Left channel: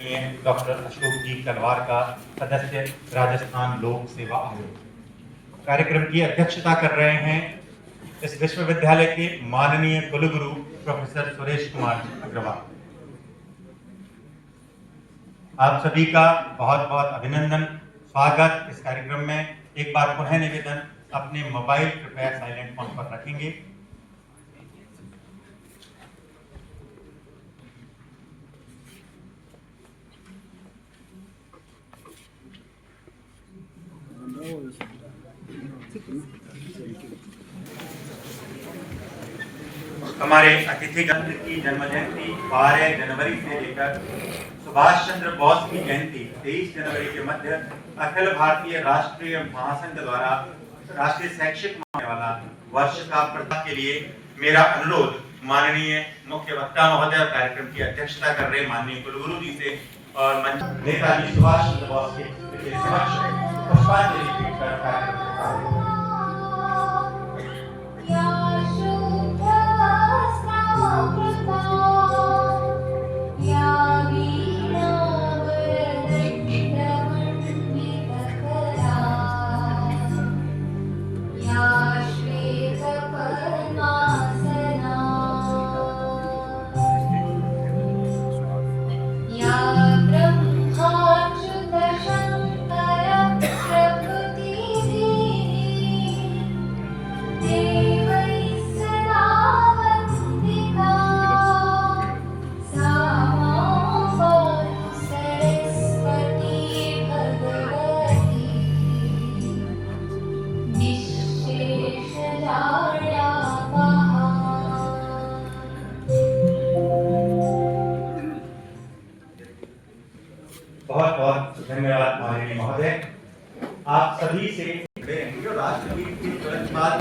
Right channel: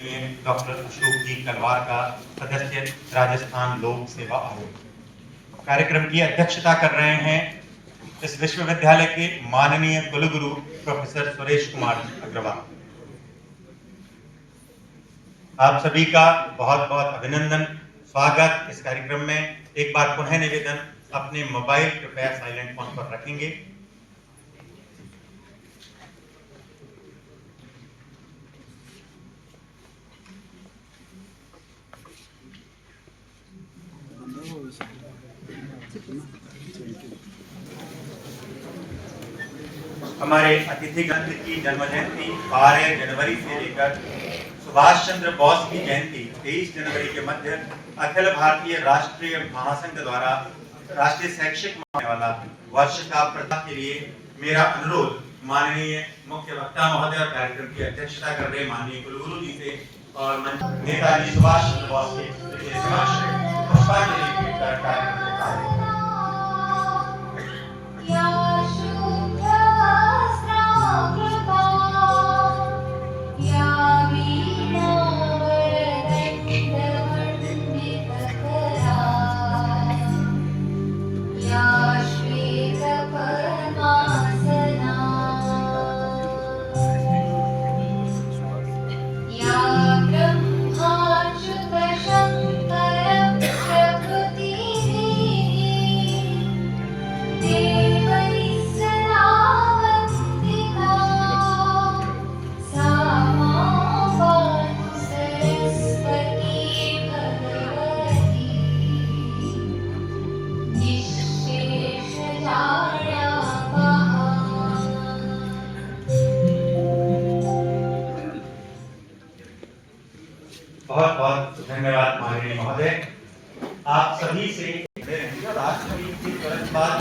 Doctor Ashok जी कलवार का सदस्य राजस्थान लोक सेवा आयोग। कार्यक्रम की अध्यक्षता कर रहे हैं इस विश्वविद्यालय के माननीय कुलगुरु प्रोफेसर सुरेश कुमार अग्रवाल। आप सभी का बहुत बहुत अभिनंदन, स्वागत इस कार्यक्रम में। एक बार पुनः निवेदन, अपने मोबाइल कृपया साइलेंट मोड पर रखेंगे। हमारे अतिथिगण की जन्म जयंती 12 जनवरी से लेकर सुभाष चंद्र बोस की जयंती 23 जनवरी के मध्य अखिल भारतीय राष्ट्रीय महासंघ द्वारा राष्ट्रीय शैक्षिक मानने वाला वर्ष का प्रदान के लिए मेरा अनुरोध माननीय मुख्य वक्ता महोदय कार्यक्रम की अध्यक्षता कर रहे माननीय कुलगुरु जी से और नेताजी सुभाष चंद्र बोस के समक्ष पुष्पांजलि कार्यक्रम बहुत बहुत धन्यवाद माननीय महोदय। आप सभी से राष्ट्रगीत की तुरंत बाद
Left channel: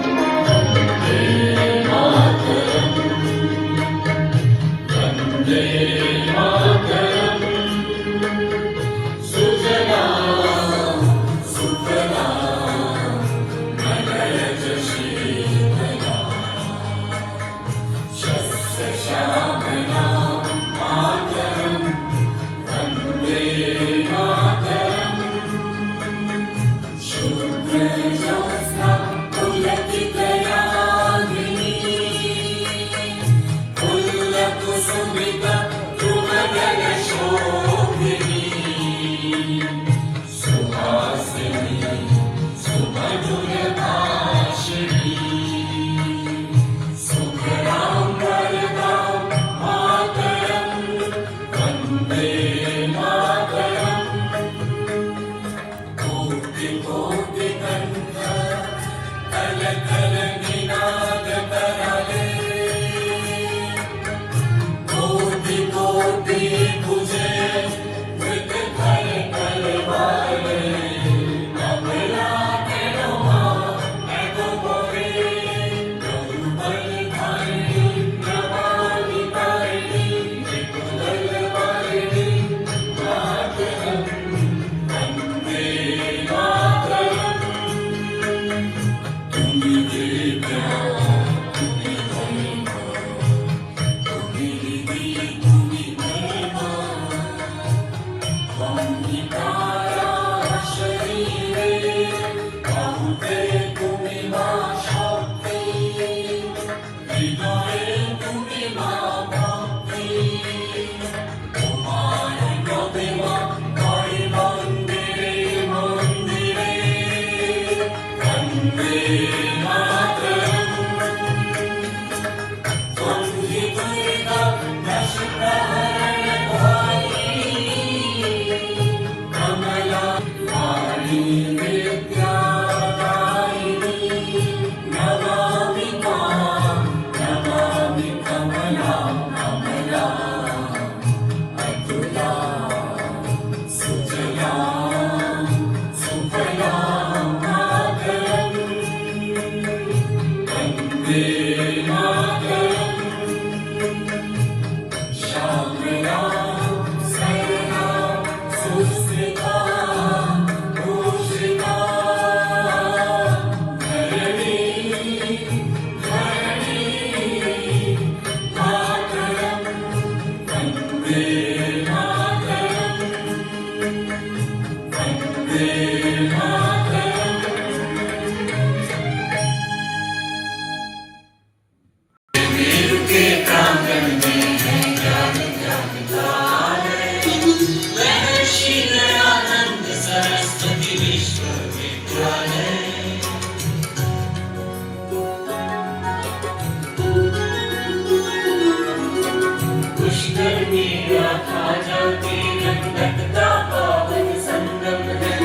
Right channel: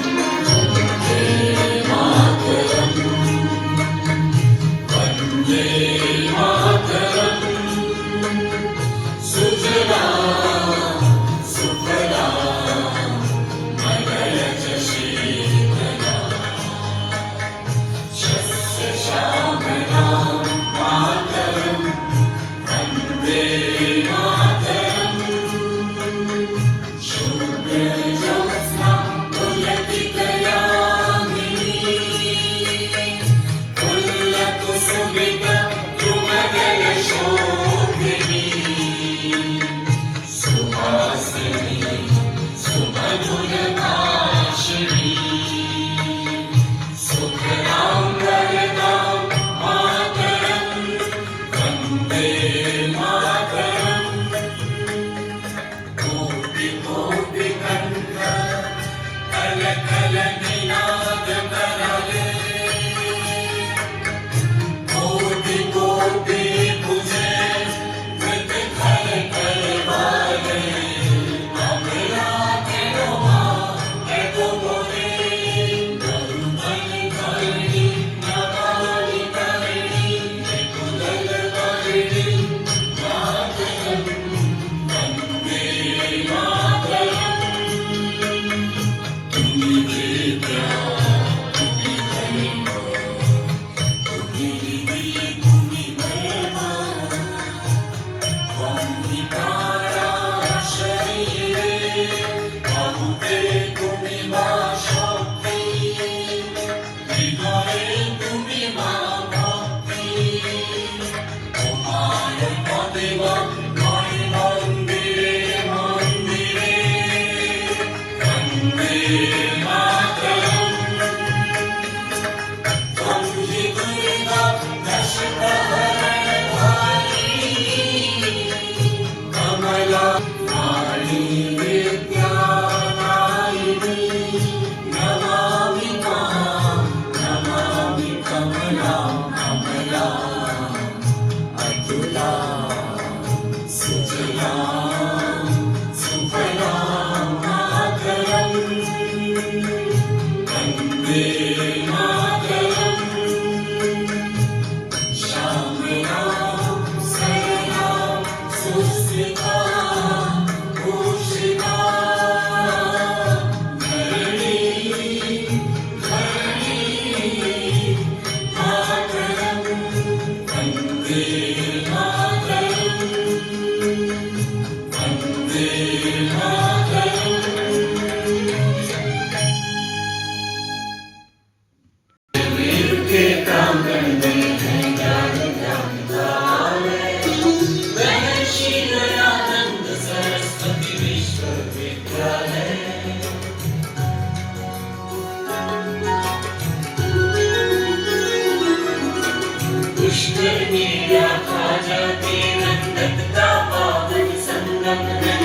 लगता पावन संगम है,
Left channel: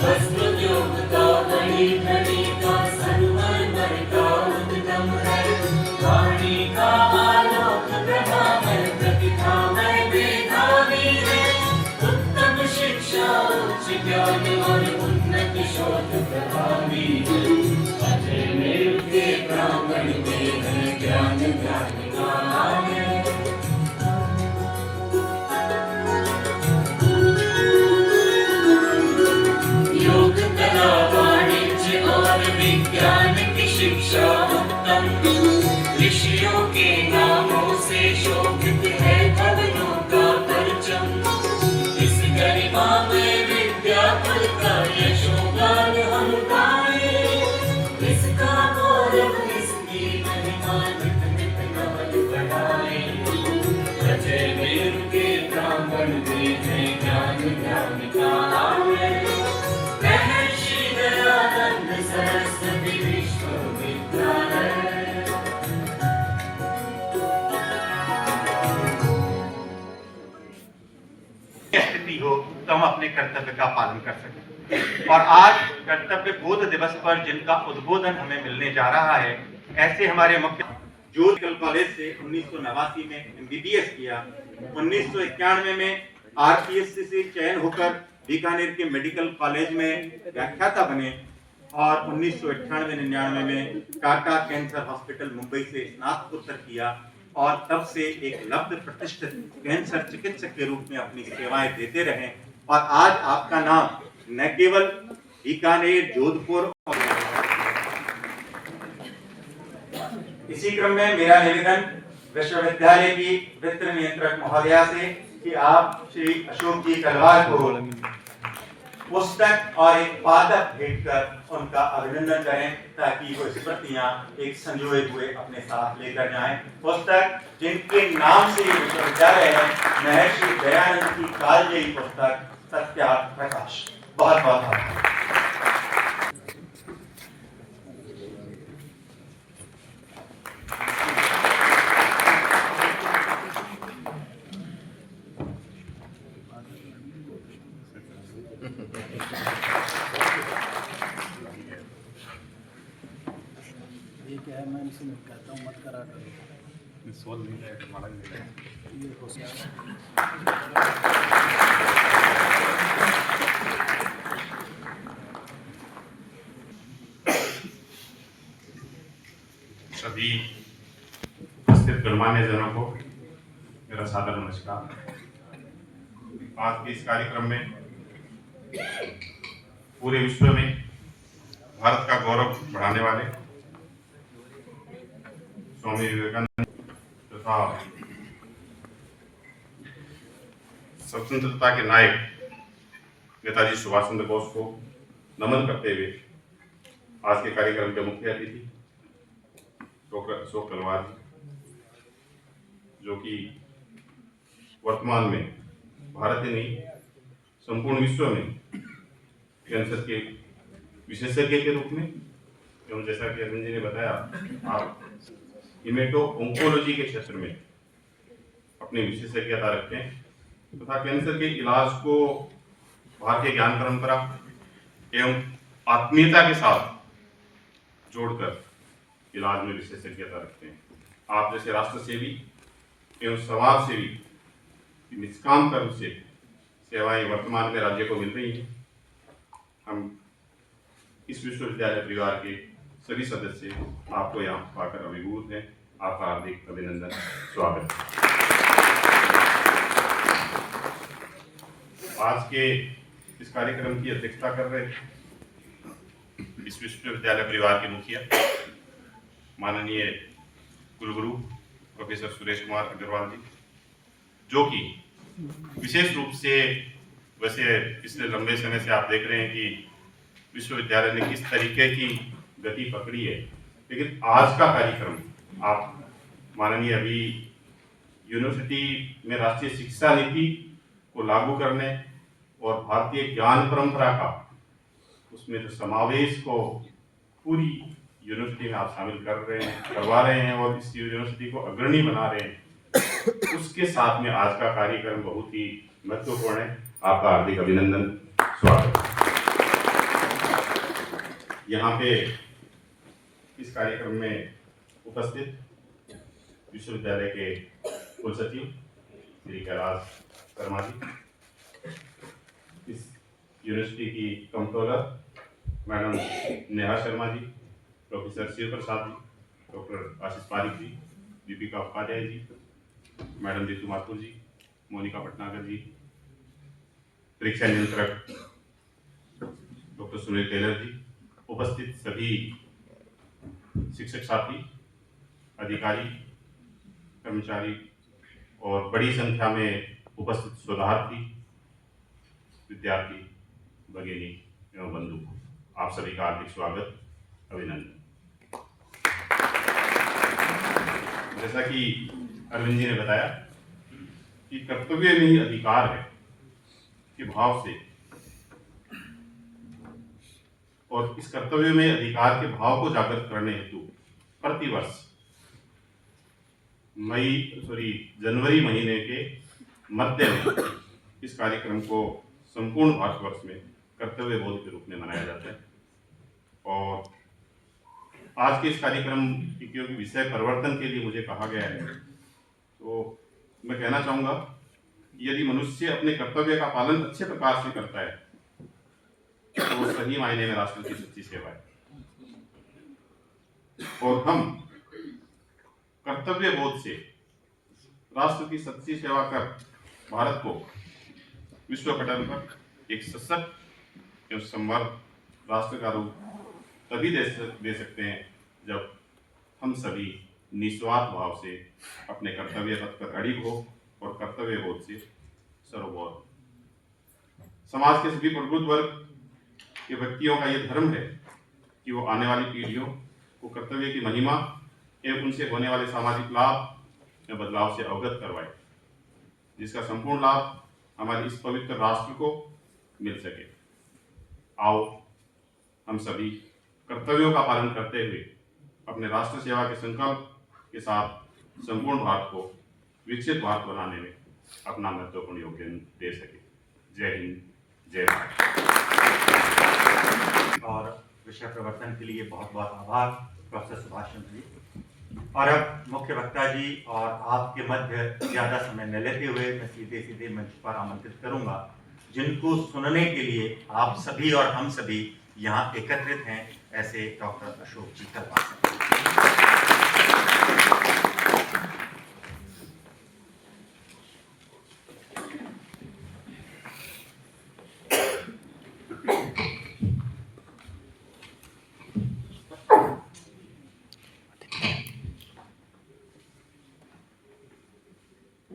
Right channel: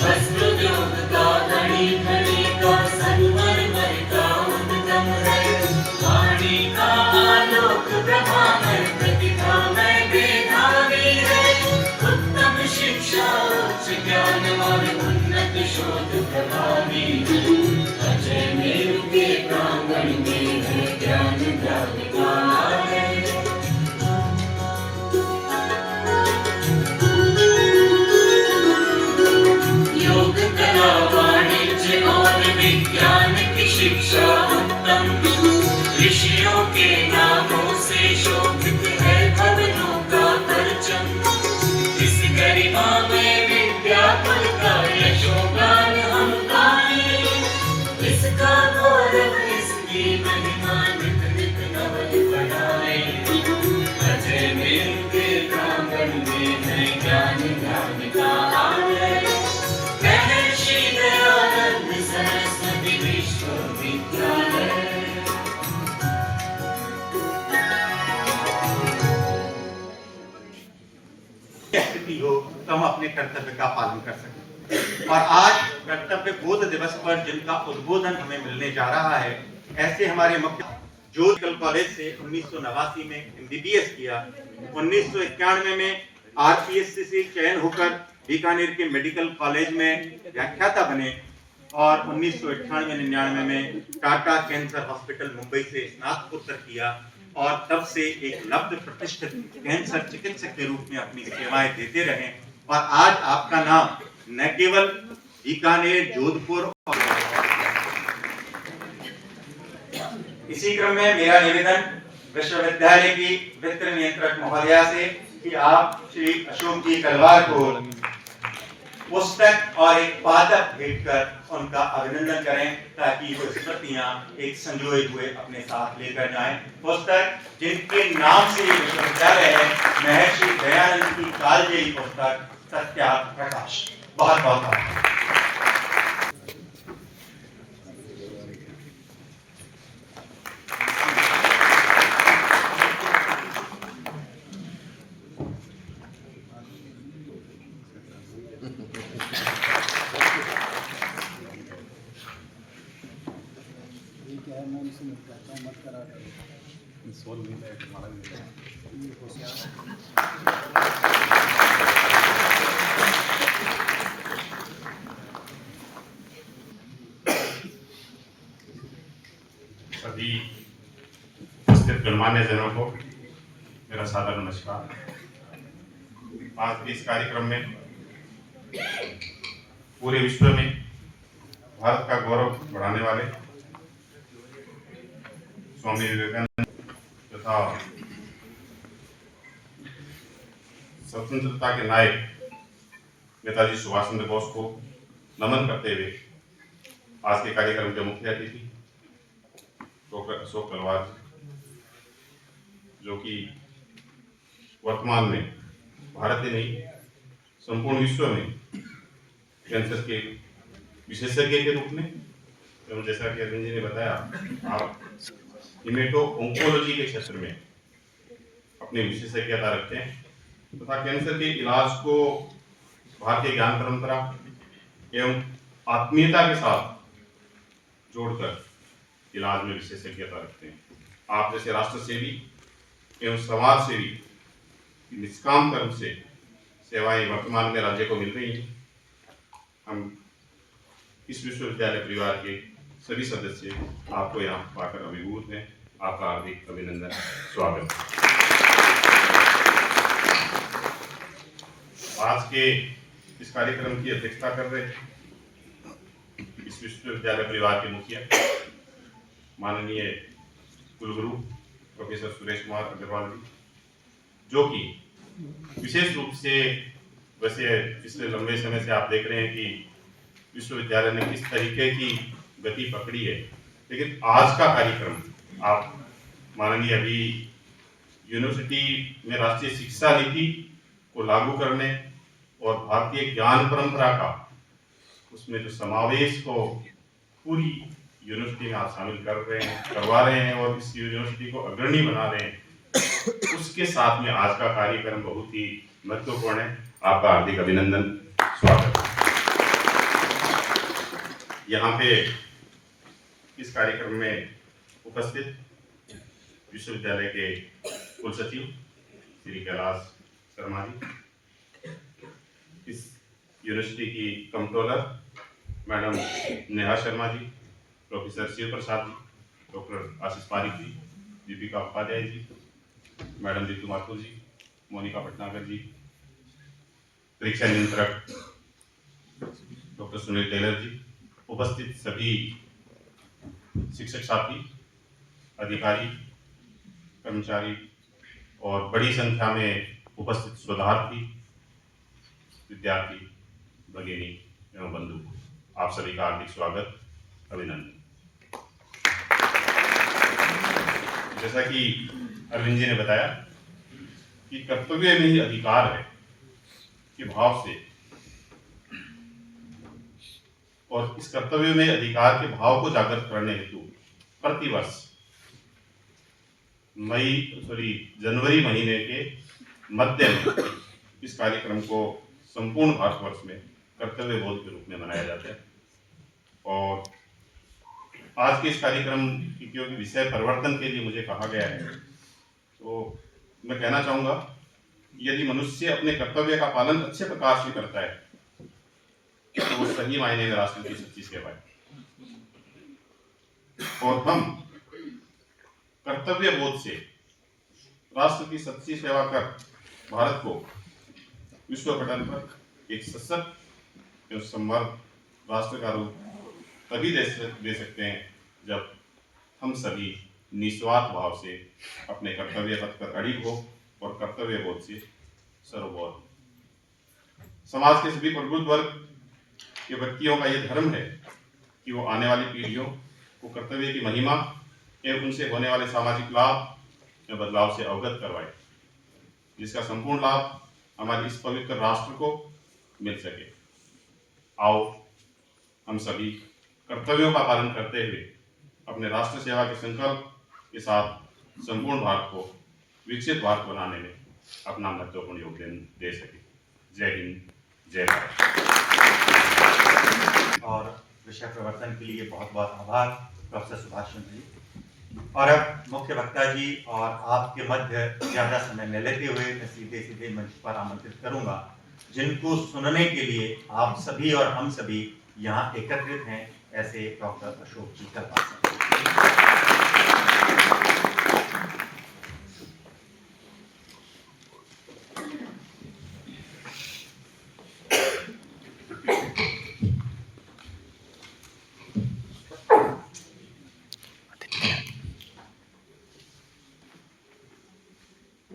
वस्त्रोद्योग का धनी धनी का संगमरमर का उद्गम है। वाणी का आलोक प्रभामय प्रतिभामय मेधावी है, उत्तम शिक्षा उच्च ज्ञान और उन्नत शोध प्रभावी है। अजय मेरु के प्रांगण में है ज्ञान जागृता है। योग कला वाणिज्य और विज्ञान की शिक्षा उत्तम, ऋषियों के नामों से शोभित है भवनों का परचम। इस गरिमा में विद्या कुल का यशोगान हम गाएं, इसका गौरव इसकी महिमा नित नित नवल बढ़ाएं। अजय मेरु के प्रांगण में है ज्ञान जागृता है, महर्षि दयानंद सरस्वती विश्वविद्यालय। स्थिति हो तो हम अपने कर्तव्य का पालन कर सकें। और आज कर्तव्य बोध दिवस पर जिनका उद्बोधन हमें मिलने जा रहा है, ऐसे हमारे मुख्य जो मेडिकल कॉलेज से 1989 में MBBS किया, 1991 में RPSC से चयन होकर बीकानेर के मेडिकल कॉलेज में व्याख्याता बने और 1998-99 में टाटा कैंसर हॉस्पिटल मुंबई से स्नातकोत्तर किया और तब से एक लब्ध प्रतिष्ठित कैंसर चिकित्सक के रूप में अपनी सेवाएं देते रहे। और आज आपका नाम न केवल बीकानेर, जोधपुर और इसी क्रम में मेरा निवेदन विश्वविद्यालय की वित्त नियंत्रक महोदया से कि आप श्री अशोक जी कलवार को पुस्तक और एक पादप भेंट कर उनका अभिनंदन करें, ताकि वो स्मृतियां एक संजोए हुए अपने साथ लेकर जाएं। पुस्तक जिनके नाम से ये विश्वविद्यालय है, महर्षि दयानंद की कालजयी पुस्तक सत्या प्रकाश। बहुत बहुत धन्यवाद। मैं इनसे मत कहता हूँ, मत करा करो। सोल नहीं है, हमारा नहीं है। ये होशियार सभी उपस्थित गणमान्य जनों को मेरा सादर नमस्कार। आज के इस कार्यक्रम में पूरे विश्व में भारत का गौरव बढ़ाने वाले स्वामी विवेकानंद तथा स्वतंत्रता के नायक नेताजी सुभाष चंद्र बोस को नमन करते हुए आज के कार्यक्रम के मुख्य अतिथि डॉक्टर अशोक तलवार जी, जो कि वर्तमान में भारत ही नहीं संपूर्ण विश्व में कैंसर के विशेषज्ञ के रूप में एवं जैसा कि अरविंद जी ने बताया, आप इमेटो ओंकोलॉजी के क्षेत्र में अपनी विशेषज्ञता रखते हैं तथा कैंसर के इलाज को भारतीय ज्ञान परंपरा एवं आत्मीयता के साथ जोड़कर इलाज में विशेषज्ञता रखते हैं। आप जैसे राष्ट्र सेवी एवं समाज सेवी निष्काम कर्म से सेवाएं वर्तमान में राज्य को मिल रही हैं। हम इस विश्वविद्यालय परिवार के सभी सदस्य आपको यहाँ पाकर अभिभूत हैं। आपका हार्दिक अभिनंदन, स्वागत। आज के इस कार्यक्रम की अध्यक्षता कर रहे इस विश्वविद्यालय परिवार के मुखिया माननीय कुलगुरु प्रोफेसर सुरेश कुमार अग्रवाल जी, जो कि विशेष रूप से वैसे पिछले लंबे समय से आप देख रहे हैं कि विश्वविद्यालय ने किस तरीके की गति पकड़ी है, लेकिन आज का कार्यक्रम आप माननीय अभी यूनिवर्सिटी में राष्ट्रीय शिक्षा नीति को लागू करने और भारतीय ज्ञान परंपरा का उसमें जो समावेश को पूरी यूनिवर्सिटी में आप शामिल करवा रहे हैं और इस यूनिवर्सिटी को अग्रणी बना रहे हैं, उसके साथ में आज का कार्यक्रम बहुत ही महत्वपूर्ण है। आपका हार्दिक अभिनंदन, स्वागत। यहाँ पे इस कार्यक्रम में उपस्थित विश्वविद्यालय के कुलसचिव श्री कैलाश शर्मा जी, इस यूनिवर्सिटी की controller madam Neha Sharma ji, professor Shiv Prasad ji, doctor आशीष पारिक जी, दीपिका उपाध्याय जी, मैडम दीपू माथुर जी, मोनिका भटनागर जी, परीक्षा नियंत्रक डॉक्टर सुनील टेलर जी, उपस्थित सभी शिक्षक साथी, अधिकारी, कर्मचारी और बड़ी संख्या में उपस्थित शोधार्थी, विद्यार्थी, भगिनी एवं बंधु, आप सभी का हार्दिक स्वागत, अभिनंदन। जैसा कि अरविंद जी ने बताया कि कर्तव्य में ही अधिकार है के भाव से, और इस कर्तव्य में अधिकार के भाव को जागृत करने हेतु प्रतिवर्ष जनवरी महीने के मध्य में इस कार्यक्रम को संपूर्ण भारतवर्ष में कर्तव्य बोध के रूप में मनाया जाता है। और आज के इस कार्यक्रम की क्योंकि विषय परिवर्तन के लिए मुझे कहा गया है, तो मैं कहना चाहूँगा यदि मनुष्य अपने कर्तव्य का पालन अच्छे प्रकार से करता है तो वो सही मायने में राष्ट्र की सच्ची सेवा है। और हम कर्तव्य बोध से राष्ट्र की सच्ची सेवा कर भारत को विश्व पटल पर एक सशक्त एवं समृद्ध राष्ट्र का रूप तभी दे सकते हैं जब हम सभी निस्वार्थ भाव से अपने कर्तव्य पथ पर अड़िग हो और कर्तव्य बोध से सर्वबोध। समाज के सभी प्रबुद्ध वर्ग के व्यक्तियों का यह धर्म है कि वो आने वाली पीढ़ियों को कर्तव्य की महिमा एवं उनसे होने वाले सामाजिक लाभ या बदलाव से अवगत करवाए, जिसका संपूर्ण लाभ हमारे इस पवित्र राष्ट्र को मिल सके। आओ हम सभी कर्तव्यों का पालन करते हुए अपने राष्ट्र सेवा के संकल्प के साथ संपूर्ण भारत को विकसित भारत बनाने में अपना महत्वपूर्ण योगदान दे सके। जय हिंद, जय भारत। और विषय प्रवर्तन के लिए बहुत बहुत आभार प्रोफेसर सुभाष चंद्र जी। और अब मुख्य वक्ता जी और आपके मध्य ज़्यादा समय न लेते हुए मैं सीधे मंच पर आमंत्रित करूंगा, जिनको सुनने के लिए आप सभी और हम सभी यहाँ एकत्रित हैं, ऐसे डॉक्टर अशोक जी कलवार।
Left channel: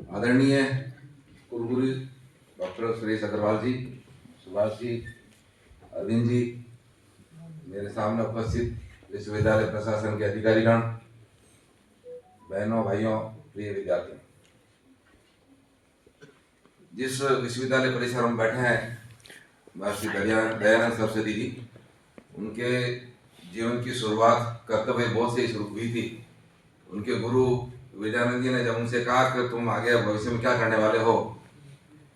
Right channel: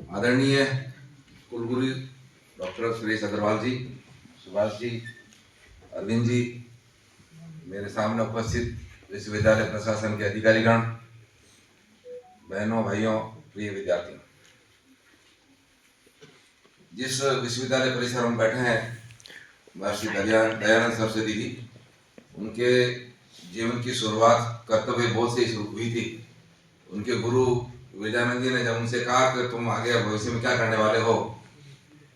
आदरणीय कुलगुरु डॉक्टर सुरेश अग्रवाल जी, सुभाष जी, अरविंद जी, मेरे सामने उपस्थित विश्वविद्यालय प्रशासन के अधिकारीगण, बहनों भाइयों, प्रिय विद्यार्थियों, जिस विश्वविद्यालय परिसर में बैठे हैं महर्षि दयानंद सरस्वती जी, उनके जीवन की शुरुआत कर्तव्य बोध से शुरू हुई थी। उनके गुरु विजयानंद जी ने जब उनसे कहा कि तुम आगे भविष्य में क्या करने वाले हो,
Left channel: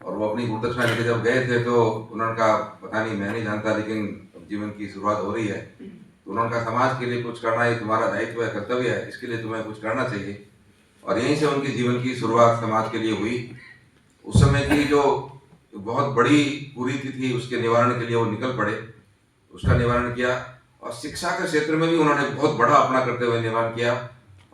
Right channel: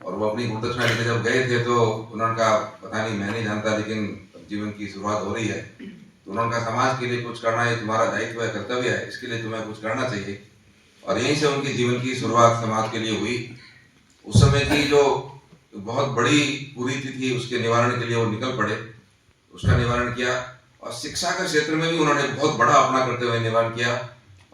और वो अपनी गुरुदक्षिणा लेकर जब गए थे तो उन्होंने कहा पता नहीं, मैं नहीं जानता, लेकिन अब जीवन की शुरुआत हो रही है, तो उन्होंने कहा समाज के लिए कुछ करना ये तुम्हारा दायित्व है, कर्तव्य है, इसके लिए तुम्हें कुछ करना चाहिए। और यहीं से उनकी जीवन की शुरुआत समाज के लिए हुई। उस समय की जो बहुत बड़ी कुरीति थी उसके निवारण के लिए वो निकल पड़े, उसका निवारण किया। और शिक्षा के क्षेत्र में भी उन्होंने बहुत बड़ा अपना करते हुए निवारण किया।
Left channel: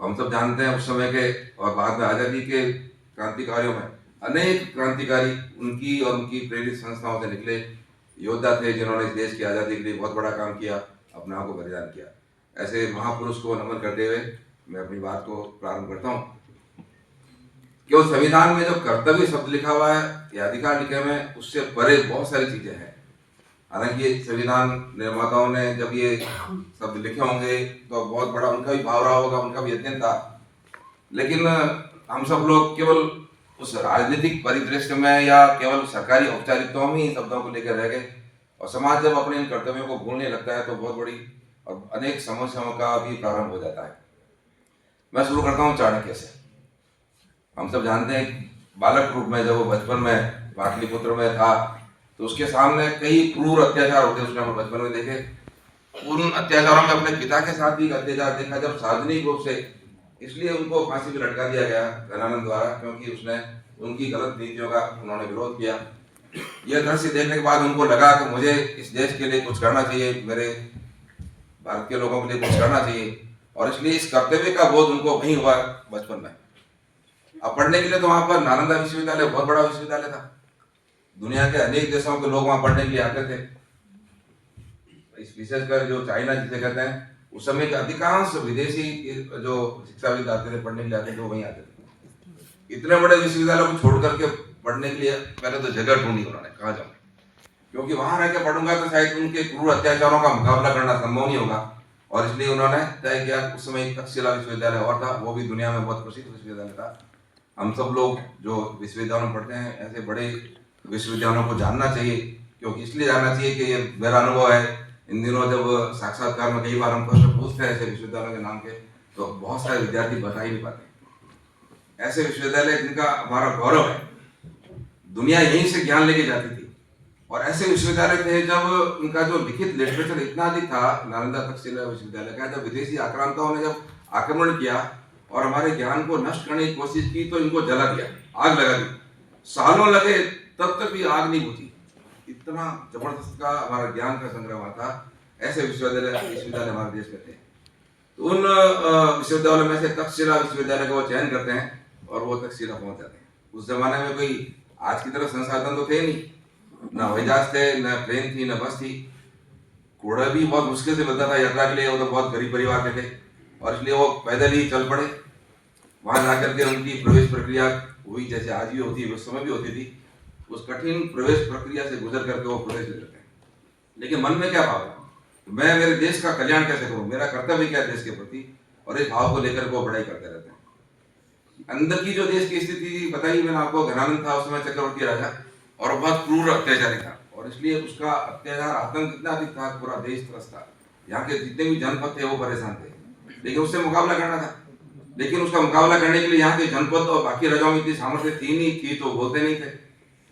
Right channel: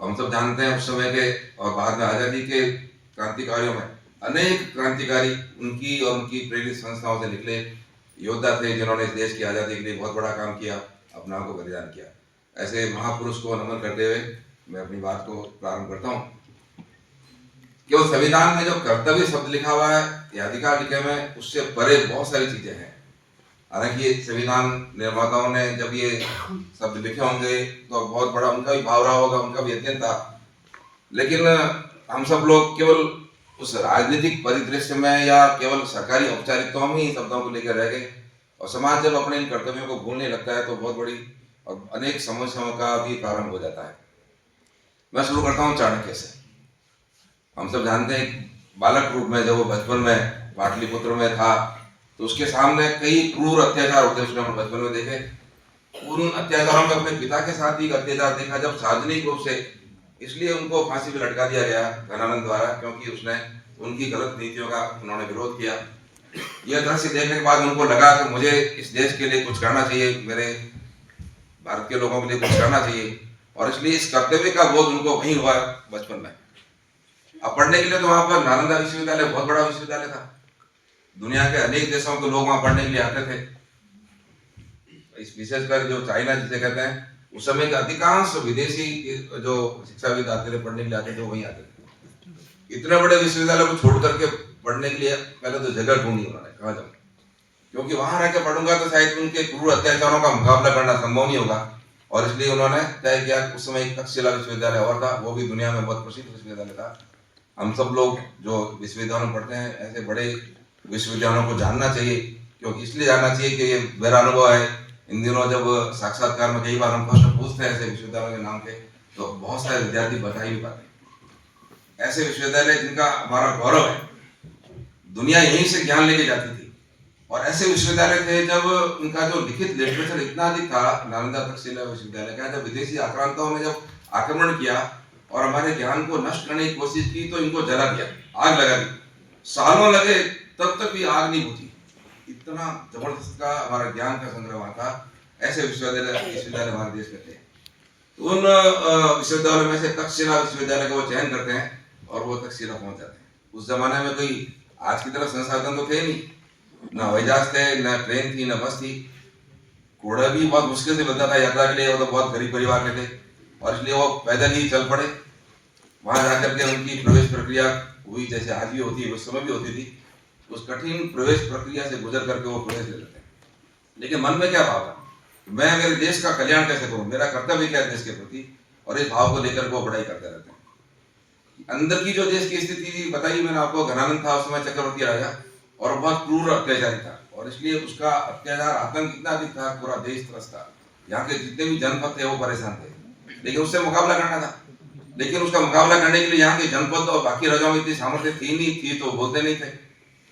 हम सब जानते हैं उस समय के और बाद में आज़ादी के क्रांतिकारियों में अनेक क्रांतिकारी उनकी और उनकी प्रेरित संस्थाओं से निकले योद्धा थे, जिन्होंने इस देश की आज़ादी के लिए बहुत बड़ा काम किया, अपना को बलिदान किया। ऐसे महापुरुष को नमन करते हुए मैं अपनी बात को प्रारंभ करता हूँ। केवल संविधान में जो कर्तव्य शब्द लिखा हुआ है या अधिकार लिखे हुए हैं, उससे परे बहुत सारी चीजें हैं। हालांकि संविधान निर्माताओं ने जब ये शब्द लिखे होंगे तो बहुत बड़ा उनका भी भाव रहा होगा, उनका भी यत्न था, लेकिन हम सब लोग केवल उस राजनीतिक परिदृश्य में या केवल सरकारी औपचारिकताओं में ही शब्दों को लेकर रह गए। और समाज जब अपने इन कर्तव्यों को भूलने लगता है तो बहुत बड़ी और अनेक समस्याओं का भी प्रारंभ हो जाता है। मैं शुरू करता हूँ चाणक्य से। हम सब जानते हैं बालक रूप में जब वो बचपन में पाटलिपुत्र में था, तो उसके सामने कई क्रूर अत्याचार होते उसने अपने बचपन में देखे। उन अत्याचारों में अपने पिता के साथ भी अत्याचार देखा जब सार्वजनिक रूप से, इसलिए उनको फांसी पे लटका दिया गया घनानंद द्वारा, क्योंकि उसने उनकी गलत नीतियों का उन्होंने विरोध किया। यह दृश्य देखने के बाद उनको लगा कि मुझे इस देश के लिए कुछ करना चाहिए, मेरे भारत के लोगों के लिए कुछ करना चाहिए, और इसलिए इस कर्तव्य का बोध उनको वहीं हुआ बचपन में। अब पढ़ने के लिए तो वहां पर नालंदा विश्वविद्यालय बहुत बड़ा विश्वविद्यालय था, दुनिया के अनेक देशों के लोग वहां पढ़ने के लिए आते थे। इस विशेषकर जो चाइना जिसे कहते हैं, उस समय के अधिकांश विदेशी जो शिक्षाविद आते थे पढ़ने के लिए आते थे, वो वहीं आते थे। इतने बड़े विश्वविद्यालय को छोड़ करके पढ़ने के लिए पहले तो जगह ढूंढी उन्होंने, कहाँ जाऊँ, क्योंकि वहां रह के पढ़ूंगा तो शायद उनके क्रूर अत्याचारों का मुकाबला करना संभव नहीं होगा, और इसलिए उन्होंने तय किया। उस समय तक्षशिला विश्वविद्यालय और था, वो भी दुनिया में बहुत प्रसिद्ध विश्वविद्यालय था। हम सब लोग जो विश्वविद्यालयों में पढ़ते हैं, ऐसे बड़े विश्वविद्यालयों को जानना चाहिए, क्योंकि इसलिए जानना चाहिए कि ये मेरा अनुभव है। इन दिनों जब साक्षात्कार में कई बार हम प्रश्न पूछते हैं ऐसे विश्वविद्यालयों के नाम के, तो बहुत सारे विद्यार्थी बता ही नहीं पाते। ऐसे विश्वविद्यालय जिनका हमारा गौरव है, दुनिया यहीं से ज्ञान लेके जाती थी, और ऐसे विश्वविद्यालय थे जब उनका जो लिखित लिटरेचर इतना अधिक था। नालंदा तक्षशिला विश्वविद्यालय का, जब विदेशी आक्रांताओं ने जब आक्रमण किया और हमारे ज्ञान को नष्ट करने की कोशिश की, तो इनको जला दिया, आग लगा दी। सालों लगे तब तक भी आग नहीं बुझी, इतना जबरदस्त का हमारा ज्ञान का संग्रह वहां था। ऐसे विश्वविद्यालय हमारे देश में थे। तो उन विश्वविद्यालयों में से तक्षशिला विश्वविद्यालय को वो चयन करते हैं और वो तक्षशिला पहुंच जाते हैं। उस जमाने में कोई आज की तरह संसाधन तो थे नहीं, ना हवाई जहाज थे, ना ट्रेन थी, ना बस थी। घोड़ा भी बहुत मुश्किल से मिलता था यात्रा के लिए, वो तो बहुत गरीब परिवार के थे, और इसलिए वो पैदल ही चल पड़े। वहां जाकर के उनकी प्रवेश प्रक्रिया हुई, जैसे आज भी होती है, उस समय भी होती थी। उस कठिन प्रवेश प्रक्रिया से गुजर करके वो प्रवेश ले लेते हैं। लेकिन मन में क्या भाव है, मैं मेरे देश का कल्याण कैसे करूं, मेरा कर्तव्य क्या है देश के प्रति, और इस भाव को लेकर वो पढ़ाई करते रहते हैं। अंदर की जो देश की स्थिति बताई मैंने आपको, घनानंद था उस समय चक्रवर्ती राजा, और बहुत क्रूर अत्याचारी था, और इसलिए उसका अत्याचार आतंक इतना अधिक था, पूरा देश त्रस्त था। यहाँ के जितने भी जनपद थे वो परेशान थे, लेकिन उससे मुकाबला करना था। लेकिन उसका मुकाबला करने के लिए यहाँ के जनपद और बाकी राजाओं में इतनी सामर्थ्य थी तो बोलते नहीं थे,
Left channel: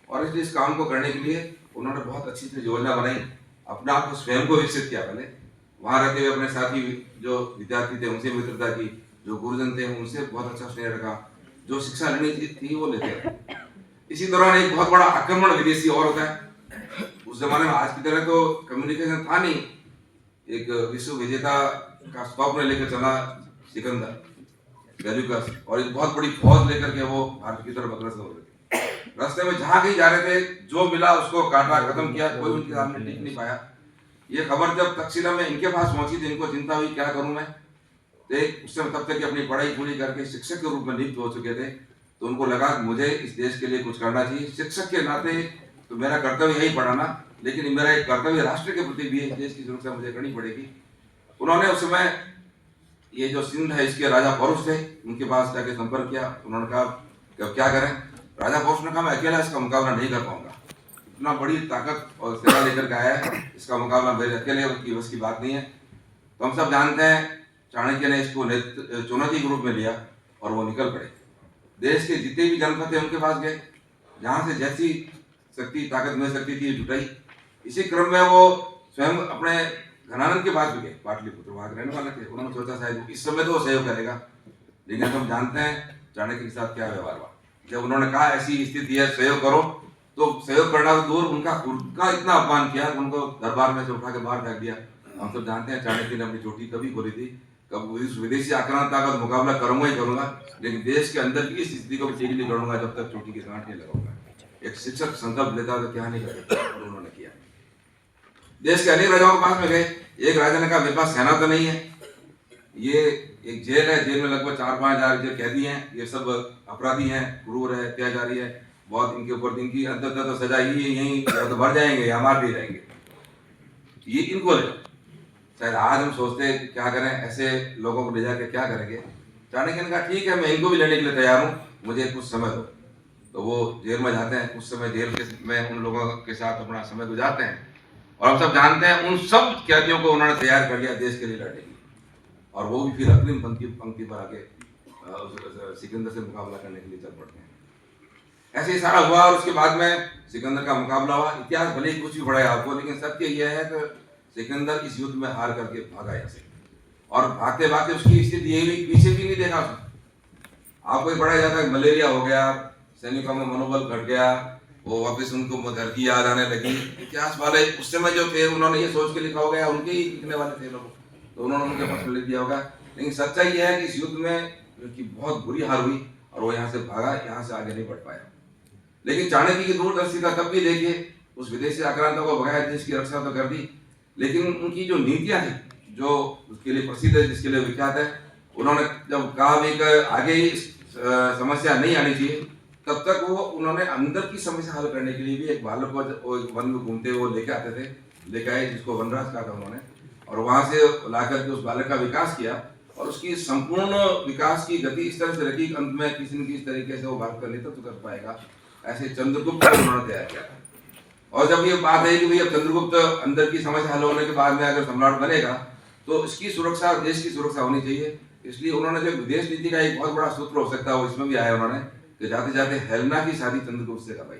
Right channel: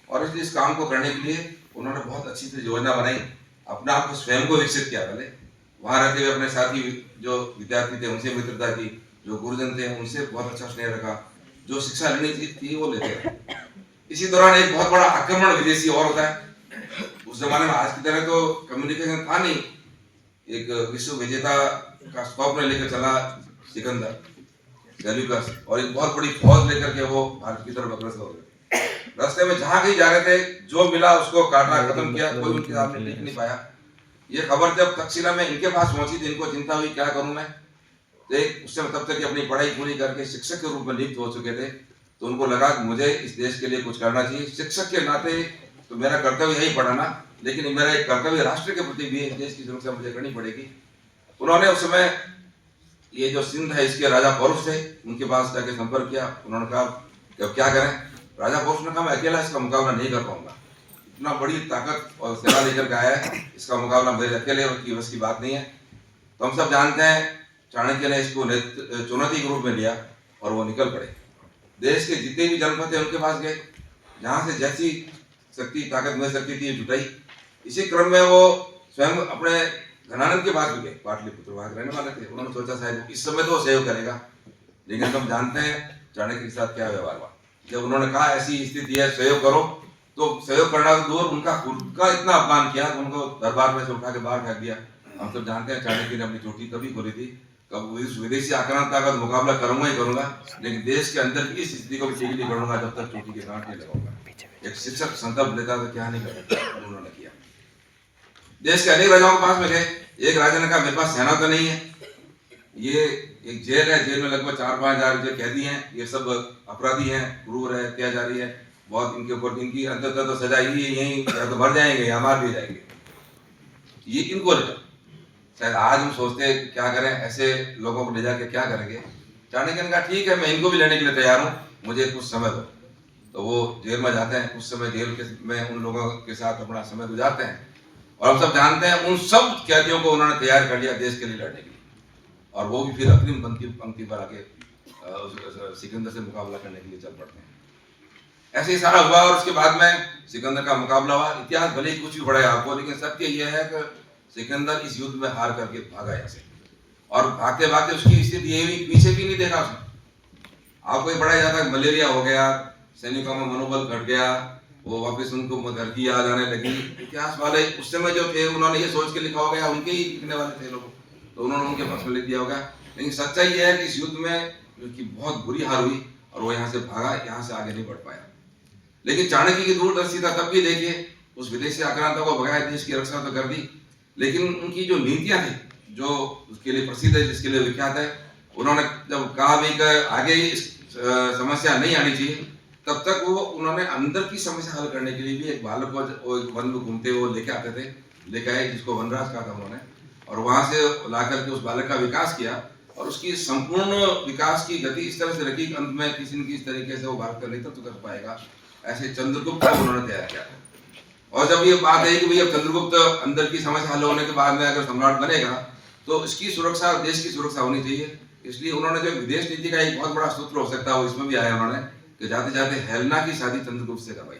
और इसलिए इस काम को करने के लिए उन्होंने बहुत अच्छी से योजना बनाई, अपने आप को स्वयं को विकसित किया। पहले वहां रहते हुए अपने साथी जो विद्यार्थी थे उनसे मित्रता की, जो गुरुजन थे उनसे बहुत अच्छा स्नेह रखा, जो शिक्षा लेनी थी वो लेते रहे। इसी दौरान एक बहुत बड़ा आक्रमण विदेशी और होता है। उस जमाने में आज की तरह तो कम्युनिकेशन था नहीं। एक विश्व विजेता का स्वप्न लेकर चला सिकंदर गैल्यूकस, और एक बहुत बड़ी फौज लेकर के वो भारत की तरफ अग्रसर हो गए। रास्ते में जहां कहीं जा रहे थे, जो मिला उसको काटा, खत्म किया, कोई उनके सामने टिक नहीं पाया। ये खबर जब तक्षशिला में इनके पास पहुंची थी, इनको चिंता हुई क्या करूं मैं। तो उस समय तब तक अपनी पढ़ाई पूरी करके शिक्षक के रूप में नियुक्त हो चुके थे, तो उनको लगा कि मुझे इस देश के लिए कुछ करना चाहिए। शिक्षक के नाते तो मेरा कर्तव्य यही पढ़ाना, लेकिन मेरा एक कर्तव्य राष्ट्र के प्रति भी है, देश की सुरक्षा मुझे करनी पड़ेगी। उन्होंने उस समय ये जो सिंध है इसके राजा पौरुष थे, उनके पास जाके संपर्क किया। उन्होंने कहा कि अब क्या करें। राजा पौरुष ने कहा मैं अकेला इसका मुकाबला नहीं कर पाऊंगा, इतना बड़ी ताकत और सेना लेकर के आया है, इसका मुकाबला मेरे अकेले की बस की बात नहीं है। तो हम सब जानते हैं चाणक्य ने इसको चुनौती के रूप में लिया और वो निकल पड़े। देश के जितने भी जनपद थे उनके पास गए, जहां से जैसी शक्ति ताकत मिल सकती थी जुटाई। इसी क्रम में वो स्वयं अपने घनानंद के पास भी गए, पाटलिपुत्र वहां रहने वाले थे। उन्होंने सोचा शायद इस समय तो वो सहयोग करेगा, लेकिन हम जानते हैं चाणक्य के साथ क्या व्यवहार हुआ। जब उन्होंने कहा ऐसी स्थिति है सहयोग करो, तो सहयोग करना तो दूर, उनका खुद का इतना अपमान किया, उनको दरबार में से उठा के बाहर फेंक दिया। हम सब जानते हैं चाणक्य ने अपनी चोटी कभी खोली थी, कब विदेशी आक्रांता का मुकाबला करूंगा ही करूंगा, लेकिन देश के अंदर की स्थिति को भी ठीक नहीं करूंगा जब तक चोटी के गांठ नहीं लगाऊंगा। एक शिक्षक संकल्प लेता तो क्या नहीं करता, और उन्होंने किया। देश के अनेक राजाओं के पास में गए। एक राजा ने कहा मेरे पास सेना तो नहीं है, ये एक जेल है, जेल में लगभग 4-5 हजार जो कैदी हैं, ये सब अपराधी हैं, क्रूर है, अत्याचारी है, बहुत इनके ऊपर इनकी अंततः तो सजा ही यही या तो भर जाएंगे या मार दिए जाएंगे, ये इनको ले। शायद आज हम सोचते हैं क्या करें, ऐसे लोगों को ले जाके क्या करेंगे। चाणक्य ने कहा ठीक है मैं इनको भी लेने के लिए तैयार हूँ, मुझे कुछ समय दो। तो वो जेल में जाते हैं। उस समय जेल में उन लोगों के साथ अपना समय गुजारते हैं, और हम सब जानते हैं उन सब कैदियों को उन्होंने तैयार कर लिया देश के लिए लड़ने की, और वो भी फिर अग्रिम पंक्ति पर आके सिकंदर से मुकाबला करने के लिए चल पड़ते हैं। ऐसे ही सारा हुआ और उसके बाद में सिकंदर का मुकाबला हुआ। इतिहास भले ही कुछ भी पढ़ाया आपको, लेकिन सत्य यह है कि सिकंदर इस युद्ध में हार करके भागा यहाँ से, और भागते भागते उसकी स्थिति ये हुई, पीछे भी नहीं देखा उसने। आपको ये पढ़ाया जाता है मलेरिया हो गया, सैनिकों में मनोबल घट गया, वो वापस उनको घर की याद आने लगी। इतिहास वाले उस समय जो थे उन्होंने ये सोच के लिखा हो गया, उनके ही लिखने वाले थे लोग, तो उन्होंने उनके पक्ष में लिख दिया होगा। लेकिन सच्चाई यह है कि इस युद्ध में उनकी बहुत बुरी हार हुई और वो यहाँ से भागा, यहाँ से आगे नहीं बढ़ पाया। लेकिन चाणक्य की दूरदर्शिता तब भी देखिए, उस विदेशी आक्रांता को भगाया, देश की रक्षा तो कर दी, लेकिन उनकी जो नीतियां थी, जो उसके लिए प्रसिद्ध है, जिसके लिए विख्यात है, उन्होंने जब कहा भाई कि आगे समस्या नहीं आनी चाहिए, तब तक वो उन्होंने अंदर की समस्या हल करने के लिए भी एक बालक को वन में घूमते हुए लेके आते थे, लेके आए, जिसको वनराज कहा था उन्होंने, और वहां से ला करके उस बालक का विकास किया और उसकी संपूर्ण विकास की गति इस तरह से रखी कि अंत में किसी न किसी तरीके से वो भारत का नेतृत्व कर पाएगा। ऐसे चंद्रगुप्त को उन्होंने तैयार किया था। और जब ये बात है कि भैया चंद्रगुप्त अंदर की समस्या हल होने के बाद में अगर सम्राट बनेगा तो इसकी सुरक्षा, देश की सुरक्षा होनी चाहिए, इसलिए उन्होंने जो विदेश नीति का एक बहुत बड़ा सूत्र हो सकता है वो इसमें भी आया उन्होंने, कि जाते जाते हेलेना की शादी चंद्रगुप्त से करवाई,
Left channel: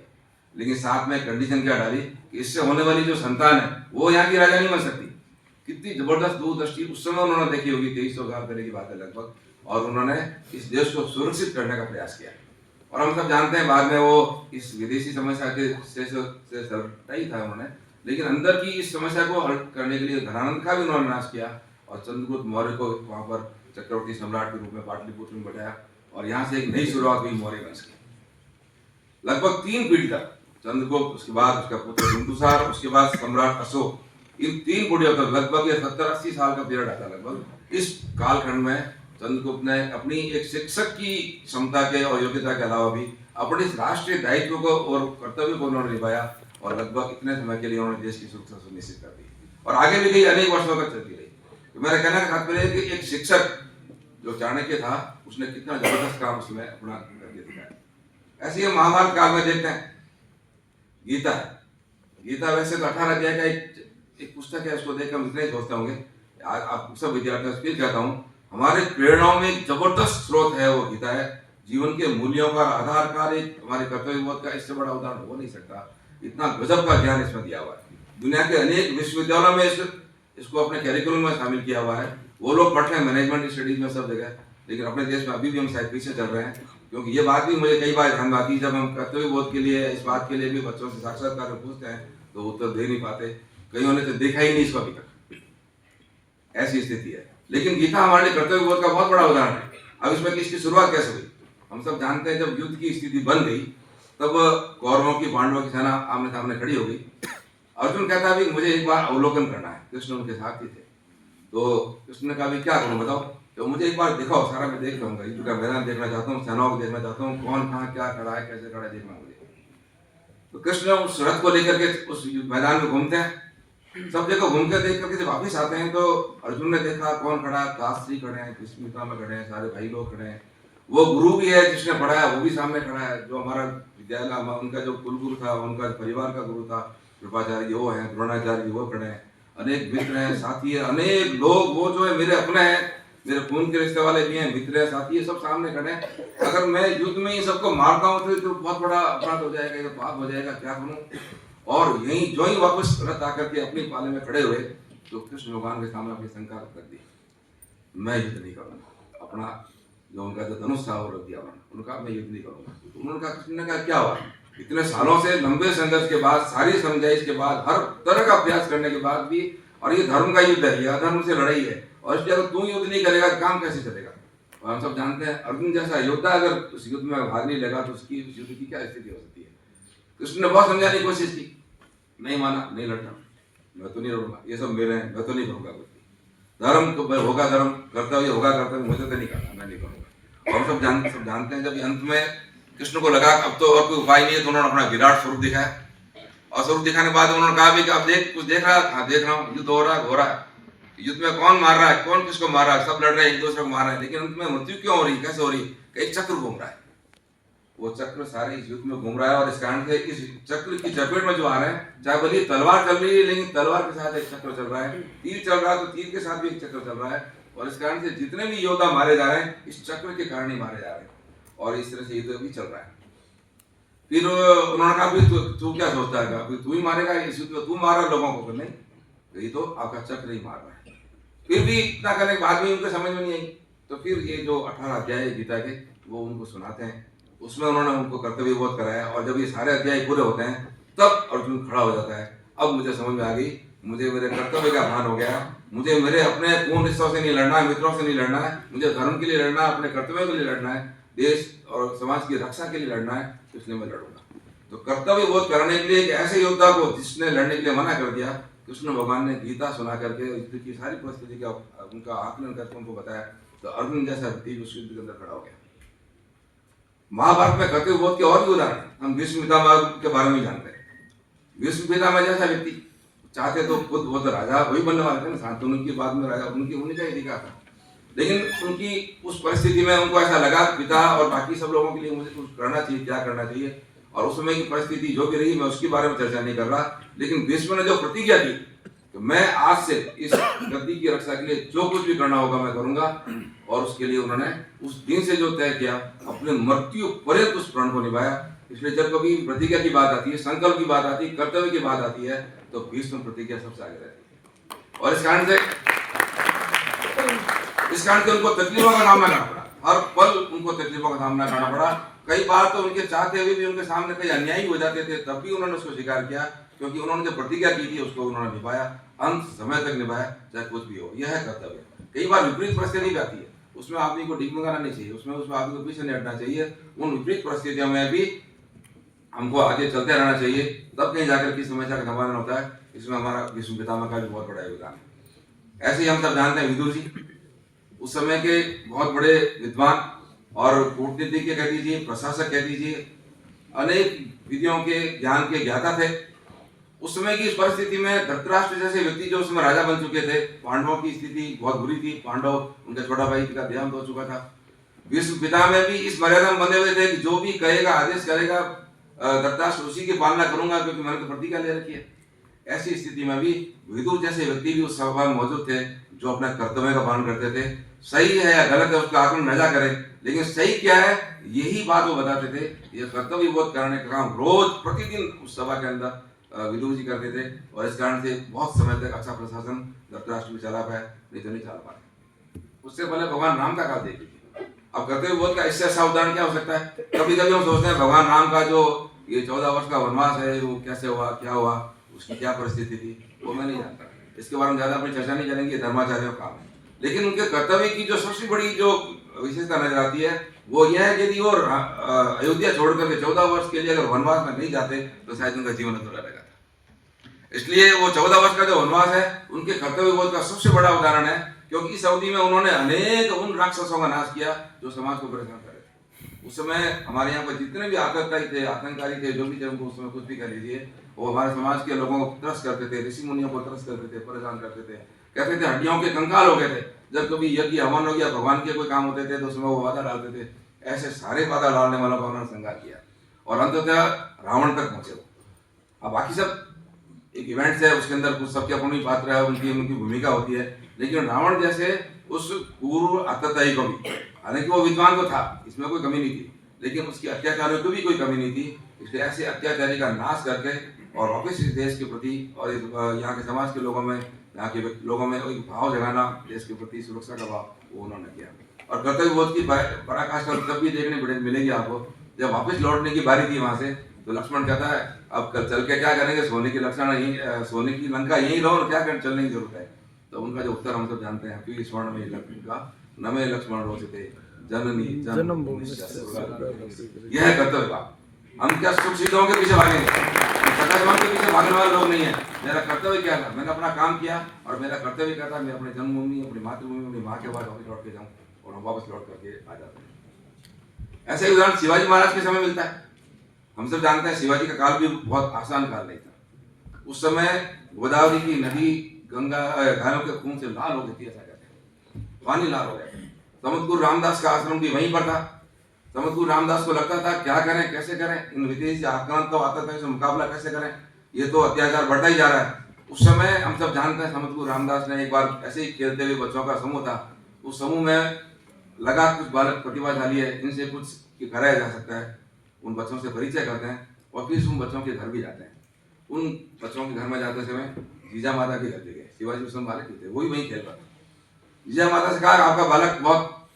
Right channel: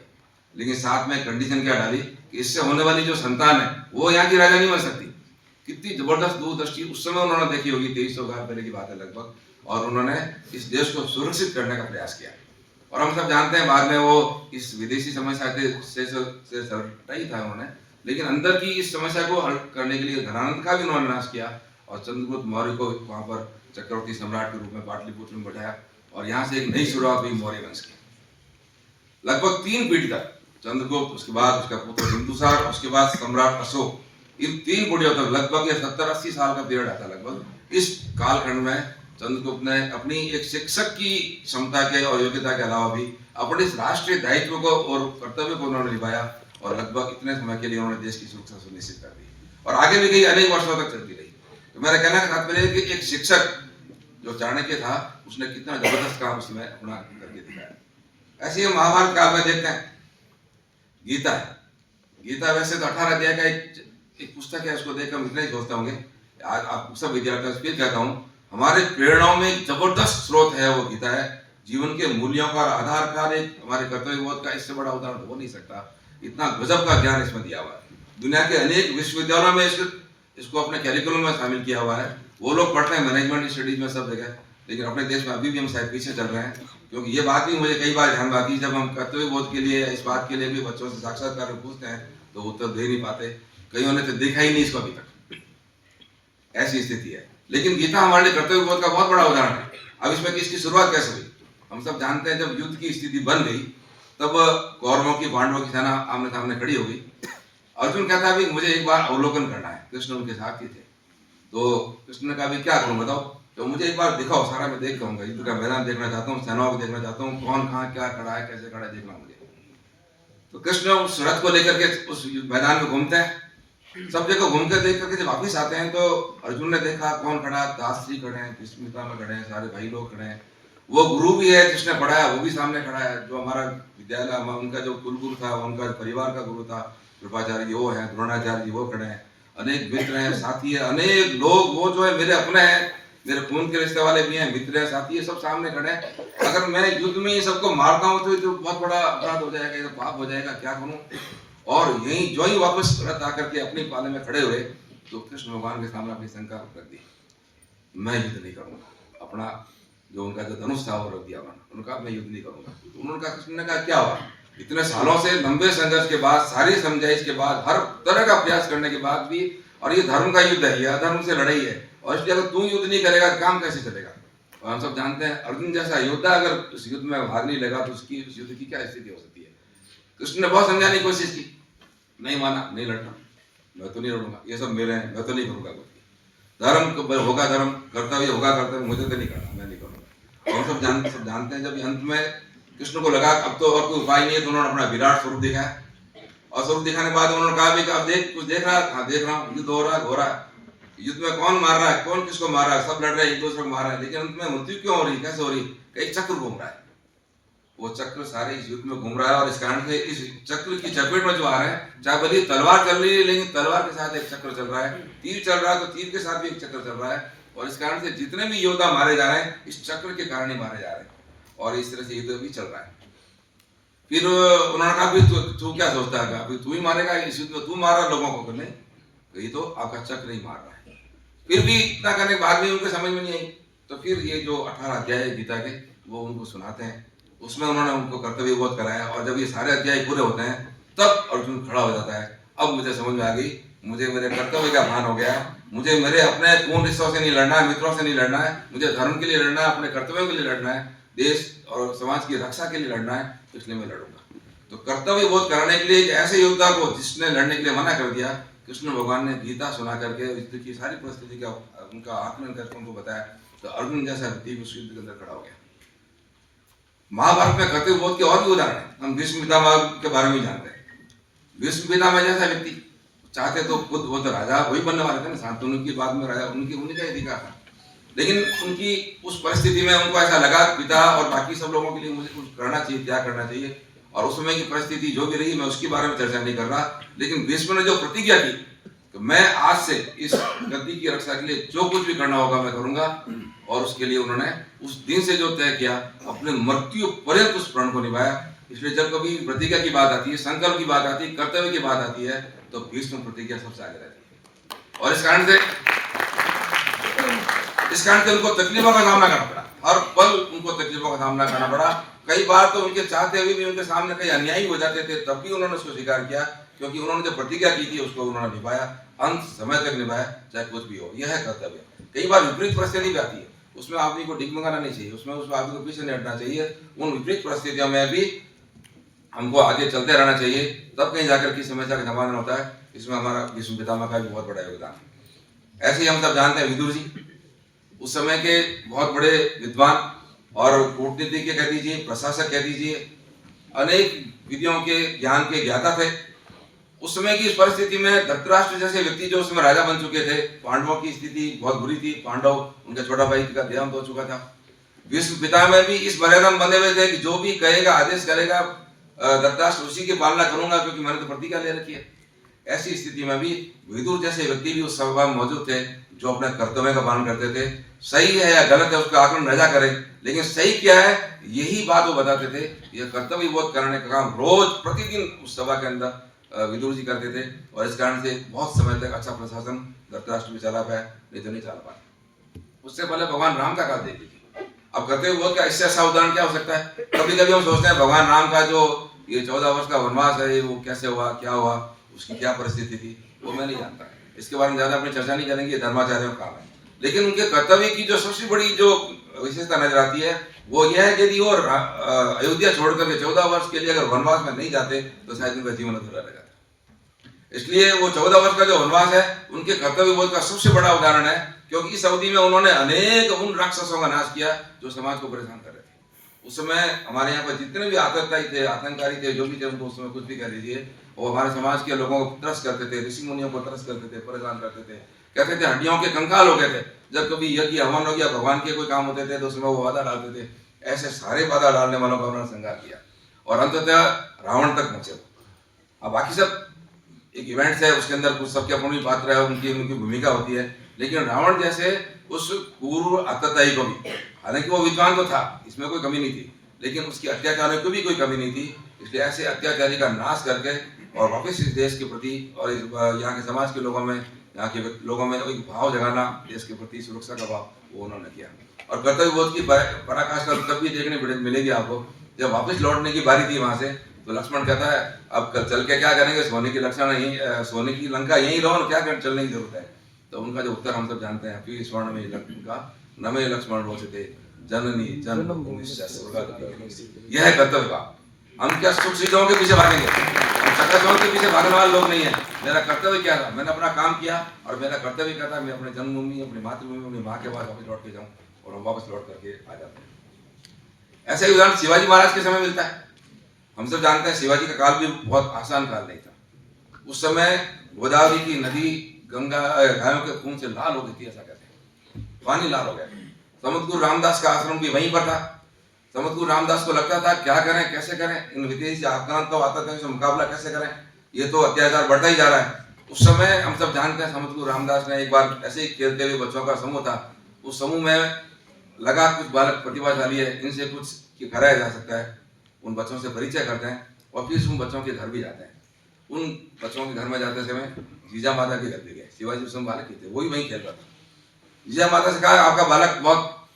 लेकिन साथ में कंडीशन क्या डाली कि इससे होने वाली जो संतान है वो यहाँ की राजा नहीं बन सकती। कितनी जबरदस्त दूरदृष्टि उस समय उन्होंने देखी होगी, 2300 साल पहले की बात है लगभग, और उन्होंने इस देश को सुरक्षित करने का प्रयास किया। और हम सब जानते हैं बाद में वो इस विदेशी समस्या से सलटा ही था उन्होंने, लेकिन अंदर की इस समस्या को हल करने के लिए धनानंद का भी उन्होंने नाश किया और चंद्रगुप्त मौर्य को वहां पर चक्रवर्ती सम्राट के रूप में पाटलिपुत्र में बैठाया और यहाँ से एक नई शुरुआत हुई मौर्य वंश की। लगभग 3 पीढ़ी तक चंद्रगुप्त, उसके बाद उसका पुत्र बिंदुसार, उसके बाद सम्राट अशोक, इन 3 पीढ़ियों तक लगभग 70-80 साल का पीरियड आता लगभग। इस कालखंड में चंद्रगुप्त ने अपनी एक शिक्षक की क्षमता के और योग्यता के अलावा भी अपने इस राष्ट्रीय दायित्व को और कर्तव्य को उन्होंने निभाया और लगभग इतने समय के लिए उन्होंने देश की सुरक्षा सुनिश्चित कर दी और आगे भी गई, अनेक वर्षों तक चलती रही। तो मेरा कहना का तात्पर्य है कि एक शिक्षक जो चाणक्य था उसने कितना जबरदस्त काम उसमें अपना करके दिखाया। ऐसे ही महाभारत काल में देखते हैं गीता है। गीता वैसे तो 18 अध्याय का एक पुस्तक है, उसको देखकर हम इतना ही सोचते होंगे। आज आप सब विद्यार्थियों से फिर कहता हूँ, हमारे प्रेरणाओं में एक जबरदस्त स्रोत है वो गीता है। जीवन के मूल्यों का आधार कार्ड एक हमारे कर्तव्य बोध का इससे बड़ा उदाहरण हो नहीं सकता। इतना गजब का ज्ञान इसमें दिया हुआ है। दुनिया के अनेक विश्वविद्यालयों में इसको अपने कैरिकुलम में शामिल किया हुआ है। वो लोग पढ़ते हैं मैनेजमेंट स्टडीज में सब जगह, लेकिन अपने देश में अभी भी हम शायद पीछे चल रहे हैं। क्योंकि ये बात भी मुझे कई बार ध्यान में आती है, जब हम कर्तव्य बोध के लिए इस बात के लिए भी बच्चों से साक्षात्कार में पूछते हैं तो उत्तर दे नहीं पाते। कईयों ने तो देखा ही नहीं इसको अभी तक, ऐसी स्थिति है। लेकिन गीता हमारे लिए कर्तव्य बोध का बहुत बड़ा उदाहरण है। अब इसमें इसकी शुरुआत कैसे हुई हम सब जानते हैं। जब युद्ध की स्थिति बन गई तब कौरवों की पांडवों की सेना आमने सामने खड़ी हो गई। अर्जुन कहता है मुझे एक बार अवलोकन करना है। कृष्ण उनके साथ ही थे, तो कृष्ण ने कहा क्या करूं बताओ। तो मुझे एक बार दिखाओ, सारा मैं देख लूंगा, युद्ध का मैदान देखना चाहता हूँ, सेनाओं को देखना चाहता हूँ, कौन कहाँ क्या खड़ा है, कैसे खड़ा है, देखना मुझे। तो कृष्ण उस रथ को लेकर के उस मैदान में घूमते हैं, सब जगह घूम कर देख करके जब वापिस आते हैं तो अर्जुन ने देखा कौन खड़ा, दास जी खड़े हैं, भीष्मिता में खड़े हैं, सारे भाई लोग खड़े हैं। वो गुरु भी है जिसने पढ़ाया वो भी सामने खड़ा है, जो हमारा विद्यालय उनका जो कुलगुरु था, उनका परिवार का गुरु था कृपाचार्य जी वो है, द्रोणाचार्य जी वो खड़े हैं, अनेक मित्र हैं, साथी है, अनेक लोग वो जो है मेरे अपने हैं, मेरे खून के रिश्ते वाले भी हैं, मित्र हैं, साथी है, सब सामने खड़े हैं। अगर मैं युद्ध में ये सबको मारता हूँ तो बहुत बड़ा अपराध हो जाएगा, ये पाप हो जाएगा, क्या करूँ। और यही जो ही वापस रथ आकर के अपनी पाले में खड़े हुए तो कृष्ण भगवान के सामने अपनी शंका रख दी, मैं युद्ध नहीं करूंगा। अपना जो उनका जो धनुष था वो रख दिया उनका, मैं युद्ध नहीं करूंगा। तो उन्होंने कहा, कृष्ण ने कहा क्या हुआ, इतने सालों से लंबे संघर्ष के बाद, सारी समझाइश के बाद, हर तरह का प्रयास करने के बाद भी, और ये धर्म का युद्ध है, ये अधर्म से लड़ाई है, और इसलिए अगर तू युद्ध नहीं करेगा काम कैसे चलेगा। और हम सब जानते हैं अर्जुन जैसा योद्धा अगर उस युद्ध में भाग नहीं लेगा तो उसकी उस युद्ध की क्या स्थिति हो सकती है। कृष्ण ने बहुत समझाने की कोशिश की, नहीं माना, नहीं लड़ना, मैं तो नहीं लड़ूंगा, ये सब मेरे हैं, मैं तो नहीं करूंगा कुछ। धर्म होगा धर्म, कर्तव्य होगा कर्तव्य, मुझे तो नहीं करना, मैं नहीं करूंगा। हम सब जानते हैं जब अंत में कृष्ण को लगा अब तो और कोई उपाय नहीं है तो उन्होंने अपना विराट स्वरूप दिखाया, और स्वरूप दिखाने के बाद उन्होंने कहा भी कि अब देख, कुछ देख रहा है, हाँ देख रहा हूँ, युद्ध हो रहा है, युद्ध में कौन मार रहा है, कौन किसको मार रहा है, सब लड़ रहे हैं, एक दूसरे को मार रहे हैं, लेकिन अंत में मृत्यु क्यों हो रही, कैसे हो रही, एक चक्र घूम रहा है, वो चक्र सारे इस युद्ध में घूम रहा है। और इस कारण से इस चक्र की चपेट में जो आ रहे हैं, चाहे भले तलवार चल रही है लेकिन तलवार के साथ एक चक्र चल रहा है, तीर चल रहा है तो तीर के साथ भी एक चक्र चल रहा है, और इस कारण से जितने भी योद्धा मारे जा रहे हैं इस चक्र के कारण ही मारे जा रहे हैं, और इस तरह से युद्ध भी चल रहा है। फिर उन्होंने कहा फिर तू क्या सोचता है, फिर तू ही मारेगा, इसी तो तू मार रहा लोगों को? नहीं, ये तो आपका चक्र ही मार रहा है। फिर भी इतना करने के बाद भी उनके समझ में नहीं आई, तो फिर ये जो 18 अध्याय है गीता के वो उनको सुनाते हैं। उसमें उन्होंने उनको कर्तव्य बोध कराया, और जब ये सारे अध्याय पूरे होते हैं तब अर्जुन खड़ा हो जाता है। अब मुझे समझ में आ गई, मुझे मेरे कर्तव्य का भान हो गया, मुझे मेरे अपने पूर्ण रिश्तों से नहीं लड़ना है, मित्रों से नहीं लड़ना है, मुझे धर्म के लिए लड़ना है, अपने कर्तव्यों के लिए लड़ना है, देश और समाज की रक्षा के लिए लड़ना है, तो इसलिए मैं लड़ूंगा। तो कर्तव्य बोध कराने के लिए एक ऐसे योद्धा को जिसने लड़ने के लिए मना कर दिया, कृष्ण भगवान ने गीता सुना करके युद्ध की सारी परिस्थिति का उनका आकलन करके उनको बताया, तो अर्जुन जैसा व्यक्ति उस युद्ध के अंदर खड़ा हो गया। महाभारत में कर्तव्य बोध के और भी उदाहरण है। हम भीष्म पितामह के बारे में जानते हैं। भीष्म पितामह जैसा व्यक्ति चाहते तो खुद वो तो राजा वही बनने वाले थे ना, शांतनु की बाद में राजा उनका अधिकार था, लेकिन उनकी उस परिस्थिति में उनको ऐसा लगा पिता और बाकी सब लोगों के लिए मुझे कुछ करना चाहिए, त्याग करना चाहिए। और उस समय की परिस्थिति जो भी रही मैं उसके बारे में चर्चा नहीं कर रहा, लेकिन भीष्म ने जो प्रतिज्ञा की तो मैं आज से इस गद्दी की रक्षा के लिए जो कुछ भी करना होगा मैं करूंगा, और उसके लिए उन्होंने उस दिन से जो तय किया अपने मृत्यु पर्यंत उस प्रण को निभाया। इसलिए जब कभी प्रतिज्ञा की बात आती है, संकल्प की बात आती है, कर्तव्य की बात आती है, तो भीष्म प्रतिज्ञा सबसे आगे रहती है। और इस कारण से उनको तकलीफों का सामना करना पड़ा, हर पल उनको तकलीफों का सामना करना पड़ा। कई बार तो उनके चाहते हुए भी उनके सामने कई अन्याय हो जाते थे, तब भी उन्होंने उसको स्वीकार किया, क्योंकि उन्होंने जो प्रतिज्ञा की थी उसको उन्होंने निभाया, अंत समय तक निभाया, चाहे कुछ भी हो। यह है कर्तव्य। कई बार विपरीत परिस्थिति भी आती है, उसमें आदमी को डिगमगाना नहीं चाहिए, उसमें आदमी को पीछे नहीं हटना चाहिए। उन विपरीत परिस्थितियों में भी हमको आगे चलते रहना चाहिए, तब कहीं जाकर की समस्या का समाधान होता है। इसमें हमारा भीष्म पितामह का भी बहुत बड़ा योगदान है। ऐसे ही हम सब जानते हैं विदुर जी उस समय के बहुत बड़े विद्वान और कूटनीतिज्ञ कह दीजिए, प्रशासक कह दीजिए, अनेक विधियों के ज्ञान के ज्ञाता थे। उस समय की इस परिस्थिति में धृतराष्ट्र जैसे व्यक्ति जो उसमें राजा बन चुके थे, पांडवों की स्थिति बहुत बुरी थी, पांडव उनका छोटा भाई का देहांत हो चुका था। भीष्म पितामह भी इस मर्यादा में बंधे हुए थे कि जो भी कहेगा, आदेश करेगा, धृतराष्ट्र उसी की पालना करूंगा, क्योंकि मैंने तो प्रतिज्ञा ले रखी है। ऐसी स्थिति में भी विदुर जैसे व्यक्ति भी उस सभा में मौजूद थे, जो अपने कर्तव्य का पालन करते थे। सही है या गलत है उसका आकलन न करे, लेकिन सही क्या है यही बात वो बताते थे। यह कर्तव्य बोध कराने का काम रोज प्रतिदिन उस सभा के अंदर विदुर जी करते थे, और इस कारण से बहुत समय तक अच्छा प्रशासन धृतराष्ट्र भी चला पाया, नहीं तो नहीं चला पाया। उससे पहले भगवान राम का काल देखिए। अब कर्तव्य बोध का इससे अच्छा उदाहरण क्या हो सकता है? कभी कभी हम सोचते हैं भगवान राम का जो ये 14 वर्ष का वनवास है वो कैसे हुआ, क्या हुआ, उसकी क्या परिस्थिति थी, वो मैं नहीं जानता। इसके बारे में ज्यादा अपनी चर्चा नहीं करेंगे, धर्माचार्यों का काम है। लेकिन उनके कर्तव्य की जो सबसे बड़ी जो विशेषता नजर आती है वो यह है कि यदि वो अयोध्या छोड़कर के 14 वर्ष के लिए अगर वनवास में नहीं जाते तो शायद उनका जीवन अधूरा रहेगा। इसलिए वो 14 वर्ष का जो वनवास है उनके कर्तव्य बोध का सबसे बड़ा उदाहरण है, क्योंकि इस अवधि में उन्होंने अनेक उन राक्षसों का नाश किया जो समाज को परेशान कर रहे थे। उस समय हमारे यहाँ पर जितने भी आतंकवादी थे, आतंककारी थे, जो भी थे, उनको उस समय कुछ भी कह लीजिए, वो हमारे समाज के लोगों को त्रस्त करते थे, ऋषि मुनियों को त्रस्त करते थे, परेशान करते थे, कहते थे हड्डियों के कंकाल हो गए थे। जब कभी यज्ञ हवन हो गया, भगवान के कोई काम होते थे तो उसमें वो बाधा डालते थे। ऐसे सारे बाधा डालने वालों का उन्होंने संहार किया और अंततः रावण तक पहुंचे। अब बाकी सब एक इवेंट्स है, उसके अंदर कुछ सबके अपनी पात्र है, उनकी भूमिका होती है, लेकिन रावण जैसे उस पूर्व अत्याचारी को भी, हालांकि वो विद्वान तो था, इसमें कोई कमी नहीं थी, लेकिन उसके अत्याचारियों को भी कोई कमी नहीं थी। इसलिए ऐसे अत्याचारी का नाश करके और वापस इस देश के प्रति और यहाँ के समाज के लोगों में, यहाँ के लोगों में एक भाव जगाना, देश के प्रति सुरक्षा का भाव, वो उन्होंने किया। और कर्तव्य बोध की पराकाष्ठा तब भी देखने मिलेगी आपको जब वापस लौटने की बारी थी वहां से, तो लक्ष्मण कहता है अब कल चल के क्या करेंगे, सोने की सोने की लंका यही रहो, क्या चलने की जरूरत है। तो उनका जो उत्तर हम सब जानते हैं, फिर स्वर्ण में लंका नमे लक्ष्मण रोचते जननी जन्मभूमि। यह है कर्तव्य का। हम क्या सुख सुविधाओं के पीछे भागेंगे, चकाचौंध के पीछे भागने वाले लोग नहीं है। मेरा कर्तव्य क्या था, मैंने अपना काम किया और मेरा कर्तव्य क्या था, मैं अपनी जन्मभूमि, अपनी मातृभूमि, अपनी माँ के बाद वापस लौट के जाऊँ, और हम वापस लौट करके आ जाते हैं। ऐसा ही उदाहरण शिवाजी महाराज के समय मिलता है। हम सब जानते हैं शिवाजी का काल भी बहुत आसान काल नहीं था। उस समय गोदावरी की नदी गंगा गायों के खून से लाल हो गई थी, ऐसा कहते हैं, पानी लाल हो गया। समतगुरु रामदास का आश्रम भी वहीं पर था। समतगुरु रामदास को लगता था क्या करें, कैसे करें, इन विदेशी आक्रांतों आतंक से मुकाबला कैसे करें, ये तो अत्याचार बढ़ता ही जा रहा है। उस समय हम सब जानते हैं समतगुरु रामदास ने एक बार ऐसे ही खेलते हुए बच्चों का समूह था, उस समूह में लगा कुछ बालक प्रतिभाशाली है, इनसे कुछ कराया जा सकता है। उन बच्चों से परिचय करते हैं और फिर उन बच्चों के घर भी जाते हैं। उन बच्चों के घर में जाते समय जीजा माता के घर पे गए। शिवाजी उस समय बालक ही थे, वो भी वहीं खेल रहा था। जीजा माता से कहा आपका बालक बहुत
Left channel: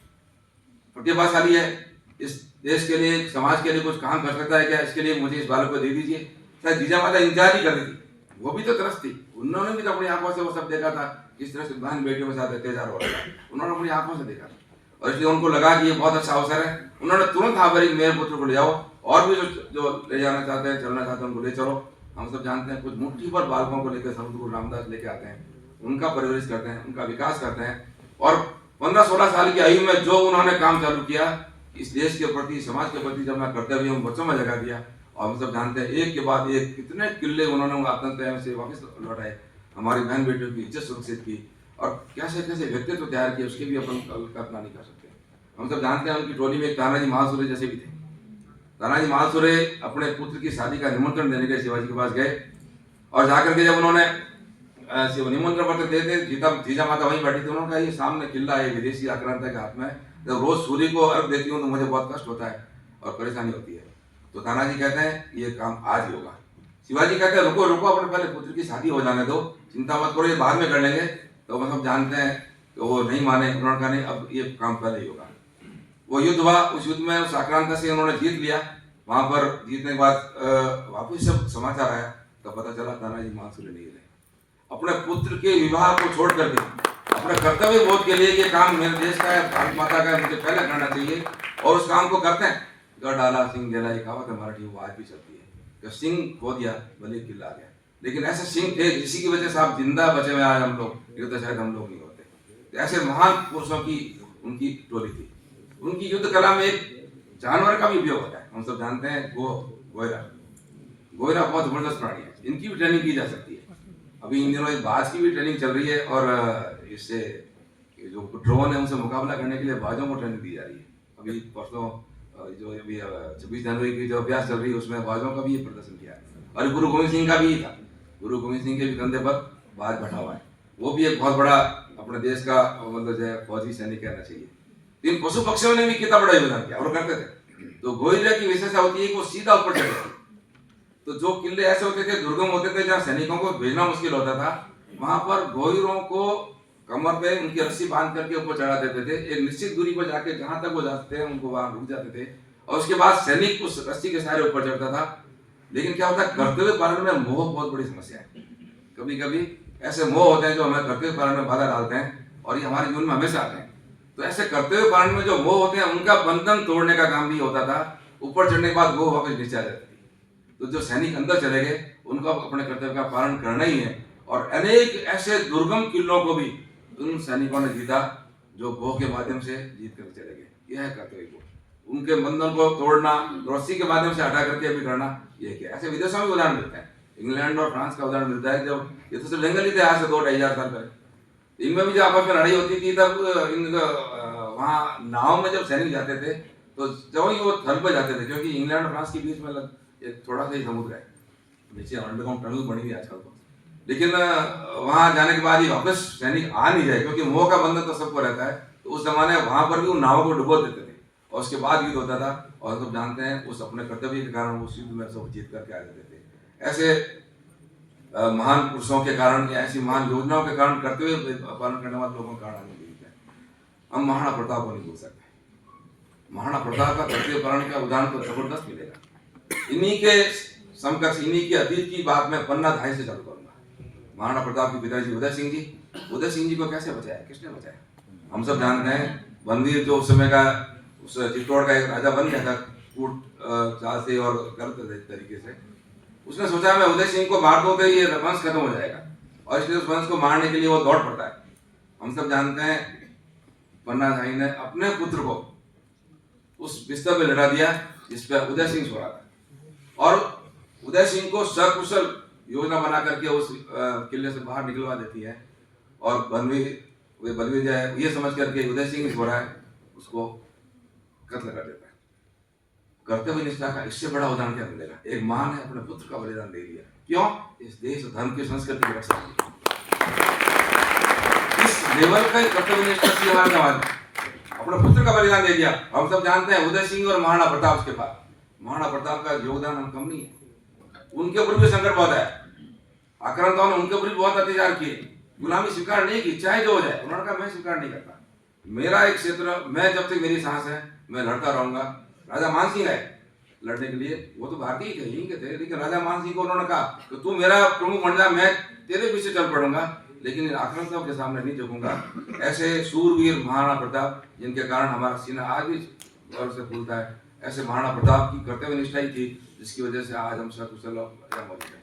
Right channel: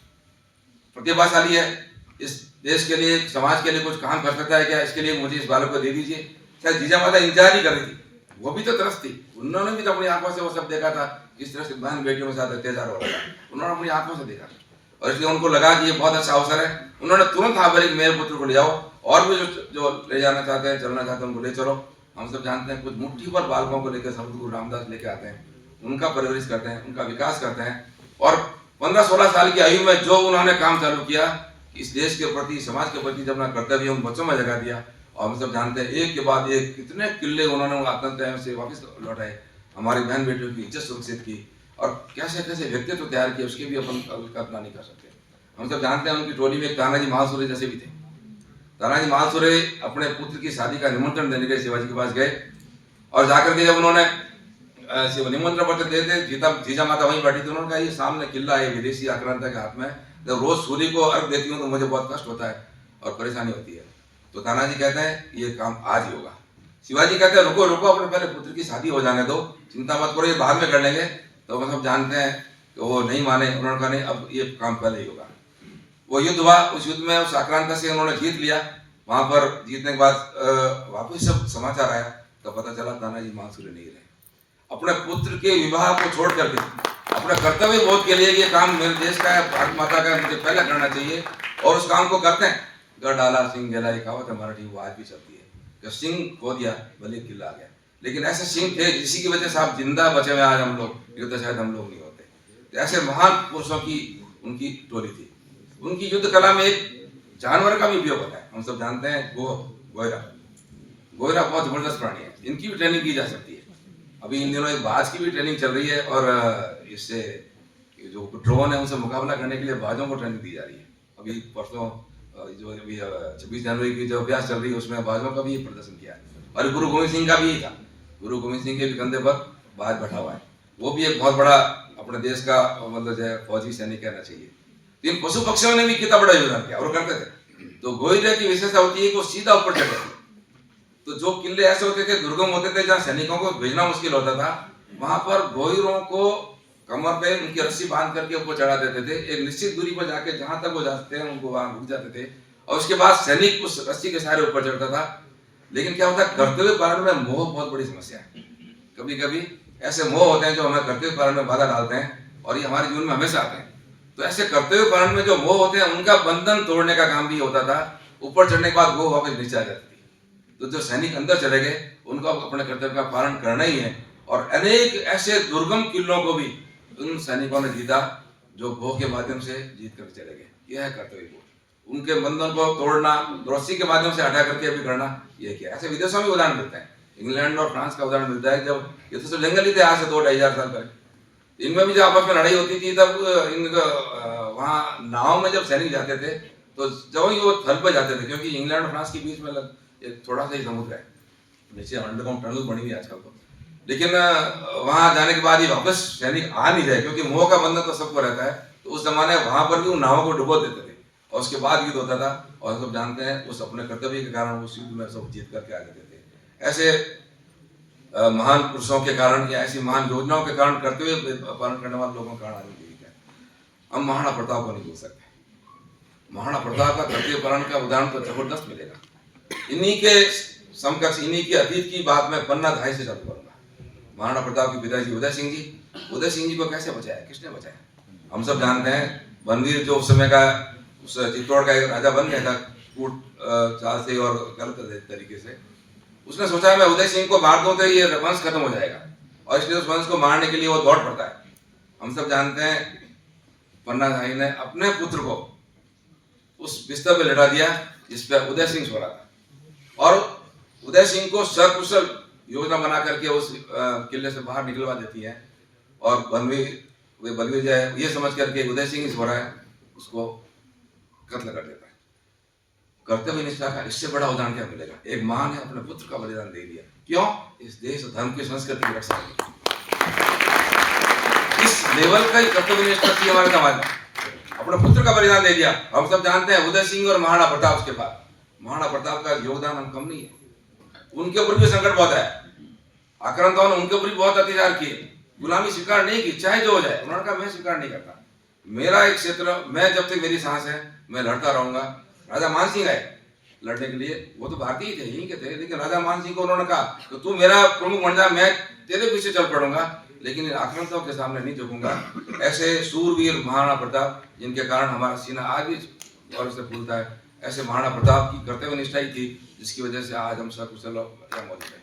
प्रतिभाशाली है, इस देश के लिए समाज के लिए कुछ काम कर सकता है क्या, इसके लिए मुझे इस बालक को दे दीजिए। शायद जीजा माता इंतजार ही कर रही थी, वो भी तो तरस थी, उन्होंने भी तो अपनी आंखों से वो सब देखा था, किस तरह से बहन बेटियों के साथ अत्याचार हो रहा था, उन्होंने अपनी आंखों से देखा था। और इसलिए उनको लगा कि ये बहुत अच्छा अवसर है, उन्होंने तुरंत हाँ बोले मेरे पुत्र को ले जाओ, और भी जो ले जाना चाहते हैं, चलना चाहते हैं, उनको ले चलो। हम सब जानते हैं कुछ मुट्ठी पर बालकों को लेकर संत गुरु रामदास लेके आते हैं, उनका परवरिश करते हैं, उनका विकास करते हैं। और 15-16 साल की आयु में जो उन्होंने काम चालू किया, इस देश के प्रति, समाज के प्रति जब ना कर्तव्य उन बच्चों में जगा दिया। और हम सब जानते हैं एक के बाद एक कितने किले उन्होंने आतंक से वापस लौटाए, हमारी बहन बेटियों की इज्जत सुरक्षित की, और कैसे कैसे व्यक्तित्व तैयार किए उसके भी अपन कल्पना नहीं कर सकते। हम सब जानते हैं उनकी टोली में तानाजी महासुरे जैसे भी थे। तानाजी महासुरे अपने पुत्र की शादी का निमंत्रण देने के लिए शिवाजी के पास गए, और जाकर के जब उन्होंने निमंत्रण पत्र देते, जीजा माता वहीं बैठी थी, उन्होंने कहा ये सामने किला है विदेशी आक्रांता के हाथ में, जब रोज सूर्य को अर्घ देती हूँ तो मुझे बहुत कष्ट होता है और परेशानी होती है। तो तानाजी कहते हैं ये काम आज ही होगा। शिवाजी कहते हैं रुको रुको, अपने पहले पुत्र की शादी हो जाने दो, चिंता मत करो, ये बाद में कर लेंगे। तो हम सब जानते हैं कि वो नहीं माने, उन्होंने कहा नहीं अब ये काम पहले ही होगा। वो युद्ध हुआ, उस युद्ध में उस आक्रांता से उन्होंने जीत लिया। वहां पर जीतने के बाद वापस सब समाचार आया तो पता चला तानाजी महासुरे नहीं रहे। अपने पुत्र के विवाह को छोड़ करके अपने कर्तव्य बोध के लिए ये काम मेरे देश का है, भारत माता का है, मुझे पहले करना चाहिए, और उस काम को करते हैं। गढ़ डाला सिंह गेला, ये कहावत है मराठी, वो आज भी चलती है कि सिंह खो दिया भले किला आ गया। लेकिन ऐसे सिंह थे जिसी की वजह से आप जिंदा बचे हुए आज हम लोग, ये तो शायद हम लोग नहीं होते। तो ऐसे महान पुरुषों की उनकी टोली थी। उनकी युद्ध कला में एक जानवर का भी उपयोग होता है। हम सब जानते हैं गोयरा बहुत जबरदस्त प्राणी है, इनकी भी ट्रेनिंग की जा सकती है। अभी इन दिनों एक बाज की भी ट्रेनिंग चल रही है, और इससे जो ड्रोन है उनसे मुकाबला करने के लिए बाजों को ट्रेनिंग दी जा रही है। अभी परसों जो अभी 26 जनवरी की जो अभ्यास चल रही है उसमें बाजों का भी प्रदर्शन किया है, और गुरु गोविंद सिंह का भी था। गुरु गोविंद सिंह के भी कंधे पर बाज बैठा हुआ है, वो भी एक बहुत बड़ा अपने देश का मतलब जो फौजी सैनिक कहना चाहिए। तो इन पशु पक्षियों ने भी कितना बड़ा योगदान किया और करते थे। तो गोयरे की विशेषता होती है कि वो सीधा ऊपर चढ़ते थे। तो जो किले ऐसे होते थे, दुर्गम होते थे, जहाँ सैनिकों को भेजना मुश्किल होता था, वहां पर गोयरों को कमर पे उनकी रस्सी बांध करके ऊपर चढ़ा देते थे। एक निश्चित दूरी पर जाके जहां तक वो जाते थे उनको वहां रुक जाते थे, और उसके बाद सैनिक उस रस्सी के सहारे ऊपर चढ़ता था। लेकिन क्या होता है, कर्तव्य पालन में मोह बहुत बड़ी समस्या है। कभी कभी ऐसे मोह होते हैं जो हमें कर्तव्य पालन में बाधा डालते हैं, और ये हमारे जीवन में हमेशा आते हैं। तो ऐसे कर्तव्य पालन में जो मोह होते हैं उनका बंधन तोड़ने का काम भी होता था। ऊपर चढ़ने के बाद वो वापस नीचे आ जाती थी। तो जो सैनिक अंदर चले गए उनको अपने कर्तव्य का पालन करना ही है। और अनेक ऐसे दुर्गम किलों को भी उन सैनिकों ने जीता जो भोग के माध्यम से जीत कर चले गए। यह है कर्तव्य बोध। उनके बंधन को तोड़ना, रस्सी के माध्यम से हटा करके भी करना, यह क्या। ऐसे विदेशों में उदाहरण मिलता है, इंग्लैंड और फ्रांस का उदाहरण मिलता है। जब ये तो सब जंगल ही थे आज से 2-2,500 साल पहले, इनमें भी जब आपस में लड़ाई होती थी तब वहाँ नाव में जब सैनिक जाते थे तो जब ही वो थल पर जाते थे, क्योंकि इंग्लैंड और फ्रांस के बीच में एक थोड़ा सा ही समुद्र है, नीचे अंडरग्राउंड टनल बनी हुई है आजकल तो। लेकिन वहां जाने के बाद ही वापस सैनिक आ नहीं जाए, क्योंकि मोह का बंधन तो सबको रहता है। तो उस जमाने वहां पर भी उन नावों को डुबो देते थे, और उसके बाद युद्ध होता था। और हम सब जानते हैं उस अपने कर्तव्य के कारण उस युद्ध में सब जीत करके आ जाते थे। ऐसे महान पुरुषों के कारण या ऐसी महान योजनाओं के कारण, कर्तव्य पालन करने वाले लोगों के कारण आगे जीवित है। हम महाराणा प्रताप को नहीं भूल सकते। महाराणा प्रताप का कर्तव्य पालन का उदाहरण तो जबरदस्त मिलेगा। इन्हीं के समकक्ष, इन्हीं के अतीत की बात मैं पन्ना 2.5 से चालू करूंगा। महाराणा प्रताप के पिताजी उदय सिंह जी को कैसे बचाया, किसने बचाया? हम सब जानते हैं बनवीर जो उस समय का उस चित्तौड़ का एक राजा बन गया था कूट चाल से और गलत तरीके से। उसने सोचा मैं उदय सिंह को मार दूं तो ये वंश खत्म हो जाएगा, और इसलिए उस वंश को मारने के लिए वो दौड़ पड़ता है। हम सब जानते हैं पन्ना धाई ने अपने पुत्र को उस बिस्तर पे लटा दिया जिस पे उदय सिंह सो रहा था, और उदय सिंह को सकुशल योजना बना करके उस किले से बाहर निकलवा देती है। और बनवीर जो है ये समझ करके उदय सिंह सो रहा है उसको कत्ल कर देता है। कर्तव्य निष्ठा का इससे बड़ा उदाहरण क्या मिलेगा? एक मां ने अपने पुत्र का बलिदान दे दिया, क्यों? इस देश धर्म की संस्कृति की रक्षा के लिए। इस लेवल का कर्तव्य निष्ठा थी हमारे समाज में, अपने पुत्र का बलिदान दे दिया। हम सब जानते हैं उदय सिंह और महाराणा प्रताप के बाद महाराणा प्रताप का योगदान हम कम नहीं है। उनके ऊपर भी संकट बहुत है, आक्रांताओं ने उनके ऊपर भी बहुत अत्याचार किए, गुलामी स्वीकार नहीं की, चाहे जो हो जाए। उन्होंने कहा मैं स्वीकार नहीं करता, मेरा एक क्षेत्र, मैं जब तक मेरी सांस है मैं लड़ता रहूंगा। राजा मानसिंह आए लड़ने के लिए, वो तो भारतीय थे, यहीं के थे, लेकिन राजा मानसिंह को उन्होंने कहा तो तू मेरा प्रमुख बन जा, मैं तेरे पीछे चल पड़ूंगा, लेकिन आक्रांताओं के सामने नहीं झुकूंगा। ऐसे सूरवीर महाराणा प्रताप, जिनके कारण हमारा सीना आज भी गौरव से फूलता है, ऐसे महाराणा प्रताप की कर्तव्य निष्ठा ही थी जिसकी वजह से आज हम सकुशल मौजूद हैं।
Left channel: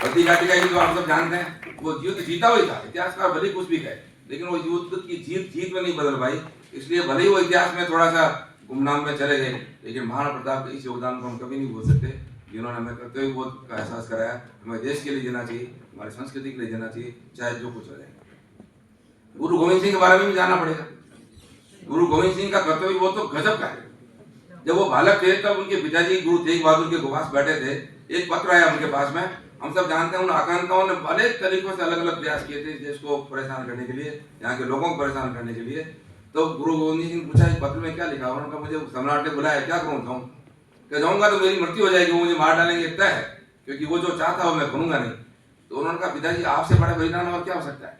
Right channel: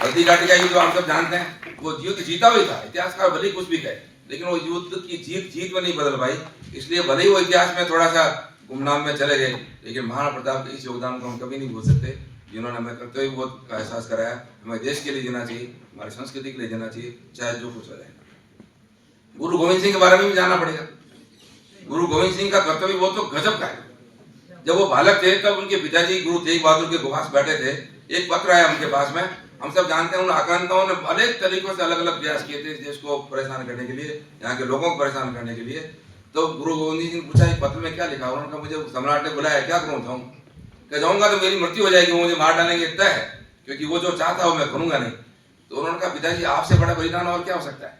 हल्दी घाटी का युद्ध आप सब जानते हैं, वो युद्ध जीता हुआ था, इतिहासकार भले कुछ भी कहे, लेकिन वो युद्ध की जीत में नहीं बदल पाई। इसलिए भले ही वो इतिहास में थोड़ा सा गुमनाम में चले गए, लेकिन महाराणा प्रताप के इस योगदान को हम कभी नहीं भूल सकते, जिन्होंने हमें कर्तव्य बोध का एहसास कराया। हमें देश के लिए जीना चाहिए, हमारी संस्कृति के लिए जीना चाहिए, चाहे जो कुछ हो जाए। गुरु गोविंद सिंह के बारे में भी जानना पड़ेगा। गुरु गोविंद सिंह का कर्तव्य बोध तो गजब का है। जब वो बालक थे तब उनके पिताजी गुरु तेग बहादुर के पास बैठे थे, एक पत्र आया उनके पास में। हम सब जानते हैं उन आक्रांताओं ने अनेक तरीकों से अलग अलग प्रयास किए थे देश को परेशान करने के लिए, यहाँ के लोगों को परेशान करने के लिए। तो गुरु गोविंद सिंह पूछा इस पत्र में क्या लिखा? उन्होंने कहा मुझे सम्राट ने बुलाया, क्या करूँ जाऊँ? क्या जाऊँगा तो मेरी मृत्यु हो जाएगी, वो मुझे मार डालेंगे तय है, क्योंकि वो जो चाहता है वो मैं करूँगा नहीं। तो उन्होंने कहा पिताजी आपसे बड़ा बलिदान और क्या हो सकता है?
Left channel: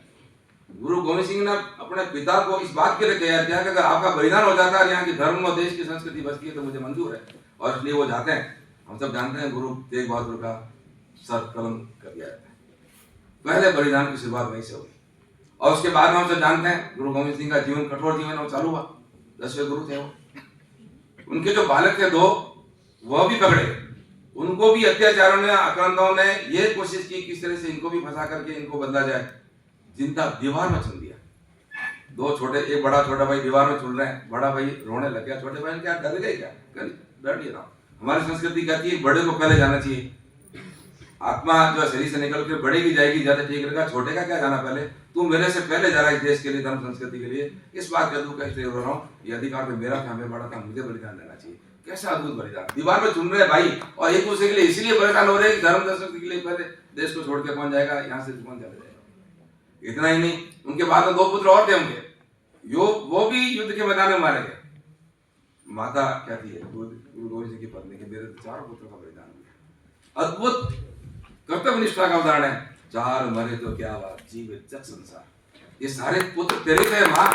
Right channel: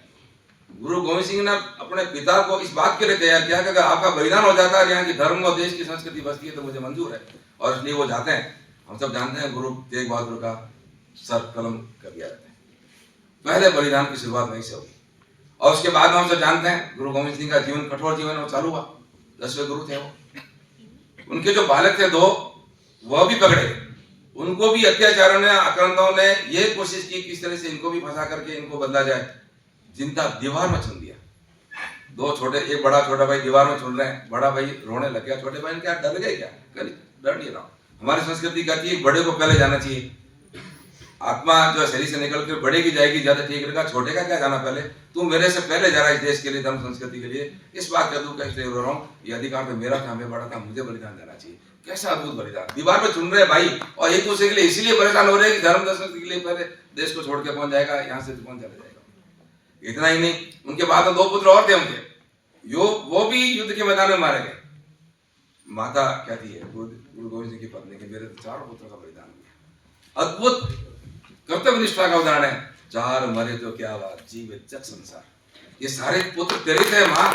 गुरु गोविंद सिंह ने अपने पिता को इस बात के लिए तैयार किया कि अगर आपका बलिदान हो जाता है, यहाँ की धर्म और देश की संस्कृति बचती है तो मुझे मंजूर है, और इसलिए वो जाते हैं। हम सब जानते हैं गुरु तेग बहादुर का सर कलम कर दिया जाता है, पहले बलिदान की शुरुआत वहीं से हुई। और उसके बाद हम सब जानते हैं गुरु गोविंद सिंह का जीवन, कठोर जीवन वो चालू हुआ। 10वें गुरु थे वो। उनके जो बालक थे 2, वह भी पकड़े, उनको भी अत्याचारों ने, आक्रांताओं ने ये कोशिश की किस तरह से इनको भी फंसा करके इनको बदला जाए। जिंदा दीवार में चुन दिया। 2 छोटे, एक बड़ा छोटा भाई दीवार में चुन रहे हैं, बड़ा भाई रोने लग गया, छोटे भाई ने क्या डर गए क्या? डर नहीं रहा। हमारी संस्कृति कहती है बड़े को पहले जाना चाहिए, आत्मा जो शरीर से निकल कर बड़े की जाएगी, ज्यादा ठीक रहेगा, छोटे का क्या जाना पहले, तू मेरे से पहले जा रहा है इस देश के लिए, धर्म संस्कृति के लिए। इस बात का दुख इसलिए रो रहा हूँ, ये अधिकार तो मेरा था, मैं बड़ा था, मुझे बलिदान देना चाहिए। कैसा अद्भुत बलिदान, दीवार पे चुन रहे भाई, और एक दूसरे के लिए इसलिए परेशान हो रहे हैं कि धर्म संस्कृति के लिए पहले देश को छोड़ के कौन जाएगा, यहाँ से कौन चले जाएगा। इतना ही नहीं, उनके बाद 2 पुत्र और थे उनके, वो भी युद्ध के मैदान में मारे गए। माता क्या थी, गुरु गोविंद सिंह की पत्नी के, मेरे तो 4 पुत्रों का बलिदान हुआ। अद्भुत कर्तव्य निष्ठा का उदाहरण है। 4 मरे तो क्या बात, जीवे जग संसार, ये सारे पुत्र तेरे थे माँ,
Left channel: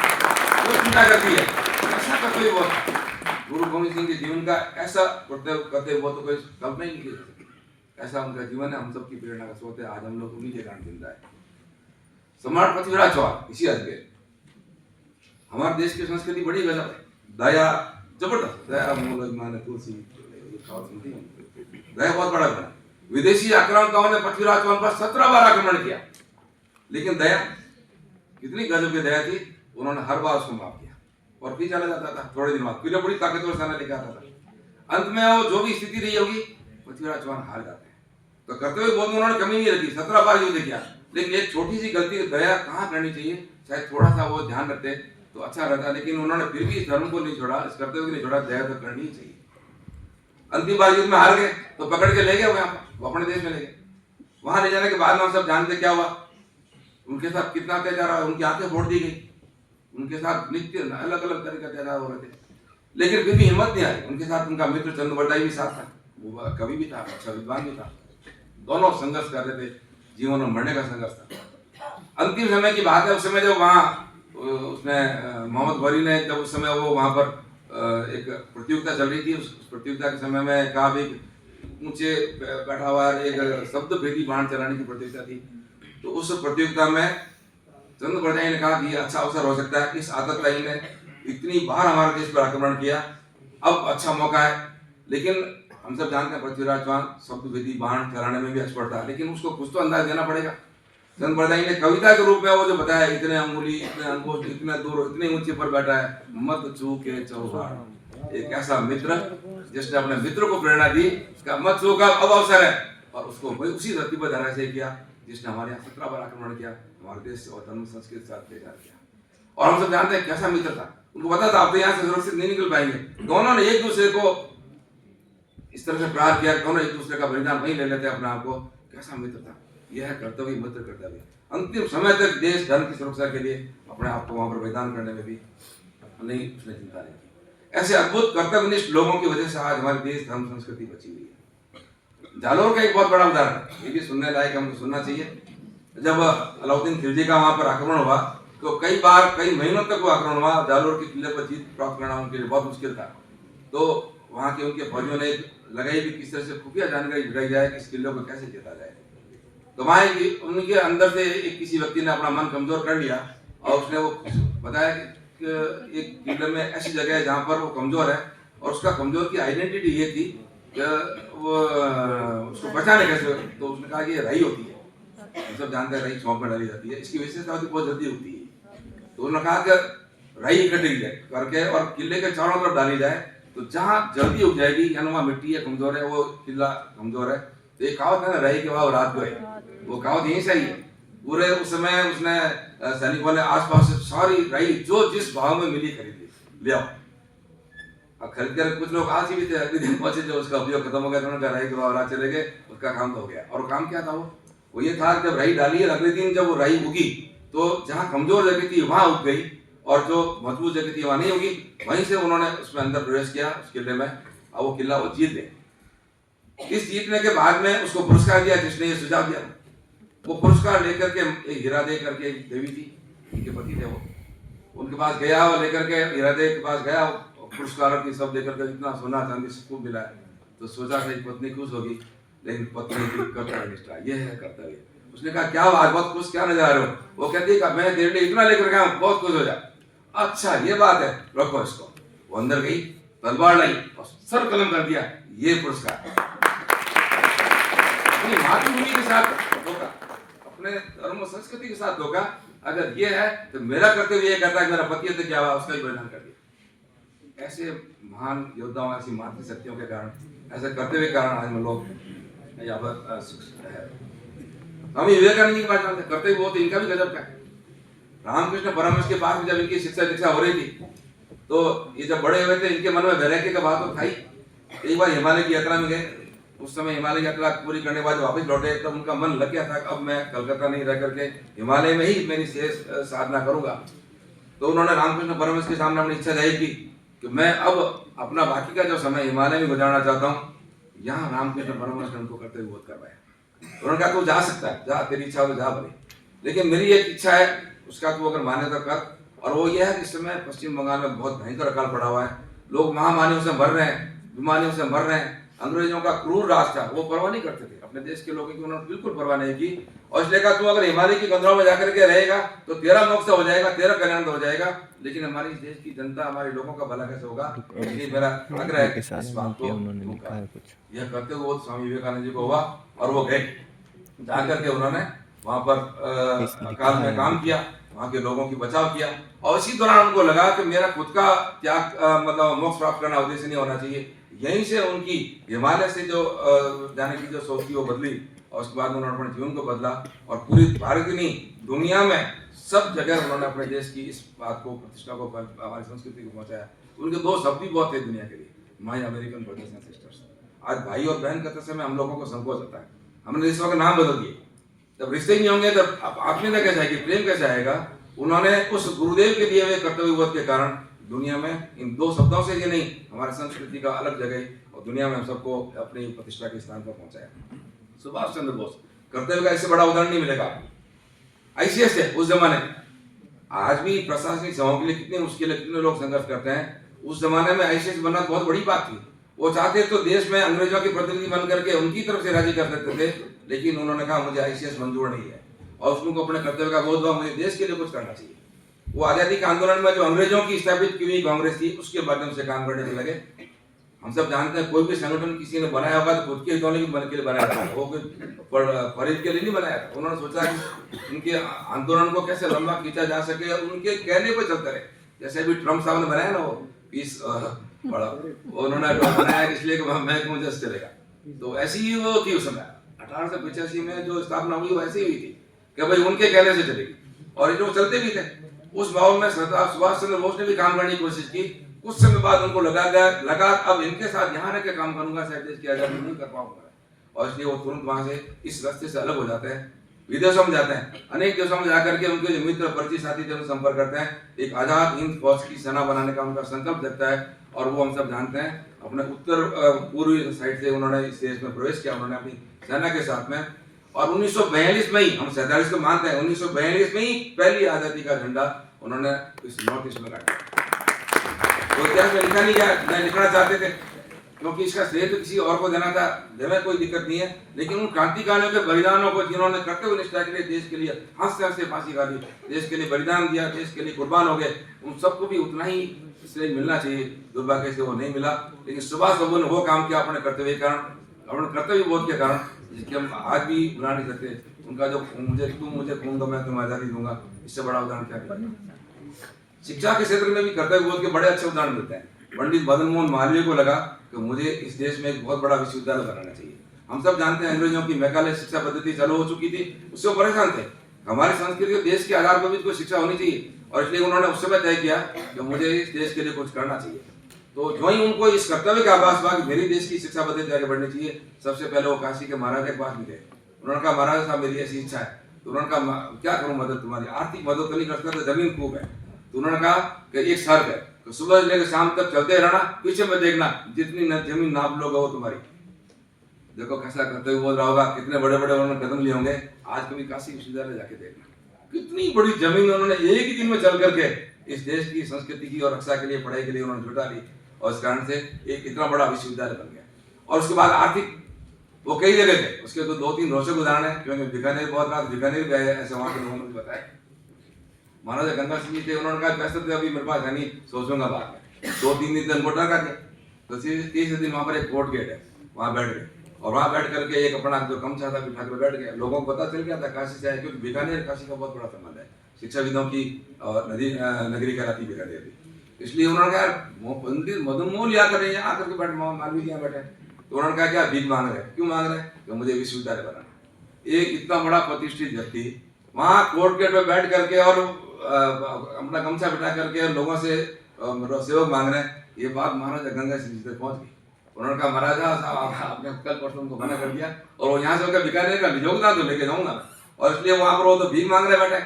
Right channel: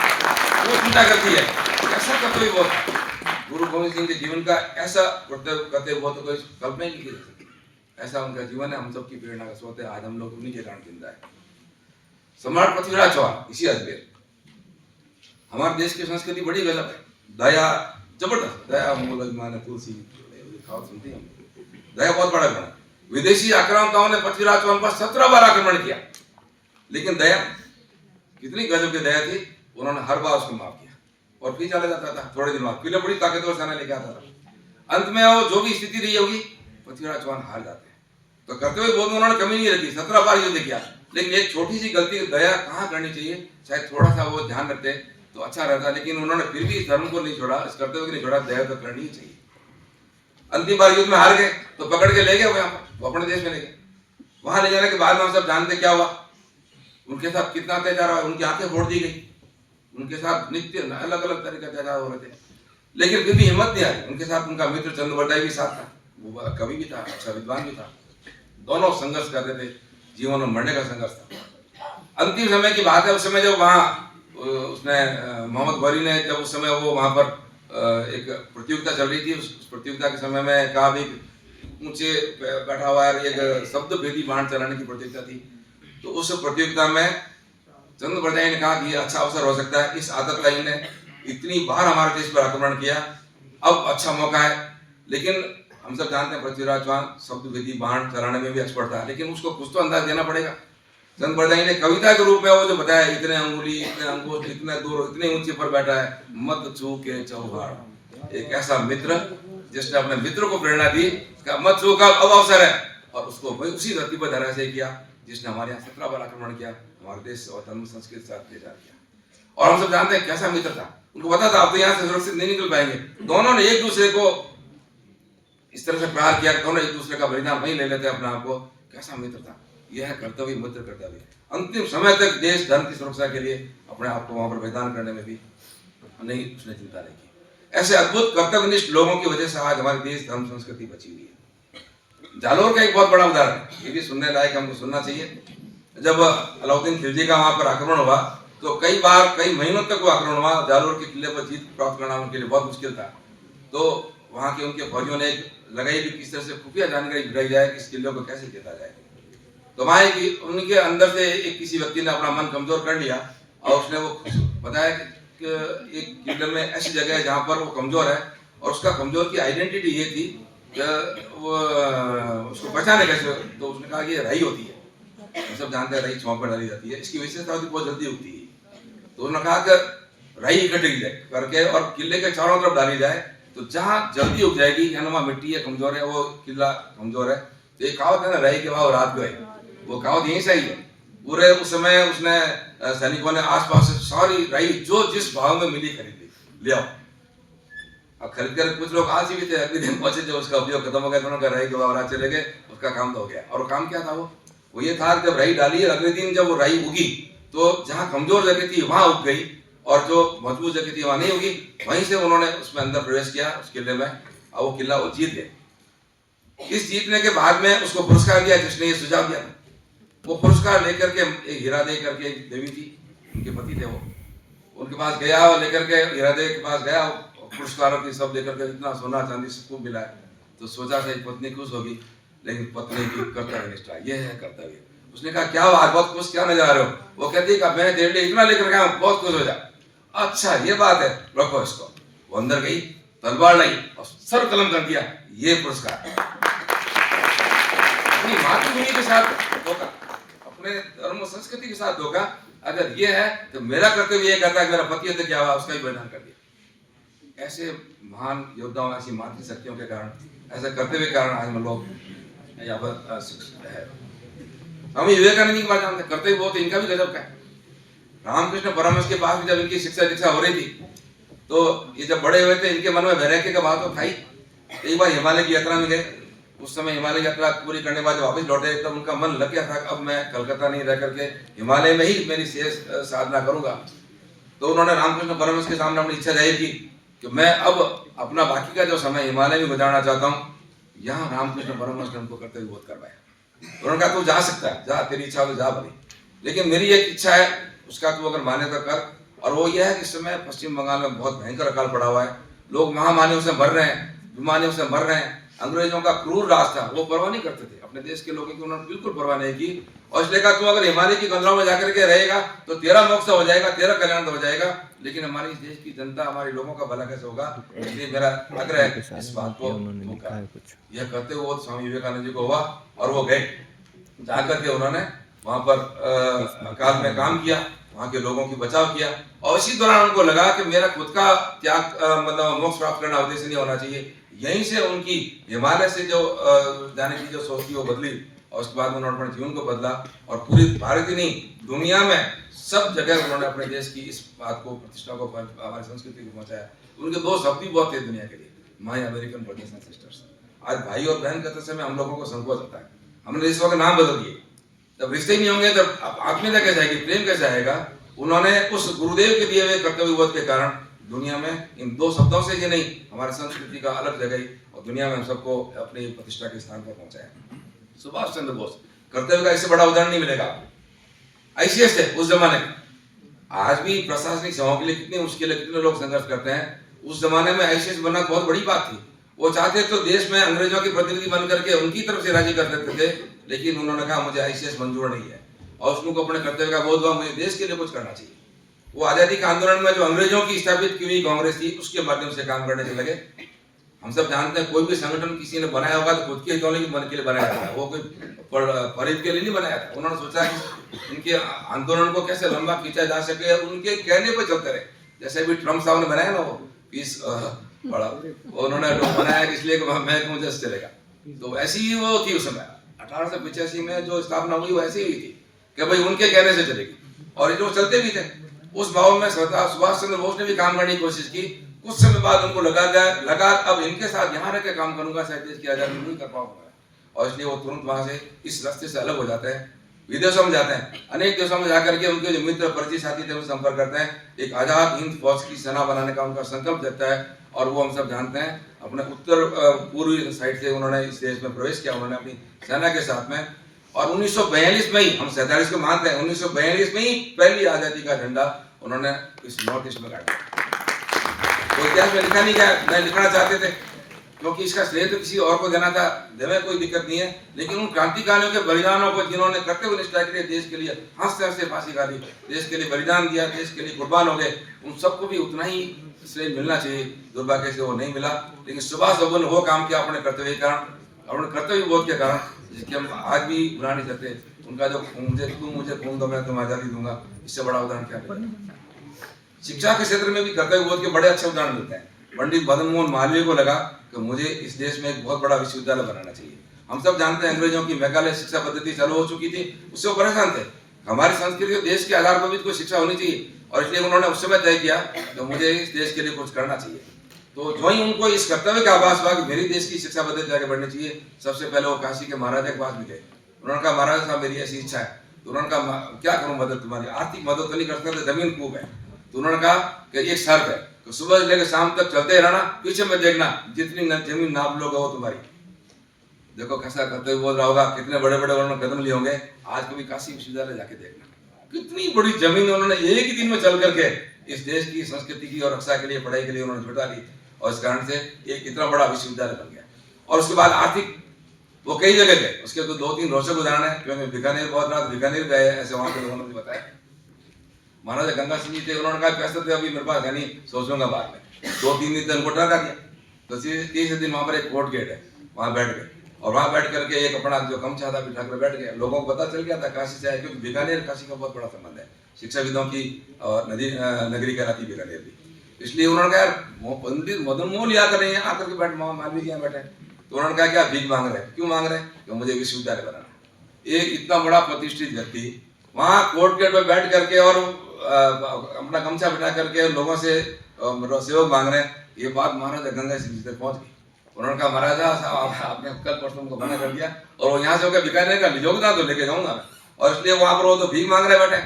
वो चिंता करती है। ऐसा कर्तव्य बोध गुरु गोविंद सिंह के जीवन का, ऐसा कर्तव्य बोध तो कोई कल्पना ही नहीं कर सकती। ऐसा उनका जीवन है, हम सबकी प्रेरणा का स्रोत है। आज हम लोग उन्हीं के कारण जिंदा है। सम्राट पृथ्वीराज चौहान, इसी अजमेर, हमारे देश की संस्कृति बड़ी गजब है, दया जबरदस्त, दया मूल माने तुलसी, दया बहुत बड़ा बना। विदेशी आक्रांताओं ने पृथ्वीराज चौहान पर 17 बार आक्रमण किया, लेकिन दया, कितनी गजब की दया थी, उन्होंने हर बार उसको माफ किया और फिर चला जाता था। थोड़े दिन बाद फिर बड़ी ताकतवर सेना लेके आता था। अंत में वो जो भी स्थिति रही होगी, पृथ्वीराज चौहान हार जाते हैं। तो कर्तव्य बोध में उन्होंने कमी नहीं रखी, 17 बार युद्ध किया, लेकिन एक छोटी सी गलती, दया कहाँ करनी चाहिए, शायद थोड़ा सा वो ध्यान रखते तो अच्छा रहता, लेकिन उन्होंने फिर भी इस धर्म को नहीं छोड़ा, इस कर्तव्य को नहीं छोड़ा, दया तो करनी ही चाहिए। अंतिम बार युद्ध में हार गए तो पकड़ के ले गए वो अपने देश में ले गए। वहां ले जाने के बाद में हम सब जानते क्या हुआ, उनके साथ कितना अत्याचार हुआ, उनकी आंखें फोड़ दी गई, उनके साथ नित्य अलग अलग तरह के अत्याचार हो रहे थे, लेकिन फिर भी हिम्मत नहीं आई। उनके साथ उनका मित्र चंद्रबरदाई भी साथ था, वो कवि भी था, अच्छा विद्वान भी था, दोनों संघर्ष कर रहे थे, जीवन में मरने का संघर्ष था। अंतिम समय की बात है, उस समय जब वहाँ उसने मोहम्मद गौरी ने, जब उस समय वो वहाँ पर एक प्रतियोगिता चल रही थी, उस प्रतियोगिता के समय में कहा भी ऊंचे बैठा हुआ एक शब्द भेदी बाण चलाने की प्रतियोगिता थी। तो उस प्रतियोगिता में चंद्रबरदाई ने कहा कि अच्छा अवसर हो सकता है, इस आतताई ने इतनी बार हमारे देश पर आक्रमण किया, अब अच्छा मौका है। लेकिन हम सब जानते हैं पृथ्वीराज चौहान शब्द भेदी बाण चलाने में भी एक्सपर्ट था, लेकिन उसको कुछ तो अंदाज देना पड़ेगा। चंद्रबरदाई ने कविता के रूप में वो जो बताया, इतने अंगुली, इतने अंगूठ, इतने दूर, इतने ऊंचे पर बैठा है, मत चूके चौहान। एक ऐसा मित्र जिसने अपने मित्र को प्रेरणा दी, मत चूका, अब अवसर है, और उसको उसी धरती पर धराशायी किया जिसने हमारे यहाँ 17 बार आक्रमण किया, हमारे देश और धर्म संस्कृति के साथ अत्याचार किया। और हम सब जानते हैं कैसा मित्र था, उनको पता था अब तो यहाँ से सुरक्षित नहीं निकल पाएंगे। दोनों ने एक दूसरे को इस तरह से प्रहार किया, दोनों एक दूसरे का बलिदान वहीं ले लेते अपने आप को। कैसा मित्र था, यह है कर्तव्य, मित्र कर्तव्य। अंतिम समय तक देश धर्म की सुरक्षा के लिए अपने आप को वहां पर बलिदान करने में भी नहीं उसने चिंता नहीं की। ऐसे अद्भुत कर्तव्यनिष्ठ लोगों की वजह से आज हमारे देश धर्म संस्कृति बची हुई है। जालोर का एक बहुत बड़ा उदाहरण है, ये भी सुनने लायक, हमको सुनना चाहिए। जब अलाउद्दीन खिलजी का वहां पर आक्रमण हुआ तो कई बार कई महीनों तक वो आक्रमण हुआ, जालोर के किले पर जीत प्राप्त करना उनके लिए बहुत मुश्किल था। तो वहां के उनके फौजियों ने लगाई भी किस तरह से खुफिया जानकारी जुटाई जाए कि इस किले को कैसे जीता जाए। तो वहां उनके अंदर से एक किसी व्यक्ति ने अपना मन कमजोर कर लिया और उसने वो बताया कि एक किले में ऐसी जगह है जहाँ पर वो कमजोर है, और उसका कमजोर की आइडेंटिटी ये थी कि वो उसको बचाने कैसे। तो उसने कहा कि ये राई होती है, हम सब जानते हैं राई छौंक में डाली जाती है, इसकी विशेषता होती है बहुत जल्दी उगती है। तो उन्होंने कहा कि राई इकट्ठी करके और किले के चारों तरफ डाली जाए, तो जहाँ जल्दी उग जाएगी, यानी वहाँ मिट्टी है कमजोर है, वो किला कमजोर है। तो एक कहावत है ना, राई के भाव रात गए, वो कहावत यहीं से ही है। पूरे उस समय उसने सैनिकों ने आसपास से सारी राई जो जिस भाव में मिली खरीदी, ले आओ। अब खरीद कर कुछ लोग आलसी भी थे, अगले दिन पहुंचे, जब उसका उपयोग खत्म हो गया, उन्होंने कहा राई के भाव रात चले गए, उसका काम तो हो गया। और वो काम क्या था? वो ये था जब राई डाली, अगले दिन जब वो राई उगी तो जहाँ कमजोर जगह थी वहां उग गई, और जो मजबूत जगह थी वहां नहीं उगी। वहीं से उन्होंने उसमें अंदर प्रवेश किया उस किले में, और वो किला वो जीत गए। इस जीतने के बाद में उसको पुरस्कार दिया जिसने ये सुझाव दिया। वो पुरस्कार लेकर के एक हीरा दे करके एक देवी थी, उनके पति थे, वो उनके पास गया और लेकर के हीरा दे के पास गया, पुरस्कारों की सब लेकर के इतना सोना चांदी सबको मिला है। तो सोचा था पत्नी खुश होगी, लेकिन पत्नी की कर्तव्य निष्ठा, ये है कर्तव्य। उसने कहा क्या बात, बहुत खुश क्या नजर आ रहे हो? वो कहती है मैं तेरे लिए इतना लेकर गया, बहुत खुश हो जा। अच्छा ये बात है, रखो इसको। वो अंदर गई, तलवार लाई और सर कलम कर दिया, ये पुरस्कार। अपनी मातृभूमि के साथ धोखा, अपने धर्म संस्कृति के साथ धोखा। अगर ये है तो मेरा कर्तव्य ये कहता है मेरा पति है तो क्या हुआ, उसका भी बलिदान कर दिया। ऐसे महान योद्धाओं, ऐसी मातृ शक्तियों के कारण, ऐसे कर्तव्य के कारण आज हम लोग यहाँ पर है। स्वामी विवेकानंद की बात जानते, कर्तव्य बहुत इनका भी गजब का है। रामकृष्ण परमहंस के पास जब इनकी शिक्षा दीक्षा हो रही थी, तो ये जब बड़े हुए थे, इनके मन में वैराग्य का भाव तो था ही। एक बार हिमालय की यात्रा में गए, उस समय हिमालय यात्रा पूरी करने के बाद वापस लौटे, तब उनका मन लग गया था अब मैं कलकत्ता नहीं रह करके हिमालय में ही मेरी शेष साधना करूंगा। तो उन्होंने रामकृष्ण परमहंस के सामने अपनी इच्छा जाहिर की कि मैं अब अपना बाकी का जो समय हिमालय में गुजारना चाहता हूँ। यहाँ रामकृष्ण परमहंस ने उनको कर्तव्य बोध करवाया। उन्होंने कहा तू जा सकता है, जा, तेरी इच्छा तो जा भली, लेकिन मेरी एक इच्छा है, उसका तू अगर माने तो कर। और वो ये है कि इस समय पश्चिम बंगाल में बहुत भयंकर अकाल पड़ा हुआ है, लोग महामारियों से मर रहे हैं, बीमारियों से मर रहे हैं। अंग्रेजों का क्रूर राज था, वो परवाह नहीं करते थे अपने देश के लोगों की, उन्होंने बिल्कुल परवाह नहीं की। और इसलिए कहा तू अगर हिमालय की कंदरों में जाकर के रहेगा तो तेरा मोक्ष हो जाएगा, तेरा कल्याण हो जाएगा, लेकिन हमारे इस देश की जनता, हमारे लोगों का भला कैसे होगा? इसलिए मेरा आग्रह है इस बात को यह करते हुए स्वामी विवेकानंद जी को हुआ, और वो गए, जाकर के उन्होंने वहां पर अकाल में काम किया, वहां के लोगों की बचाव किया। और इसी दौरान उनको लगा कि मेरा खुद का त्याग मतलब मोक्ष प्राप्त करना उद्देश्य नहीं होना चाहिए। यहीं से उनकी हिमालय से जो जाने की जो सोच थी वो बदली, और उसके बाद उन्होंने अपने जीवन को बदला, और पूरी भारत ही नहीं दुनिया में सब जगह उन्होंने अपने देश की इस बात को, प्रतिष्ठा को, हमारी संस्कृति को पहुंचाया। उनके दो शब्द भी बहुत थे दुनिया के लिए, my American brothers and sisters. आज भाई और बहन कहते समय हम लोगों को संकोच होता है, हमने रिश्तों के नाम बदल दिए। जब रिश्ते नहीं होंगे तब आत्मीयता कैसे आएगी, प्रेम कैसे आएगा? उन्होंने उस गुरुदेव के दिए हुए कर्तव्य बोध के कारण दुनिया में इन दो शब्दों से ही नहीं, हमारी संस्कृति का अलग जगह और दुनिया में हम सबको अपनी प्रतिष्ठा के स्थान पर पहुंचाया। सुभाष चंद्र बोस, कर्तव्य का इससे बड़ा उदाहरण नहीं मिलेगा। आईसीएस थे उस जमाने, आज भी प्रशासनिक सेवाओं के लिए कितनी मुश्किलें, कितने लोग संघर्ष करते हैं। उस जमाने में आईसीएस बनना बहुत बड़ी बात थी। वो चाहते तो देश में अंग्रेजों के प्रतिनिधि बन करके उनकी तरफ से राजी कर देते थे, लेकिन उन्होंने कहा मुझे आईसीएस मंजूर नहीं है, और उसको अपने कर्तव्य का बोध हुआ, मुझे देश के लिए कुछ करना चाहिए। वो आजादी के आंदोलन में जो अंग्रेजों की स्थापित की हुई कांग्रेस थी, उसके माध्यम से काम करने के लगे। हम सब जानते हैं कोई भी संगठन किसी ने बनाया होगा तो खुद के हितों के लिए बनाया था, वो कोई फरीद के लिए नहीं बनाया था। उन्होंने सोचा कि इनके आंदोलन को कैसे लंबा खींचा जा सके, उनके कहने पर चलते रहे। जैसे भी ट्रम्प साहब ने बनाया ना वो पीस बड़ा, उन्होंने बनाया इसलिए कि मैं मुझे चलेगा। तो ऐसी ही वो थी उस समय 1885 में जो स्थापना हुई, वो ऐसी हुई थी कि भाई उनके कहने से चलेगी, और ये लोग चलते भी थे। उस माहौल में सरदार सुभाष चंद्र बोस ने भी काम करने की कोशिश की। कुछ समय बाद उनको लगा अब इनके साथ यहाँ रह के काम करूंगा, शायद देश की आजादी नहीं कर पाऊंगा, और इसलिए वो तुरंत वहां से इस रास्ते से अलग हो जाते हैं, विदेशों में जाते हैं। अनेक देशों में जाकर के उनके जो मित्र परिचय साथी थे उनसे संपर्क करते हैं, एक आजाद हिंद फौज की सेना बनाने का उनका संकल्प देता है, और वो हम सब जानते हैं। अपने उत्तर पूर्वी साइड से उन्होंने इस देश में प्रवेश किया, उन्होंने अपनी सेना के साथ में, और 1942 में ही, हम 47 को मानते हैं, 1942 में ही पहली आज़ादी का झंडा उन्होंने इस नॉर्थ ईस्ट में गाड़ा। तो इतिहास में लिखा नहीं गया, नहीं लिखना चाहते थे, क्योंकि इसका श्रेय तो किसी और को देना था, देने कोई दिक्कत नहीं है, लेकिन उन क्रांतिकारियों के बलिदानों को जिन्होंने कर्तव्य निष्ठा के लिए देश के लिए हंसते हंसते फांसी खा ली, देश के लिए बलिदान दिया, देश के लिए कुर्बान हो गए, उन सबको भी उतना ही श्रेय मिलना चाहिए। दुर्भाग्य से वो नहीं मिला, लेकिन सुभाष बाबू ने वो काम किया अपने कर्तव्य के कारण, अपने कर्तव्य बोध के कारण, जिसकी हम आज भी भुला नहीं सकते। उनका जो मुझे खून दो मैं तुम्हें आजादी दूंगा, इससे बड़ा उदाहरण क्या है। शिक्षा के क्षेत्र में भी कर्तव्य बोध के बड़े अच्छे उदाहरण मिलते हैं। पंडित मदन मोहन मालवीय को लगा कि मुझे इस देश में एक बहुत बड़ा विश्वविद्यालय बनाना चाहिए। हम सब जानते हैं अंग्रेजों की मैकाले शिक्षा पद्धति चालू हो चुकी थी, उससे वो परेशान थे। हमारी संस्कृति देश के आधार पर भी कोई शिक्षा होनी चाहिए, और इसलिए उन्होंने उस समय तय किया कि मुझे इस देश के लिए कुछ करना चाहिए। तो जो ही उनको इस कर्तव्य का आभास हुआ कि मेरी देश की शिक्षा पद्धति आगे बढ़नी चाहिए, सबसे पहले वो काशी के महाराजा के पास भी गए। उन्होंने कहा महाराजा साहब मेरी ऐसी इच्छा है। तो उन्होंने कहा क्या करूं मदद तुम्हारी, आर्थिक मदद तो नहीं कर सकते, जमीन खूब है। तो उन्होंने कहा कि एक शर्त है, तो सुबह से लेकर शाम तक चलते रहना, पीछे में देखना, जितनी जमीन नाप लोगे वो तुम्हारी। देखो कैसा कर्तव्य बोल रहा होगा, कितने बड़े बड़े उन्होंने कदम लिए होंगे। आज कभी काशी विश्वविद्यालय जाके देखना, कितनी बड़ी जमीन उन्होंने एक ही दिन में चल करके इस देश की संस्कृति की और रक्षा के लिए, पढ़ाई के लिए उन्होंने जुटा ली, और इस कारण से एक इतना बड़ा विश्वविद्यालय बन गया। और उसके बाद आर्थिक वो कई जगह थे, उसके तो 2-3 रोचक उदाहरण है, क्योंकि बीकानेर बहुत रात बीकानेर गए ऐसे, वहां के उन्होंने बताया। महाराजा गंगा सिंह जी थे, उन्होंने कहा पैसे थे अभी मेरे पास है नहीं, सोचूंगा बाद में। 2-3 दिन उनको डर दिया, तो 30 दिन वहां पर एक कोर्ट गेट है, वहां बैठ गए, और वहां बैठ करके एक अपना जो गमछा था बिठा कर बैठ गए। लोगों को पता चल गया था काशी से आए, क्योंकि बीकानेर काशी का बहुत बड़ा संबंध है, शिक्षाविदों की और नगरी कहलाती बीकानेर भी। इसलिए उन्होंने कहा यार पंडित मदन मोहन लिया कर रहे हैं, आकर के बैठ मालवीय के यहाँ बैठे। तो उन्होंने कहा क्या भीख मांग रहे हैं, क्यों मांग रहे हैं, तो मुझे विश्वविद्यालय बनाना। एक इतना बड़ा प्रतिष्ठित व्यक्ति वहां कोर्ट गेट में बैठ करके और अपना गमछा बिठा करके लोगों से सहयोग मांग रहे हैं, ये बात महाराजा गंगा सिंह जी तक पहुंच गई। उन्होंने कहा महाराजा आपने कल परसों को मना कर दिया, और वो यहाँ से होकर बीकानेर का योगदान तो लेके जाऊंगा मैं, और इसलिए वहां पर वो तो भीख मांग रहे बैठे।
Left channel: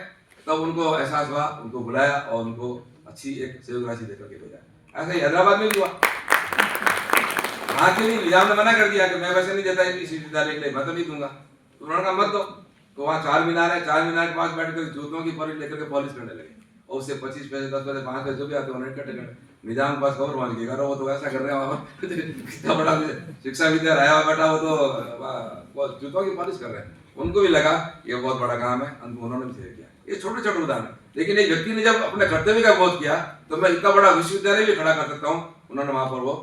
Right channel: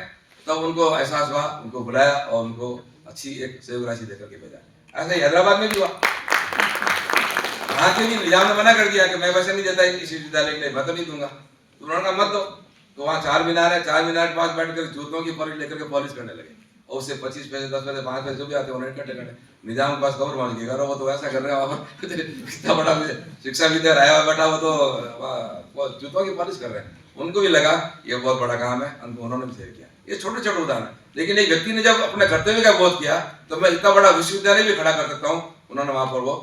तब उनको एहसास हुआ, उनको बुलाया और उनको अच्छी एक सहयोग राशि देकर के भेजा। ऐसे ही हैदराबाद में भी हुआ, वहां के भी निजाम ने मना कर दिया कि मैं पैसे नहीं देता इस विश्वविद्यालय के लिए, मैं तो नहीं दूंगा। तो उन्होंने कहा मत दो। तो वहाँ 4 मीनार है, 4 मीनार के पास बैठ कर जूतों की पॉलिश लेकर के पॉलिश करने लगे, और उससे 25 पैसे 10 पैसे 5 पैसे जो भी आते उन्होंने इकट्ठे निजाम के पास खबर पहुंच गई, वो तो ऐसा कर रहे हैं, इतना बड़ा शिक्षा विद्यालय आया हुआ बैठा, वो तो जूतों की पॉलिश कर रहे हैं। उनको भी लगा ये बहुत बड़ा काम है, उन्होंने भी सही किया। ये छोटे छोटे उदाहरण, लेकिन एक व्यक्ति ने जब अपने कर्तव्य का बोध किया तो मैं इतना बड़ा विश्वविद्यालय भी खड़ा कर सकता हूँ, उन्होंने वहां पर वो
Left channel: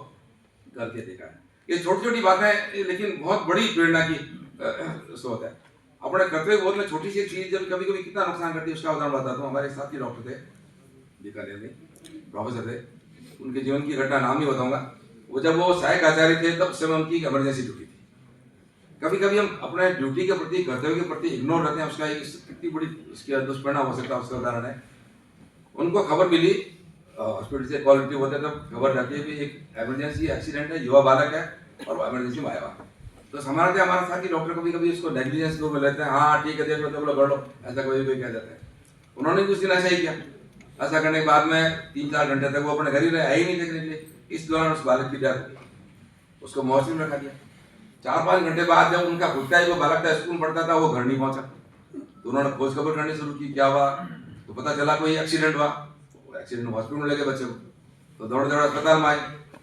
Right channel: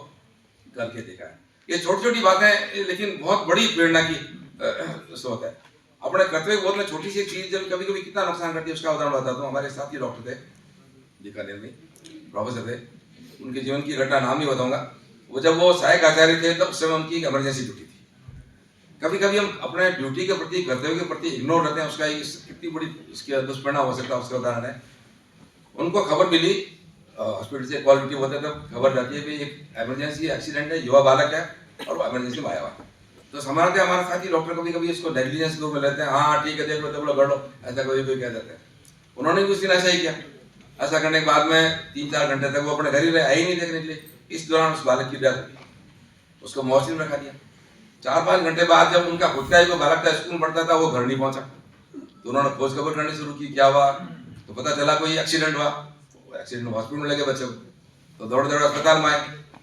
करके देखा है। ये छोटी छोटी बातें लेकिन बहुत बड़ी प्रेरणा की स्रोत है। अपने कर्तव्य बोध में छोटी सी चीज जब कभी कभी कितना नुकसान करती है उसका उदाहरण बताता हूँ। हमारे साथी डॉक्टर थे बीकानेर में, प्रोफेसर थे, उनके जीवन की घटना नाम नहीं बताऊंगा। वो जब वो सहायक आचार्य थे तब समय उनकी इमरजेंसी ड्यूटी थी। कभी कभी हम अपने ड्यूटी के प्रति, कर्तव्य के प्रति इग्नोर रहते हैं, उसका कितनी बड़ी इसके दुष्परिणाम हो सकता है, उसका उदाहरण है। उनको खबर मिली हॉस्पिटल से, क्वालिटी होता है तब खबर रहती है कि एक इमरजेंसी एक्सीडेंट है, युवा बालक है और वो इमरजेंसी में आया हुआ। तो हमारे साथी डॉक्टर कभी कभी इसको नेग्लिजेंस के रूप में लेते हैं, हाँ ठीक है देख लो तब कर लो, ऐसा कोई कह देते हैं। उन्होंने भी उस दिन ऐसा ही किया। ऐसा करने के बाद में 3-4 घंटे तक वो अपने घर ही रहे, आए ही नहीं देखने के लिए। इस दौरान उस बालक की डेथ हुई, उसको मॉर्चरी में रखा दिया। 4-5 घंटे बाद जब उनका खुद का ही जो बालक था स्कूल पढ़ता था, वो घर नहीं पहुंचा। तो उन्होंने खोज खबर करनी शुरू की, क्या हुआ, तो पता चला कोई एक्सीडेंट हुआ। एक्सीडेंट में हॉस्पिटल में लगे बच्चे को, तो दौड़ दौड़ अस्पताल में आए।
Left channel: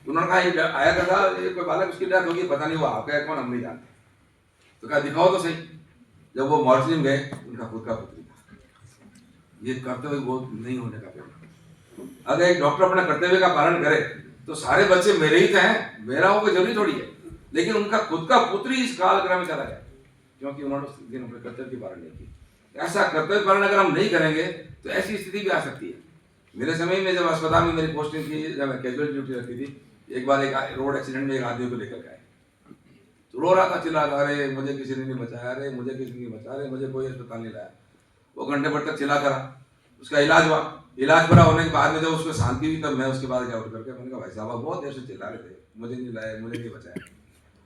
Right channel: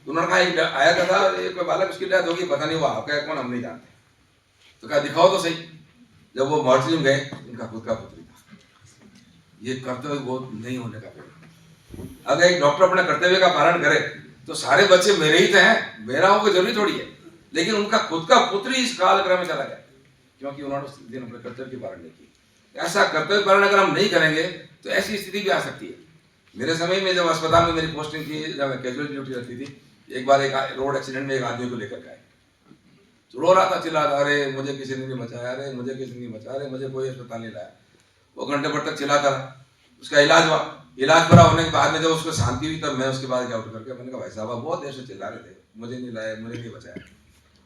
उन्होंने कहा आया था कोई बालक, उसकी डेथ होगी, पता नहीं हुआ आपका कौन, हम नहीं जानते। तो कहा दिखाओ तो सही। जब वो मॉर्चरी में गए, उनका खुद का पुत्री था। ये कर्तव्य बोध नहीं होने का परिणाम। अगर एक डॉक्टर अपने कर्तव्य का पालन करे तो सारे बच्चे मेरे ही हैं, मेरा हो कोई जरूरी थोड़ी है, लेकिन उनका खुद का पुत्री इस कालक्रम में चला गया क्योंकि उन्होंने उस दिन अपने कर्तव्य की पालन नहीं की। ऐसा कर्तव्य पालन अगर हम नहीं करेंगे तो ऐसी स्थिति भी आ सकती है। मेरे समय में जब अस्पताल में मेरी पोस्टिंग थी, जब मैं कैजुअल ड्यूटी रखती थी, एक बार एक रोड एक्सीडेंट में एक आदमी को लेकर गए, तो रो रहा था, चिल्ला रहा, अरे मुझे किसी ने नहीं बचाया, अरे मुझे किसी ने नहीं बचाया, अरे मुझे कोई अस्पताल नहीं लाया। वो घंटे भर तक चिल्लाता रहा। उसका इलाज हुआ, इलाज पूरा होने के बाद में जब उसको शांति हुई तब मैं उसके बाद क्या उठ करके मैंने कहा भाई साहब बहुत देर से चिल्ला रहे थे, मुझे नहीं लाया, मुझे नहीं बचाया।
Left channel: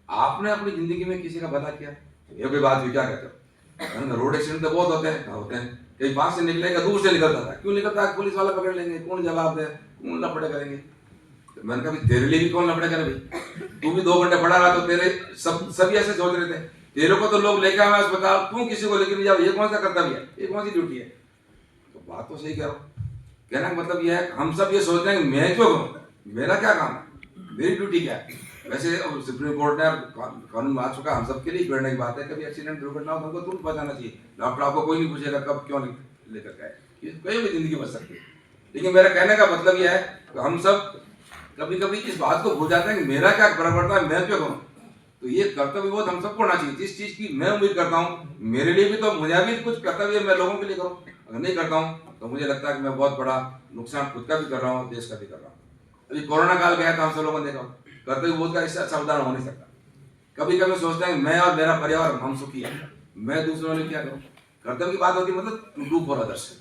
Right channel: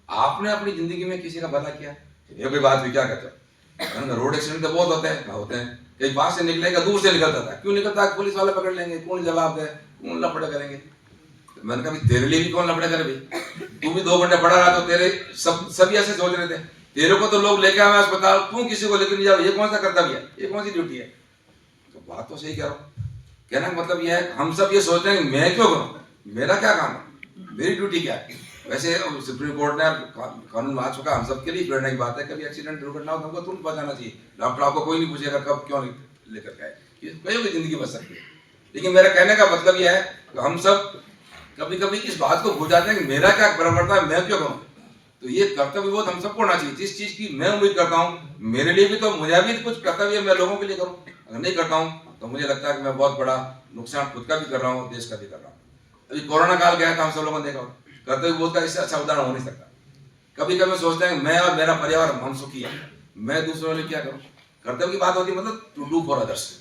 आपने अपनी जिंदगी में किसी का भला किया? ये कोई बात भी क्या कहते हो? रोड एक्सीडेंट तो बहुत होते हैं, कहीं पास से निकलेगा, दूर से निकलता था, क्यों निकलता? पुलिस वाले पकड़ लेंगे, कौन जवाब दे, कौन लफड़े करेंगे। तो मैंने कहा तेरे लिए भी कौन लफड़े करे भाई, तू भी 2 घंटे पढ़ा रहा तो तेरे सभी ऐसे सोच रहे थे, तेरे को तो लोग लेके आए अस्पताल, तू किसी को लेकर नहीं जाओ, ये कौन सा कर्तव्य है, ये कौन सी ड्यूटी है। तो बात तो सही कह रहा हूँ, कहना का मतलब यह है हम सब ये सोच रहे हैं मैं क्यों करूँ, मेरा क्या काम है, मेरी ड्यूटी क्या है। वैसे सुप्रीम कोर्ट ने कानून आ चुका, हम सबके लिए प्रेरणा की बात है, कभी एक्सीडेंट दुर्घटना हो तो हमको तुरंत बचाना चाहिए, डॉक्टर आपको कोई नहीं पूछेगा कब क्यों लेकर गए, कोई भी जिंदगी बच सकती है। लेकिन मेरा कहने का मतलब यह है कि हम सब कभी कभी इस बात को भूल जाते हैं कि मेरा क्या पड़ता है, मैं क्यों करूँ। तो ये कर्तव्य बोध हम सबको होना चाहिए, जिस चीज की मैं उम्मीद करता हूँ मेरे लिए भी तो मुझे भी कुछ कर्तव्य मैं लोगों के लिए करूँ, अगर नहीं करता हूँ तो मुझे लगता है कि मैं बहुत बड़ा नुकसान खुद का भी कर रहा हूँ, देश का भी कर रहा हूँ। अभी कोरोना काल गया था, हम सब लोगों ने देखा, कर्तव्य बोध का इससे अच्छा उदाहरण हो नहीं सकता। कभी कभी सोचते हैं मैं और मेरा परिवार हम सुखी है, मैं दूसरों के लिए क्या करूँ। कर्तव्य की बात होती है मतलब टू डू फॉर अदर्स।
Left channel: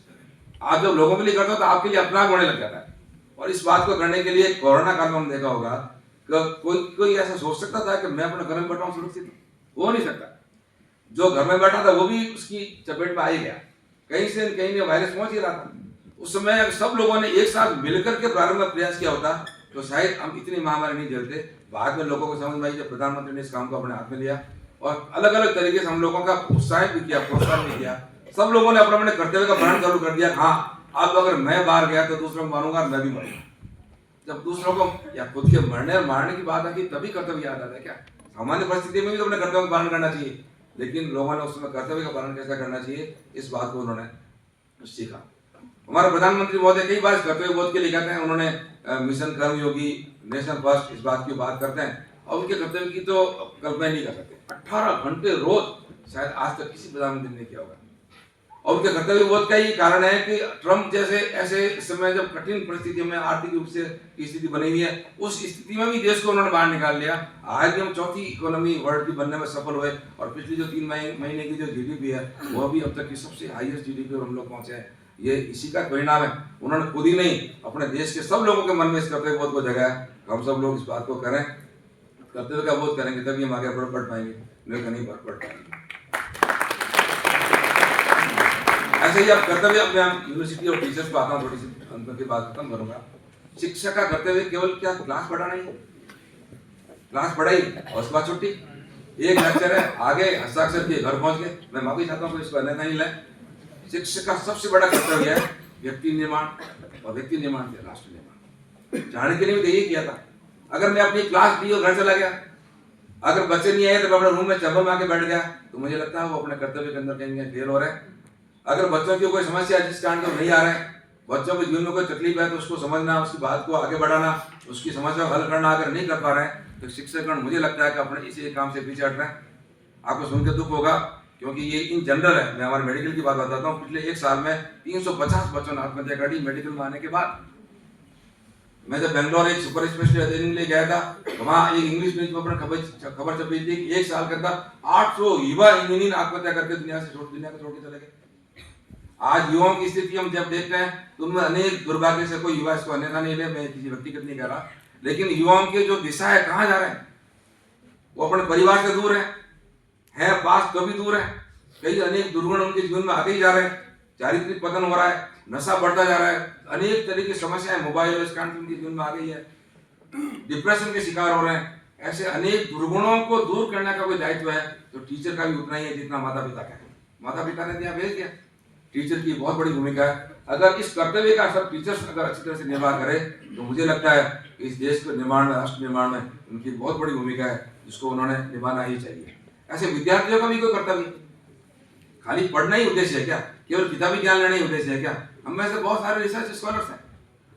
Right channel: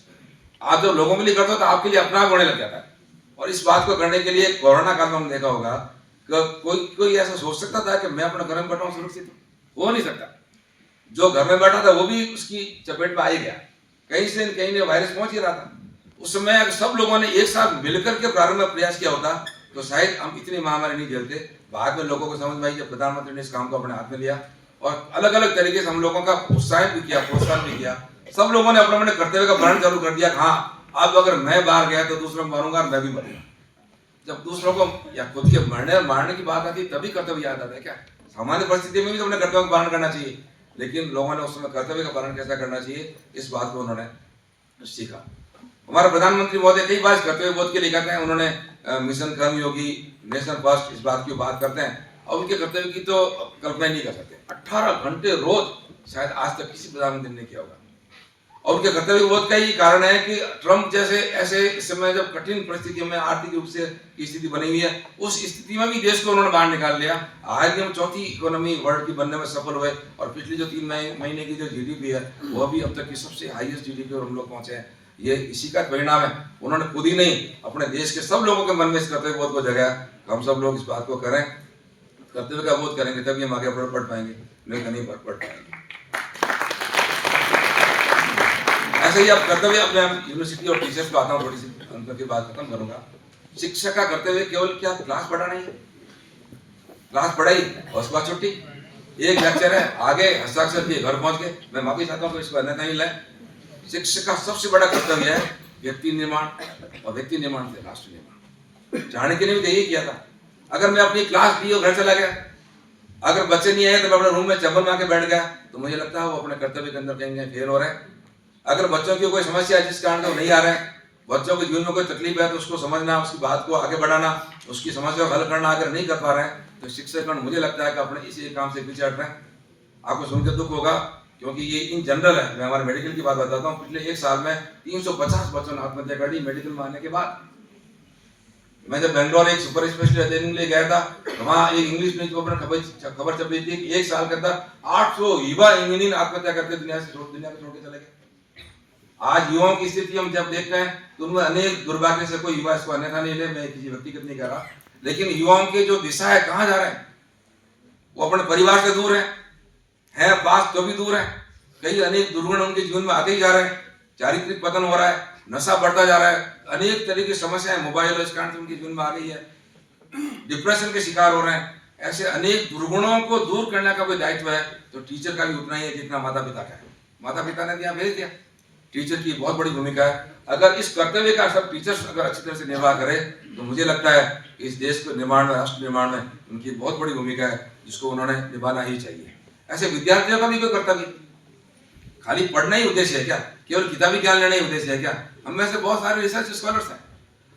आप जब लोगों के लिए करते हो तो आपके लिए अपना होने लग जाता है। और इस बात को करने के लिए कोरोना काल में हम देखा होगा कोई ऐसा सोच सकता था कि मैं अपने घर में बैठा हूँ सुरक्षित, हो नहीं सकता। जो घर में बैठा था वो भी उसकी चपेट में आ ही गया, कहीं से कहीं वायरस पहुंच ही रहा था। उस समय अगर सब लोगों ने एक साथ मिलकर के प्रारंभ में प्रयास किया होता तो शायद हम इतनी महामारी नहीं झेलते। बाद में लोगों को समझ में आई जब प्रधानमंत्री ने इस काम को अपने हाथ में लिया और अलग अलग तरीके से हम लोगों का उत्साहित भी किया, प्रोत्साहन भी किया। सब लोगों ने अपने कर्तव्य का पालन चालू कर दिया। हाँ, अब अगर मैं बाहर गया तो दूसरों को मारूंगा, मैं भी मरूंगा। जब दूसरों को या खुद के मारने की बात आती तभी कर्तव्य याद आता है क्या। सामान्य परिस्थिति में भी तो अपने कर्तव्य का पालन करना चाहिए, लेकिन लोगों ने उसमें कर्तव्य का पालन कैसा करना चाहिए इस बात को उन्होंने सीखा। हमारा प्रधानमंत्री महोदय कई बार कर्तव्य बोध के लिए कहते हैं, उन्होंने मिशन कर्मयोगी, नेशन फर्स्ट, इस बात की बात करते हैं और उनके कर्तव्य की तो कल्पना नहीं कर सकते। 18 घंटे रोज शायद आज तक किसी प्रधानमंत्री ने किया होगा। और उनके कर्तव्य बोध का ही कारण है कि ट्रम्प जैसे ऐसे इस समय जब कठिन परिस्थिति में आर्थिक रूप से स्थिति बनी हुई है, उस स्थिति में भी देश को उन्होंने बाहर निकाल लिया। आज हम चौथी इकोनॉमी वर्ल्ड की बनने में सफल हुए और पिछली जो 3 महीने की जो जीडीपी है वो भी अब तक की सबसे हाईएस्ट जीडीपी पर हम लोग पहुंचे हैं। ये इसी का परिणाम है। उन्होंने खुद ही नहीं, अपने देश के सब लोगों के मन में इस कर्तव्य बोध को जगाया। हम सब लोग इस बात को करें, कर्तव्य का बोध करेंगे तभी हम आगे बढ़ पाएंगे, नहीं तो नहीं बढ़ पाएंगे। ऐसे ही अब कर्तव्य, मैं यूनिवर्सिटी और टीचर्स को आता हूँ, थोड़ी सी उनकी बात खत्म करूंगा। शिक्षक का कर्तव्य केवल क्या क्लास पढ़ाना ही, क्लास पढ़ाई और उसके बाद छुट्टी, एक लेक्चर है, आगे हस्ताक्षर किए घर पहुंच गए। मैं माफी चाहता हूँ तो इसको अन्यथा नहीं लाए। शिक्षक का सबसे बड़ा कर्तव्य है व्यक्ति निर्माण, और व्यक्ति निर्माण से राष्ट्र निर्माण। चाणक्य ने भी यही किया था। अगर मैं अपनी क्लास ली और घर चला गया, अगर बच्चे नहीं आए तो मैं अपने रूम में चप्पल में आके बैठ गया, तो मुझे लगता है वो अपने कर्तव्य के अंदर कहीं फेल हो रहे हैं। अगर बच्चों की कोई समस्या है जिस कारण से वो नहीं आ रहे हैं, बच्चों के जीवन में कोई तकलीफ है तो उसको समझना, उसकी बात को आगे बढ़ाना, उसकी समस्या को हल करना अगर नहीं कर पा रहे हैं तो शिक्षकगण मुझे लगता है कि अपने इसी काम से पीछे हट रहे हैं। आपको सुनकर दुख होगा क्योंकि ये इन जनरल है। मैं हमारे मेडिकल की बात बताता हूँ। पिछले 1 साल में 350 बच्चों ने आत्महत्या कर दी मेडिकल में आने के बाद। मैं जब बेंगलोर एक सुपर स्पेशलिस्ट ट्रेनिंग के लिए गया था तो वहाँ एक इंग्लिश न्यूज़पेपर में खबर छपी थी कि 1 साल के अंदर 800 युवा इंजीनियर आत्महत्या करते दुनिया को छोड़ के चले गए। आज युवाओं की स्थिति हम जब देखते हैं तो उनमें अनेक दुर्भाग्य से, कोई युवा इसको अन्यथा नहीं ले, मैं किसी व्यक्तिगत नहीं कर रहा, लेकिन युवाओं के जो दिशा है कहाँ जा रहे हैं, वो अपने परिवार से दूर है पास तो भी दूर है। कई अनेक दुर्गुण उनके जीवन में आते ही जा रहे हैं, चारित्रिक पतन हो रहा है, नशा बढ़ता जा रहा है, अनेक तरह की समस्याएं मोबाइल और इस कारण से उनके जीवन में आ रही है, डिप्रेशन के शिकार हो रहे हैं। ऐसे अनेक दुर्गुणों को दूर करने का कोई दायित्व है तो टीचर का भी उतना ही है जितना माता पिता का है। माता पिता ने दिया भेज दिया, टीचर की बहुत बड़ी भूमिका है। अगर इस कर्तव्य का सब टीचर्स अगर अच्छी तरह से निर्वाह करें तो मुझे लगता है इस देश के निर्माण में, राष्ट्र निर्माण में उनकी बहुत बड़ी भूमिका है, जिसको उन्होंने निभाना ही चाहिए। ऐसे विद्यार्थियों का भी कोई कर्तव्य, खाली पढ़ना ही उद्देश्य है क्या, केवल किताबी ज्ञान लेना ही उद्देश्य है क्या? हम में से बहुत सारे रिसर्च स्कॉलर्स हैं।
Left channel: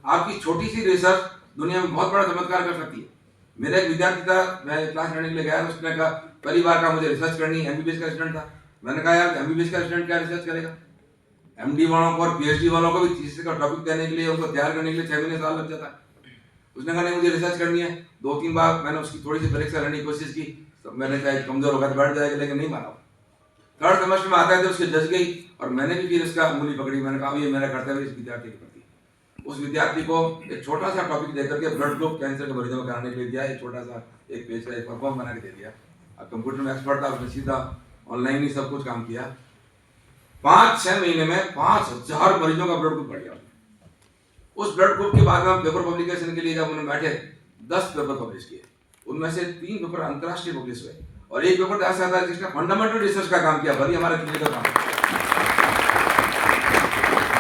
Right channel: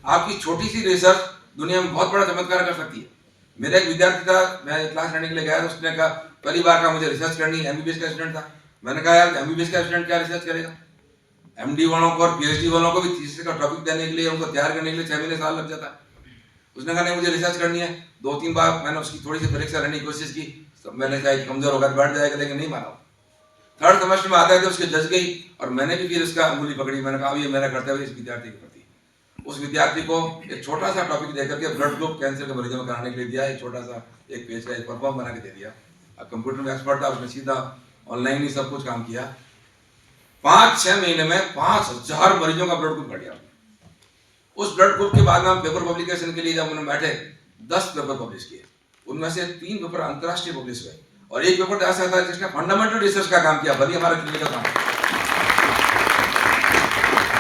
आपकी छोटी सी रिसर्च दुनिया में बहुत बड़ा चमत्कार कर सकती है। मेरा एक विद्यार्थी था, मैं क्लास लेने के लिए गया, उसने कहा पहली बार का मुझे रिसर्च करनी, एमबीबीएस का स्टूडेंट था। मैंने कहा यार एमबीबीएस का स्टूडेंट क्या रिसर्च करेगा? एमडी वालों को और पीएचडी वालों को भी थीसिस का टॉपिक देने के लिए, उनको तैयार करने के लिए 6 महीने साल लग जाता है। उसने कहा नहीं मुझे रिसर्च करनी है। 2-3 बार मैंने उसकी थोड़ी सी परीक्षा लेने की कोशिश की, मैंने कहा कमजोर होगा तो बैठ जाएगा, लेकिन नहीं माना। 3rd सेमेस्टर में आता थे उसके जज गई और मैंने भी फिर इसका अंगुली पकड़ी। मैंने कहा ये मेरा कर्तव्य इस विद्यार्थी के प्रति। उस विद्यार्थी को एक छोटा सा टॉपिक देकर के ब्लड ग्रुप कैंसर के मरीजों में कराने के लिए दिया, एक छोटा सा 1 पेज का एक परफॉर्म बना के दे दिया। अब कंप्यूटर में एक्सपर्ट था, उसने सीधा ऑनलाइन ही सब कुछ काम किया। 5-6 महीने में 5000 मरीजों का ब्लड ग्रुप बढ़ गया। उस ब्लड ग्रुप के बाद में हम पेपर पब्लिकेशन के लिए जब उन्होंने बैठे 10 पेपर पब्लिश किए, उनमें से 3 पेपर अंतर्राष्ट्रीय पब्लिश हुए और एक पेपर ऐसा था जिसने फंडामेंटल रिसर्च का काम किया, भले हमारा क्लिनिकल काम।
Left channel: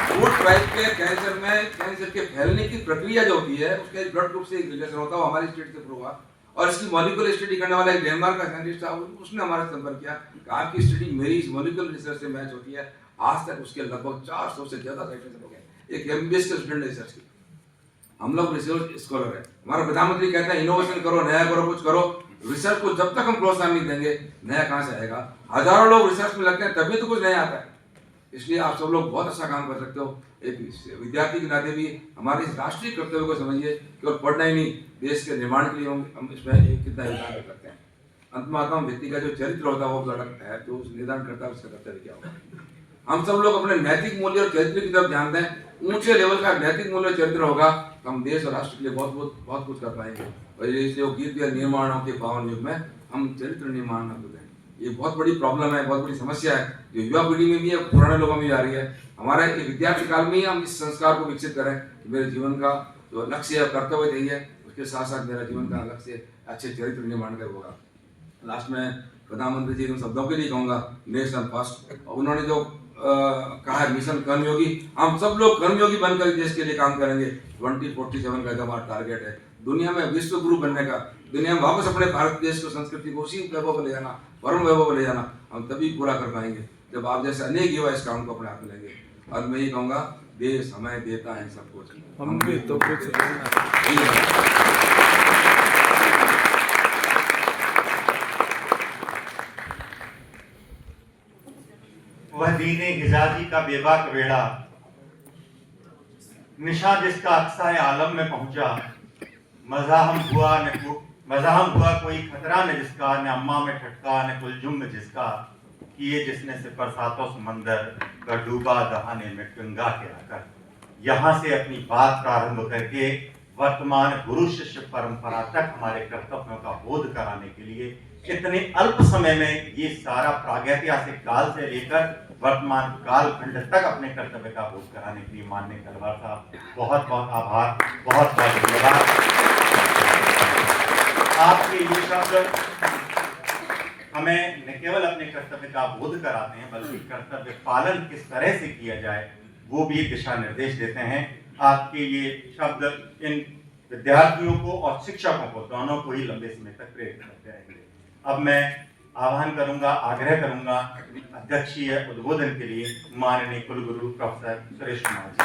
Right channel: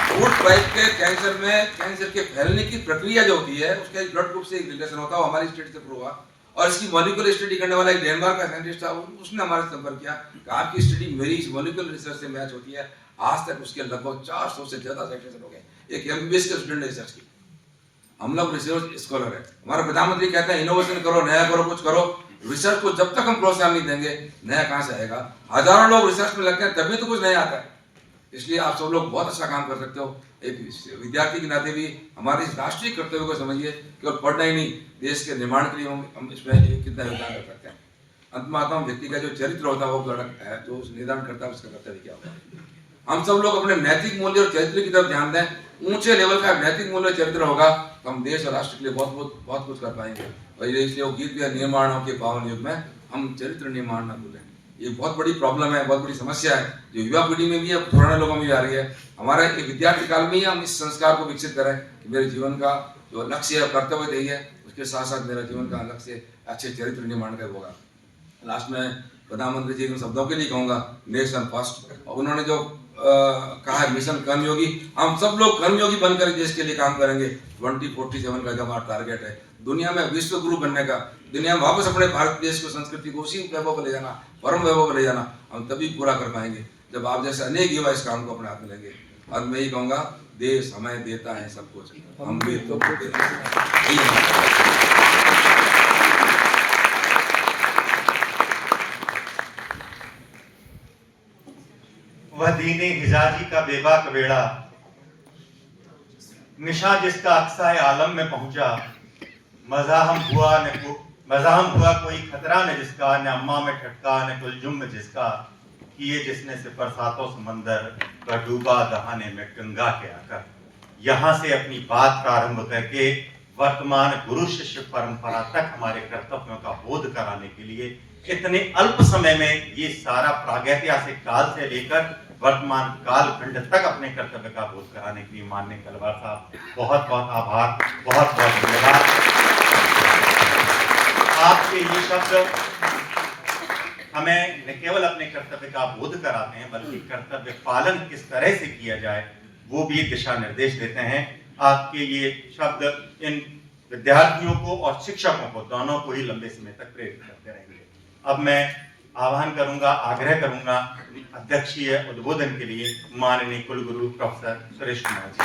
फूड पाइप के कैंसर में कैंसर के फैलने की प्रक्रिया जो होती है उसका एक ब्लड ग्रुप से एक रिलेशन होता है, वो हमारी स्टेट से प्रूव हुआ। और इसकी मॉलिक्यूलर स्टडी करने वाला एक डेनमार्क का साइंटिस्ट था, उसने हमारे संपर्क किया कि आपकी स्टडी मेरी इस मॉलिक्यूलर रिसर्च से मैच होती है। आज तक उसके लगभग 400 से ज्यादा साइटेशन हो गए। एक MBS के स्टूडेंट ने रिसर्च की। हम लोग रिसर्च स्कॉलर है, हमारा प्रधानमंत्री कहते हैं इनोवेशन करो, नया करो, कुछ करो। रिसर्च को जब तक हम प्रोत्साहन नहीं देंगे नया कहाँ से आएगा। हजारों लोग रिसर्च में लगते हैं तभी तो कुछ नया आता है। इसलिए आप सब लोग बहुत अच्छा काम कर सकते हो। एक विद्यार्थी के नाते भी हमारे इस राष्ट्रीय कर्तव्य को समझिए, केवल पढ़ना ही नहीं, देश के निर्माण के लिए हम इसमें कितना योगदान कर सकते हैं। अंत में आता हूँ, व्यक्ति का जो चरित्र होता है वो है, जो निर्धारण करता है उसका कर्तव्य क्या होगा। हम सब लोग अपने नैतिक मूल्य और चरित्र की तरफ ध्यान दें। ऊंचे लेवल का नैतिक मूल्य चरित्र होगा तो हम देश और राष्ट्र के लिए बहुत कुछ कर पाएंगे। और इसलिए वो गीत के निर्माण के पावन युग में हम चरित्र निर्माण न भूलें। ये बहुत बड़ी प्रॉब्लम है, बहुत बड़ी समस्या है जो युवा पीढ़ी में भी है, पुराने लोगों में भी आ रही है। हमारा एक विद्यार्थी काल में ही हम इस संस्कार को विकसित करें कि मेरे जीवन का जो लक्ष्य है, कर्तव्य यही है, उसके साथ साथ मेरा जीवन का लक्ष्य अच्छे चरित्र निर्माण का होगा। लास्ट में प्रधानमंत्री जी के शब्दों के लिए कहूँगा, नेशन फर्स्ट। और उन्होंने जो कहा है मिशन कर्मयोगी, हम सब लोग कर्मयोगी बनकर देश के लिए काम करेंगे। 2047 का हमारा टारगेट है दुनिया में विश्व गुरु बनने का, दुनिया में वापस अपने भारत देश को संस्कृति को उसी वैभव पर ले जाना, परम वैभव पर ले जाना, हम तभी पूरा कर पाएंगे जब आप जैसे अनेक युवा इस काम को अपने हाथ में लेंगे। और मैं ये कहूँगा, देश हमें देता है सब कुछ, हम भी तो वह दीने हिजाजी का बेबाक बेड़ा, निशा जिसका अक्सा आलम में पहुंचा। मज़ाहम हुआ कोई खतरा न जिसका, न अम्मा में ठटका न कुलजुम जिसका। किए जिसने सिपर सातों समंदर का डूबा दहाने में गंगा के आकर। यहाँ से अपनी बात प्रारंभ करके वर्तमान गुरु शिष्य परंपरा तक हमारे कर्तव्यों का बोध कराने के लिए इतने अल्प समय में ये सारा प्रागैतिहासिक काल से लेकर वर्तमान काल खंड तक अपने कर्तव्य का बोध कराने के लिए माननीय कलवार साहब बहुत बहुत आभार, बहुत बहुत धन्यवाद। आपके ये शब्द हमें न केवल अपने कर्तव्य का बोध कराते हैं बल्कि कर्तव्य पालन किस तरह से किया जाए वो भी दिशा निर्देश देते हैं। आपके ये शब्द इन विद्यार्थियों को और शिक्षकों को दोनों को ही लंबे समय तक प्रेरित करते रहेंगे। अब मैं आह्वान करूंगा, आग्रह करूंगा अध्यक्षीय उद्बोधन के लिए माननीय कुलगुरु प्रोफेसर सुरेश कुमार जी।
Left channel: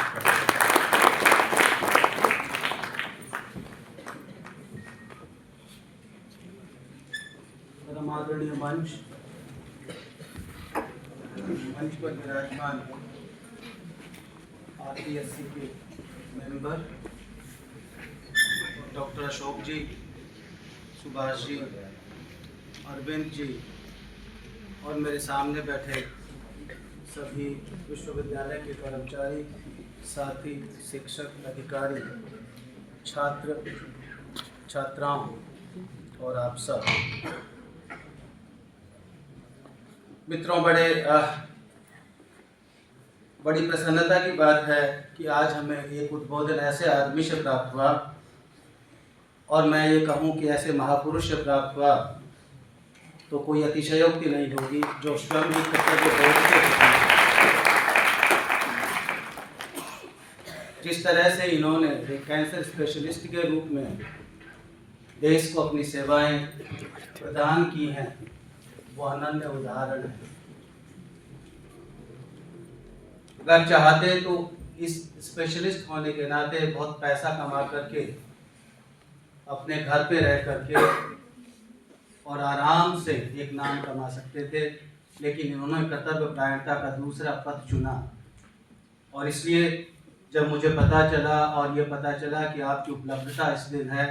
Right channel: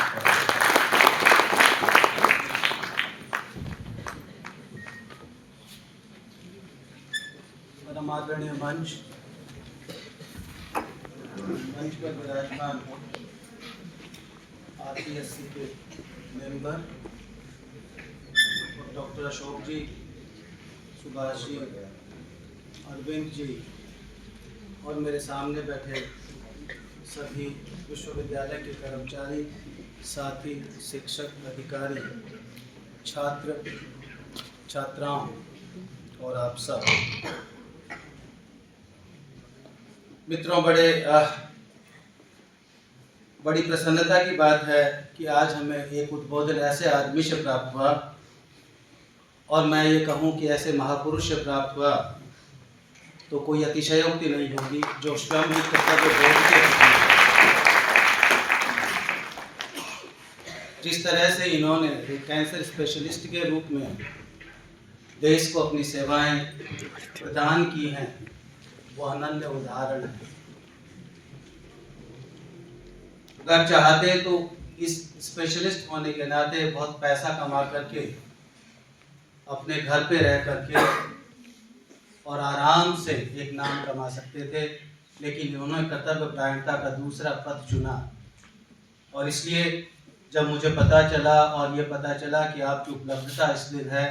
परम आदरणीय मंच पर विराजमान RPSC के मेंबर डॉक्टर अशोक जी, सुभाष जी, अरविंद जी और मेरे सामने बैठे सभी विश्वविद्यालय के कर्मचारी, साथी, शिक्षक, अधिकारी, छात्र, छात्राओं और आप सब मित्रों, बड़ी प्रसन्नता की बात है कि आज हमें एक उद्बोधन ऐसे आदमी से प्राप्त हुआ और मैं ये कहूँ कि ऐसे महापुरुष से प्राप्त हुआ तो कोई अतिशयोक्ति नहीं होगी, जो स्वयं ही कर्तव्य बोध के जिस तरह से इन्होंने एक कैंसर स्पेशलिस्ट के रूप में देश को अपनी सेवाएं प्रदान की हैं, वो अनन्य उदाहरण है। अगर चाहते तो इस स्पेशलिस्ट होने के नाते बहुत पैसा कमा करके अपने घर पे रह करके और आराम से एक नाम कमा सकते थे, लेकिन उन्होंने कर्तव्य परायणता का दूसरा पथ चुना। और इसलिए जब मुझे पता चला और ये पता चला कि आपकी उपलब्धता इस दिन है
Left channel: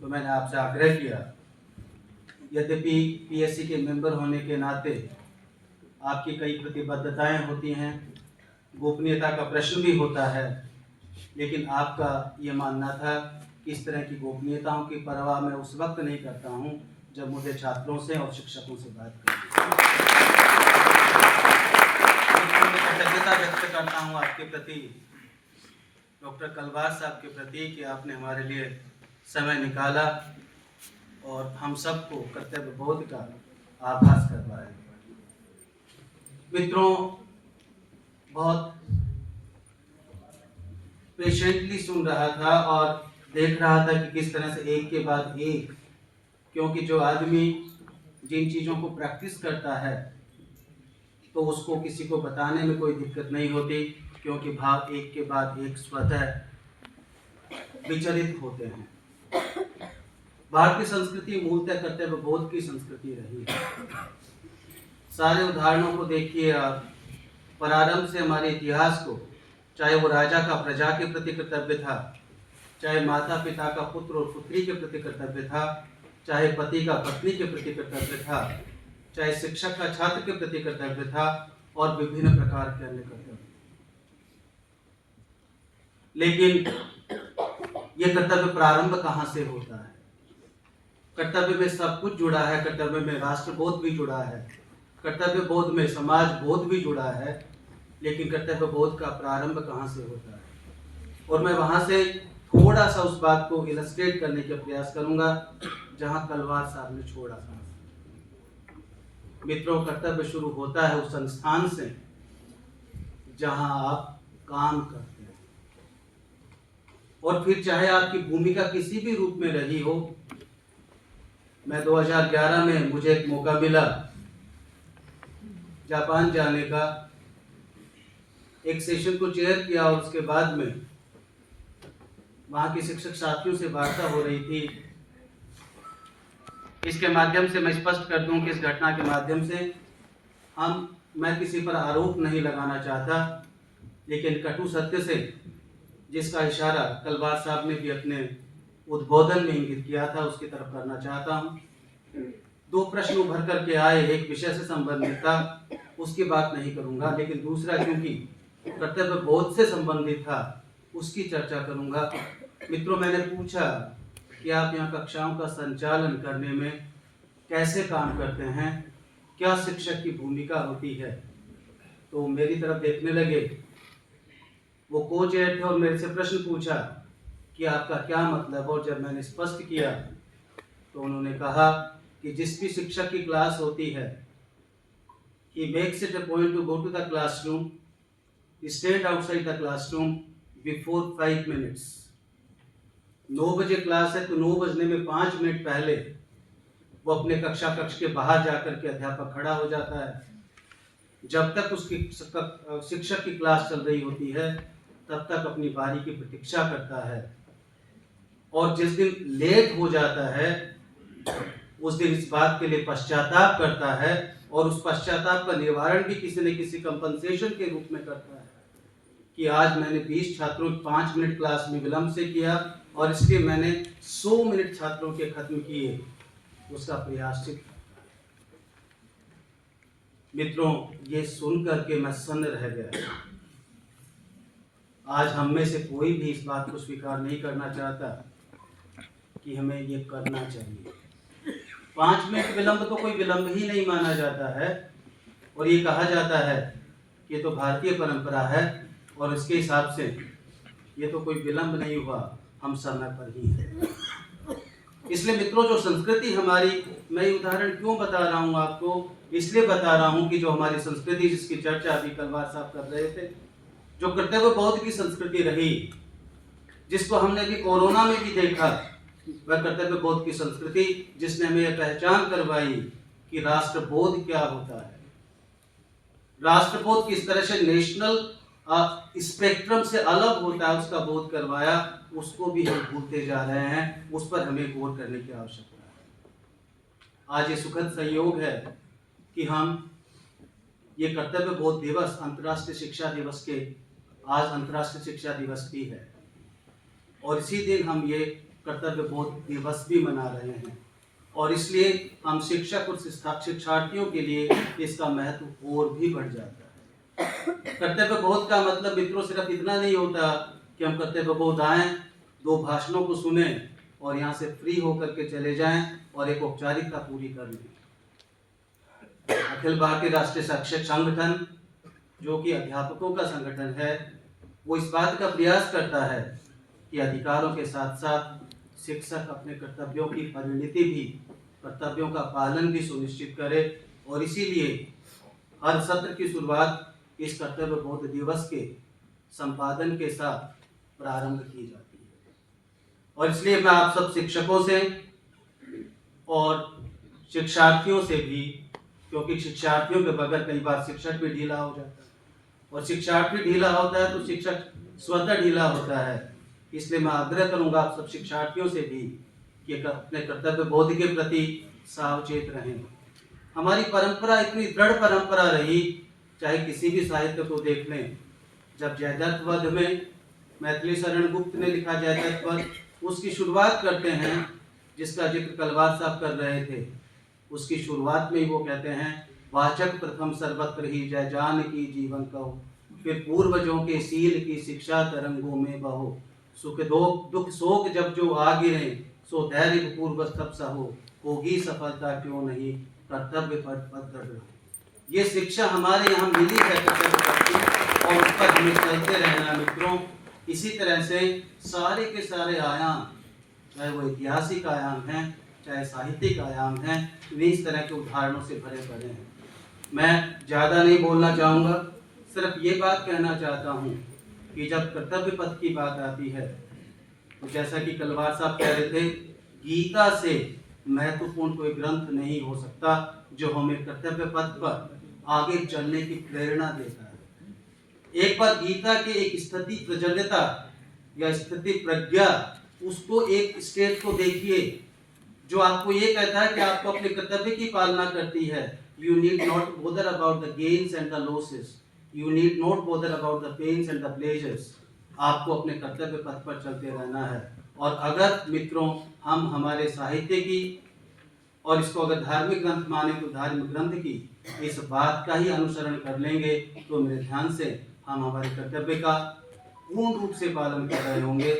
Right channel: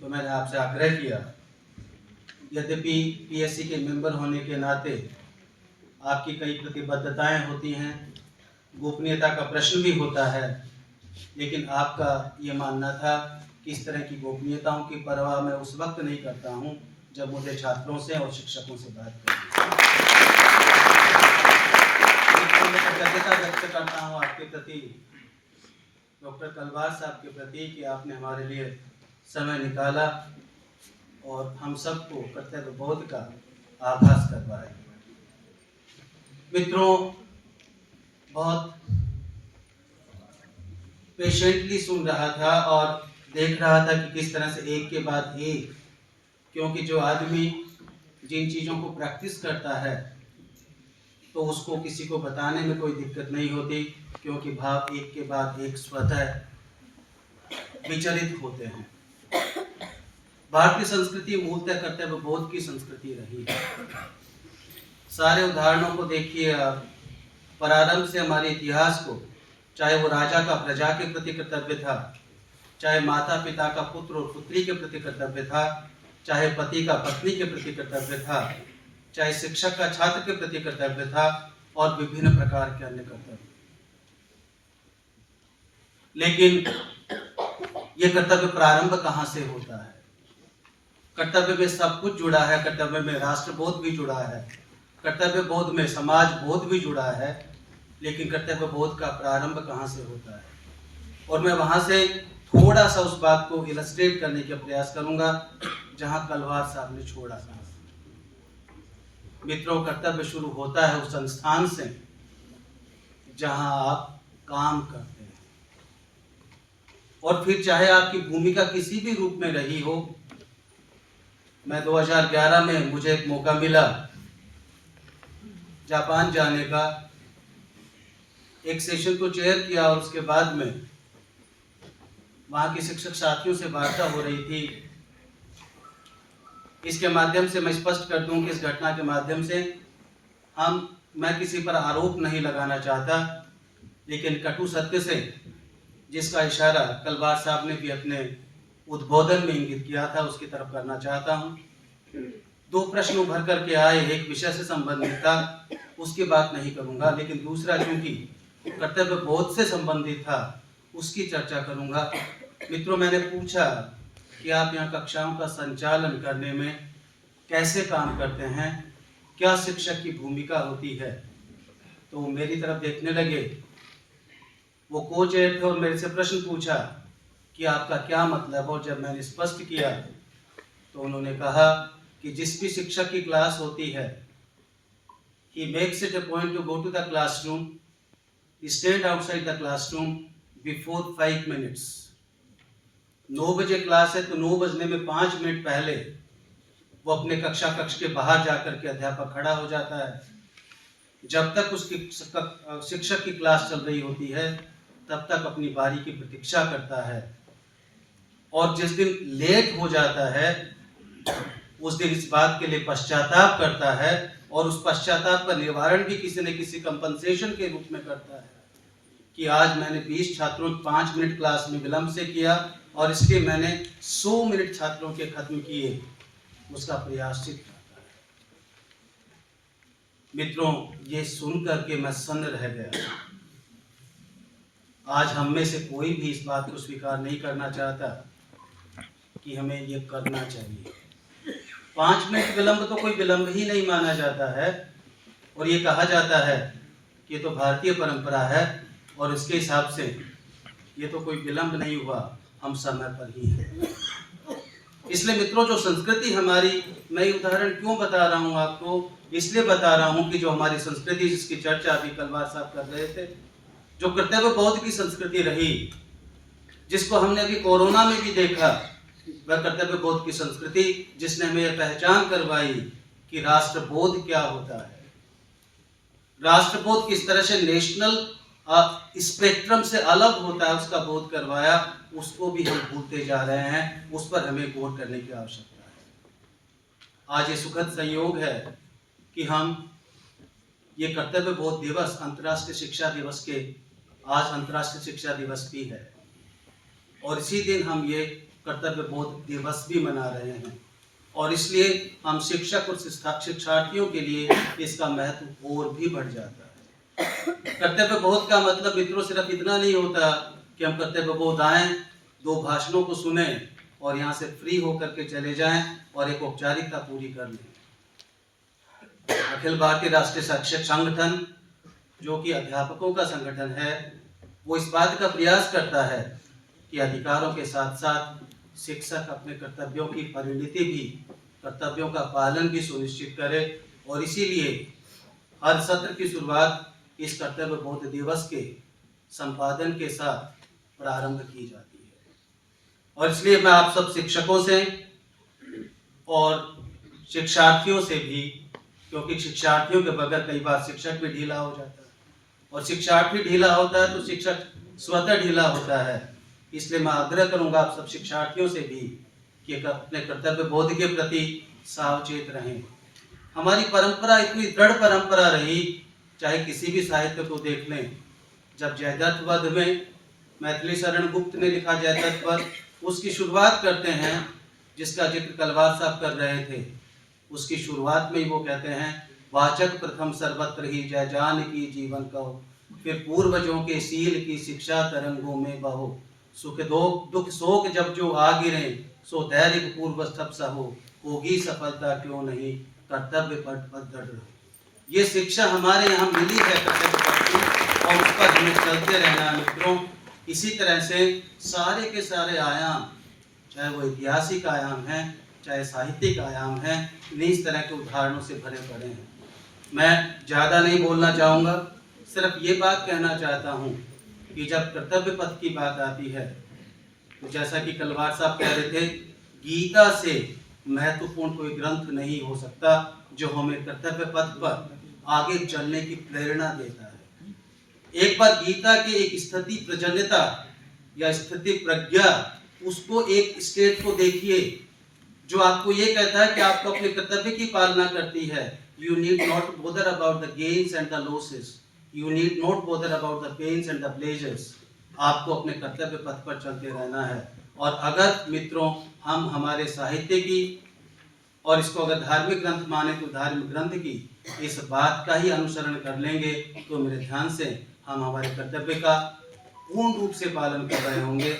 तो मैंने आपसे आग्रह किया। यद्यपि PSC के मेंबर होने के नाते आपकी कई प्रतिबद्धताएं होती हैं, गोपनीयता का प्रश्न भी होता है, लेकिन आपका ये मानना था कि इस तरह की गोपनीयताओं की परवाह मैं उस वक्त नहीं करता हूं जब मुझे छात्रों से और शिक्षकों से बात करनी है। मैं कृतज्ञता व्यक्त करता हूं आपके प्रति डॉक्टर कलवार साहब के प्रति कि आपने हमारे लिए समय निकाला और हम सबको कर्तव्य बोध का आभास करवाया। मित्रों, बहुत पेशेंटली सुन रहा था और देख रहा था कि किस तरह से एक के बाद एक, क्योंकि जो आदमी जिन चीज़ों को प्रैक्टिस करता है तो उसको किसी को बताने में कोई दिक्कत नहीं होती, क्योंकि भाव एक के बाद एक स्वतः विचलित होते हैं। भारतीय संस्कृति मूलतः कर्तव्य बोध की संस्कृति रही है। सारे उदाहरणों को देखिए आप, प्रारंभ से हमारे इतिहास को, चाहे वो राजा का प्रजा के प्रति कर्तव्य था, चाहे माता पिता का पुत्र और पुत्री के प्रति कर्तव्य था, चाहे पति का पत्नी के प्रति कर्तव्य था, चाहे शिक्षक का छात्र के प्रति कर्तव्य था, और विभिन्न प्रकार के अन्य कर्तव्य। लेकिन ये कर्तव्य प्रारंभ कहाँ से होता है? कर्तव्य में सब कुछ जुड़ा है। कर्तव्य में राष्ट्रबोध भी जुड़ा है, कर्तव्य बोध में समाज बोध भी जुड़ा है, लेकिन कर्तव्य बोध का प्रारंभ कहाँ से होता है? और मैं वहां से थोड़ा सा उस बात को इलस्ट्रेट करने का प्रयास करूंगा जहां कलवार साहब ने छोड़ा था। मित्रों, कर्तव्य शुरू होता है उस संस्थान से जहां आप काम करते हैं, और फिर चाहे आपकी भूमिका किसी भी रूप में रही हो। मैं 2011 में मुझे एक मौका मिला जापान जाने का, एक सेशन को चेयर किया और उसके बाद में वहाँ के शिक्षक साथियों से वार्ता हो रही थी। इसके माध्यम से मैं स्पष्ट कर दूं कि इस घटना के माध्यम से मैं किसी पर आरोप नहीं लगाना चाहता, लेकिन कटु सत्य से जिसका इशारा कलवार साहब ने भी अपने उद्बोधन में इंगित किया था, उसकी तरफ करना चाहता हूँ। 2 प्रश्न उभर करके आए, एक विषय से संबंधित था, उसकी बात नहीं करूँगा, लेकिन दूसरा क्योंकि कर्तव्य बोध से संबंधित था, उसकी चर्चा करूँगा। मित्रों, मैंने पूछा कि आप यहाँ कक्षाओं का संचालन करने में कैसे काम करते हैं, क्या शिक्षक की भूमिका होती है? तो मेरी तरफ देखने लगे, वो को चेयर थे और मेरे से प्रश्न पूछा कि आपका क्या मतलब? और जब मैंने स्पष्ट किया तो उन्होंने कहा कि जिस भी शिक्षक की क्लास होती है, he makes it a point to go to the classroom, stand outside the classroom before 5 minutes. 9 बजे क्लास है तो 9 बजने में 5 मिनट पहले वो अपने कक्ष के बाहर जाकर के अध्यापक खड़ा हो जाता है। जब तक उसकी शिक्षक की क्लास चल रही होती है तब तक अपनी बारी की प्रतीक्षा करता है, और जिस दिन लेट हो जाता है उस दिन इस बात के लिए पश्चाताप करता है, और उस पश्चाताप का निवारण भी किसी न किसी कंपनसेशन के रूप में करता है कि आज मैंने 20 छात्रों की 5 मिनट क्लास में विलंब से किया और इसलिए मैंने 100 मिनट छात्रों के खत्म किए, उसका प्रायश्चित। मित्रों, ये सुन करके मैं सन्न रह गया। आज हम में से कोई भी इस बात को स्वीकार नहीं करना चाहता कि हमें ये करना चाहिए। 5 मिनट विलंब तो कोई विलंब ही नहीं माना जाता है, और ये कहा जाता है कि ये तो भारतीय परंपरा है और इसके हिसाब से ये तो कोई विलंब नहीं हुआ, हम समय पर ही हैं। इसलिए मित्रों, जो संस्कृति हमारी, मैं उदाहरण क्यों बता रहा हूँ आपको? इसलिए बता रहा हूँ कि जो हमारी संस्कृति जिसकी चर्चा अभी कलवार साहब कर रहे थे, जो कर्तव्य बोध की संस्कृति रही, जिसको हमने अभी कोरोना में भी देखा, वह कर्तव्य बोध की संस्कृति जिसने हमें यह पहचान करवाई कि राष्ट्रबोध क्या होता है, राष्ट्रबोध किस तरह से नेशनल स्पेक्ट्रम से अलग होता है, उसका बोध करवाया, उसको भी हम भूलते जा रहे हैं। उस पर हमें गौर करने की आवश्यकता है। आज ये सुखद संयोग है कि हम ये कर्तव्य बोध दिवस, अंतर्राष्ट्रीय शिक्षा दिवस के, आज अंतर्राष्ट्रीय शिक्षा दिवस भी है, और इसी दिन हम ये कर्तव्य बोध दिवस भी मना रहे हैं, और इसलिए हम शिक्षक और शिक्षार्थियों के लिए इसका महत्व और भी बढ़ जाता है। कर्तव्य बोध का मतलब मित्रों सिर्फ इतना नहीं होता कि हम कर्तव्य बोध आएं, 2 भाषणों को सुने और यहाँ से फ्री होकर के चले जाएं और एक औपचारिकता पूरी कर लें। अखिल भारतीय राष्ट्रीय शिक्षक संगठन, जो कि अध्यापकों का संगठन है, वो इस बात का प्रयास करता है कि अधिकारों के साथ साथ शिक्षक अपने कर्तव्यों की परिणति भी, कर्तव्यों का पालन भी सुनिश्चित करे। और इसीलिए हर सत्र की शुरुआत इस कर्तव्य बोध दिवस के संपादन के साथ प्रारंभ की जाती है। और इसलिए मैं आप सब शिक्षकों से और शिक्षार्थियों से भी, क्योंकि शिक्षार्थियों के बगैर कई बार शिक्षक भी ढीला हो जाता है और शिक्षार्थी ढीला होता है तो शिक्षक स्वतः ढीला होता है, इसलिए मैं आग्रह करूंगा आप सब शिक्षार्थियों से भी कि अपने कर्तव्य बोध के प्रति सावचेत रहें। हमारी परंपरा इतनी दृढ़ परंपरा रही, चाहे किसी भी साहित्य को देख लें। जब जयद्रथ वध में मैथिली शरण गुप्त ने लिखा जयद्रथ वध, उसकी शुरुआत करते हैं, जिसका जिक्र कलवार साहब कर रहे थे। उसकी शुरुआत में ही वो कहते हैं, वाचक प्रथम सर्वत्र ही जय जान की जीवन कहो, फिर पूर्वजों के सील की शिक्षा तरंगों में बहो, सुख दुख शोक जब जो आ गिरे, सो धैर्य पूर्वस्तभ सहो, होगी सफलता क्यों नहीं, कर्तव्य पथ दृढ़ रहो। ये शिक्षा हमारे यहाँ मिली है कर्तव्य पथ की, और उस पर हमें चलते रहना है मित्रों। इसी तरह से सारे के सारे आयाम, चाहे वो ऐतिहासिक आयाम हैं, चाहे साहित्यिक आयाम हैं, इस तरह के उदाहरणों से भरे पड़े हैं। मैं ज़्यादा नहीं बोलना चाहूँगा, सिर्फ ये बात कहना चाहता हूँ कि जब कर्तव्य पथ की बात आती है तो जैसा कि कलवार साहब कह रहे थे, गीता से महत्वपूर्ण कोई ग्रंथ नहीं हो सकता जो हमें कर्तव्य पथ पर आगे चलने की प्रेरणा देता है। एक बार गीता के एक स्थिति प्रजन्यता या स्थिति प्रज्ञा, उसको एक स्टेट को देखिए जो आपको ये कहता है कि आपको अपने कर्तव्य की पालना करती है। You need not bother about the gains and the losses. You need not bother about the pains and the pleasures. आपको अपने कर्तव्य पथ पर चलते रहना है। और अगर मित्रों हम हमारे साहित्य की, और इसको अगर धार्मिक ग्रंथ माने तो धार्मिक ग्रंथ की इस बात का ही अनुसरण कर लेंगे तो मेरे ध्यान से हम हमारे कर्तव्य का पूर्ण रूप से पालन कर रहे होंगे।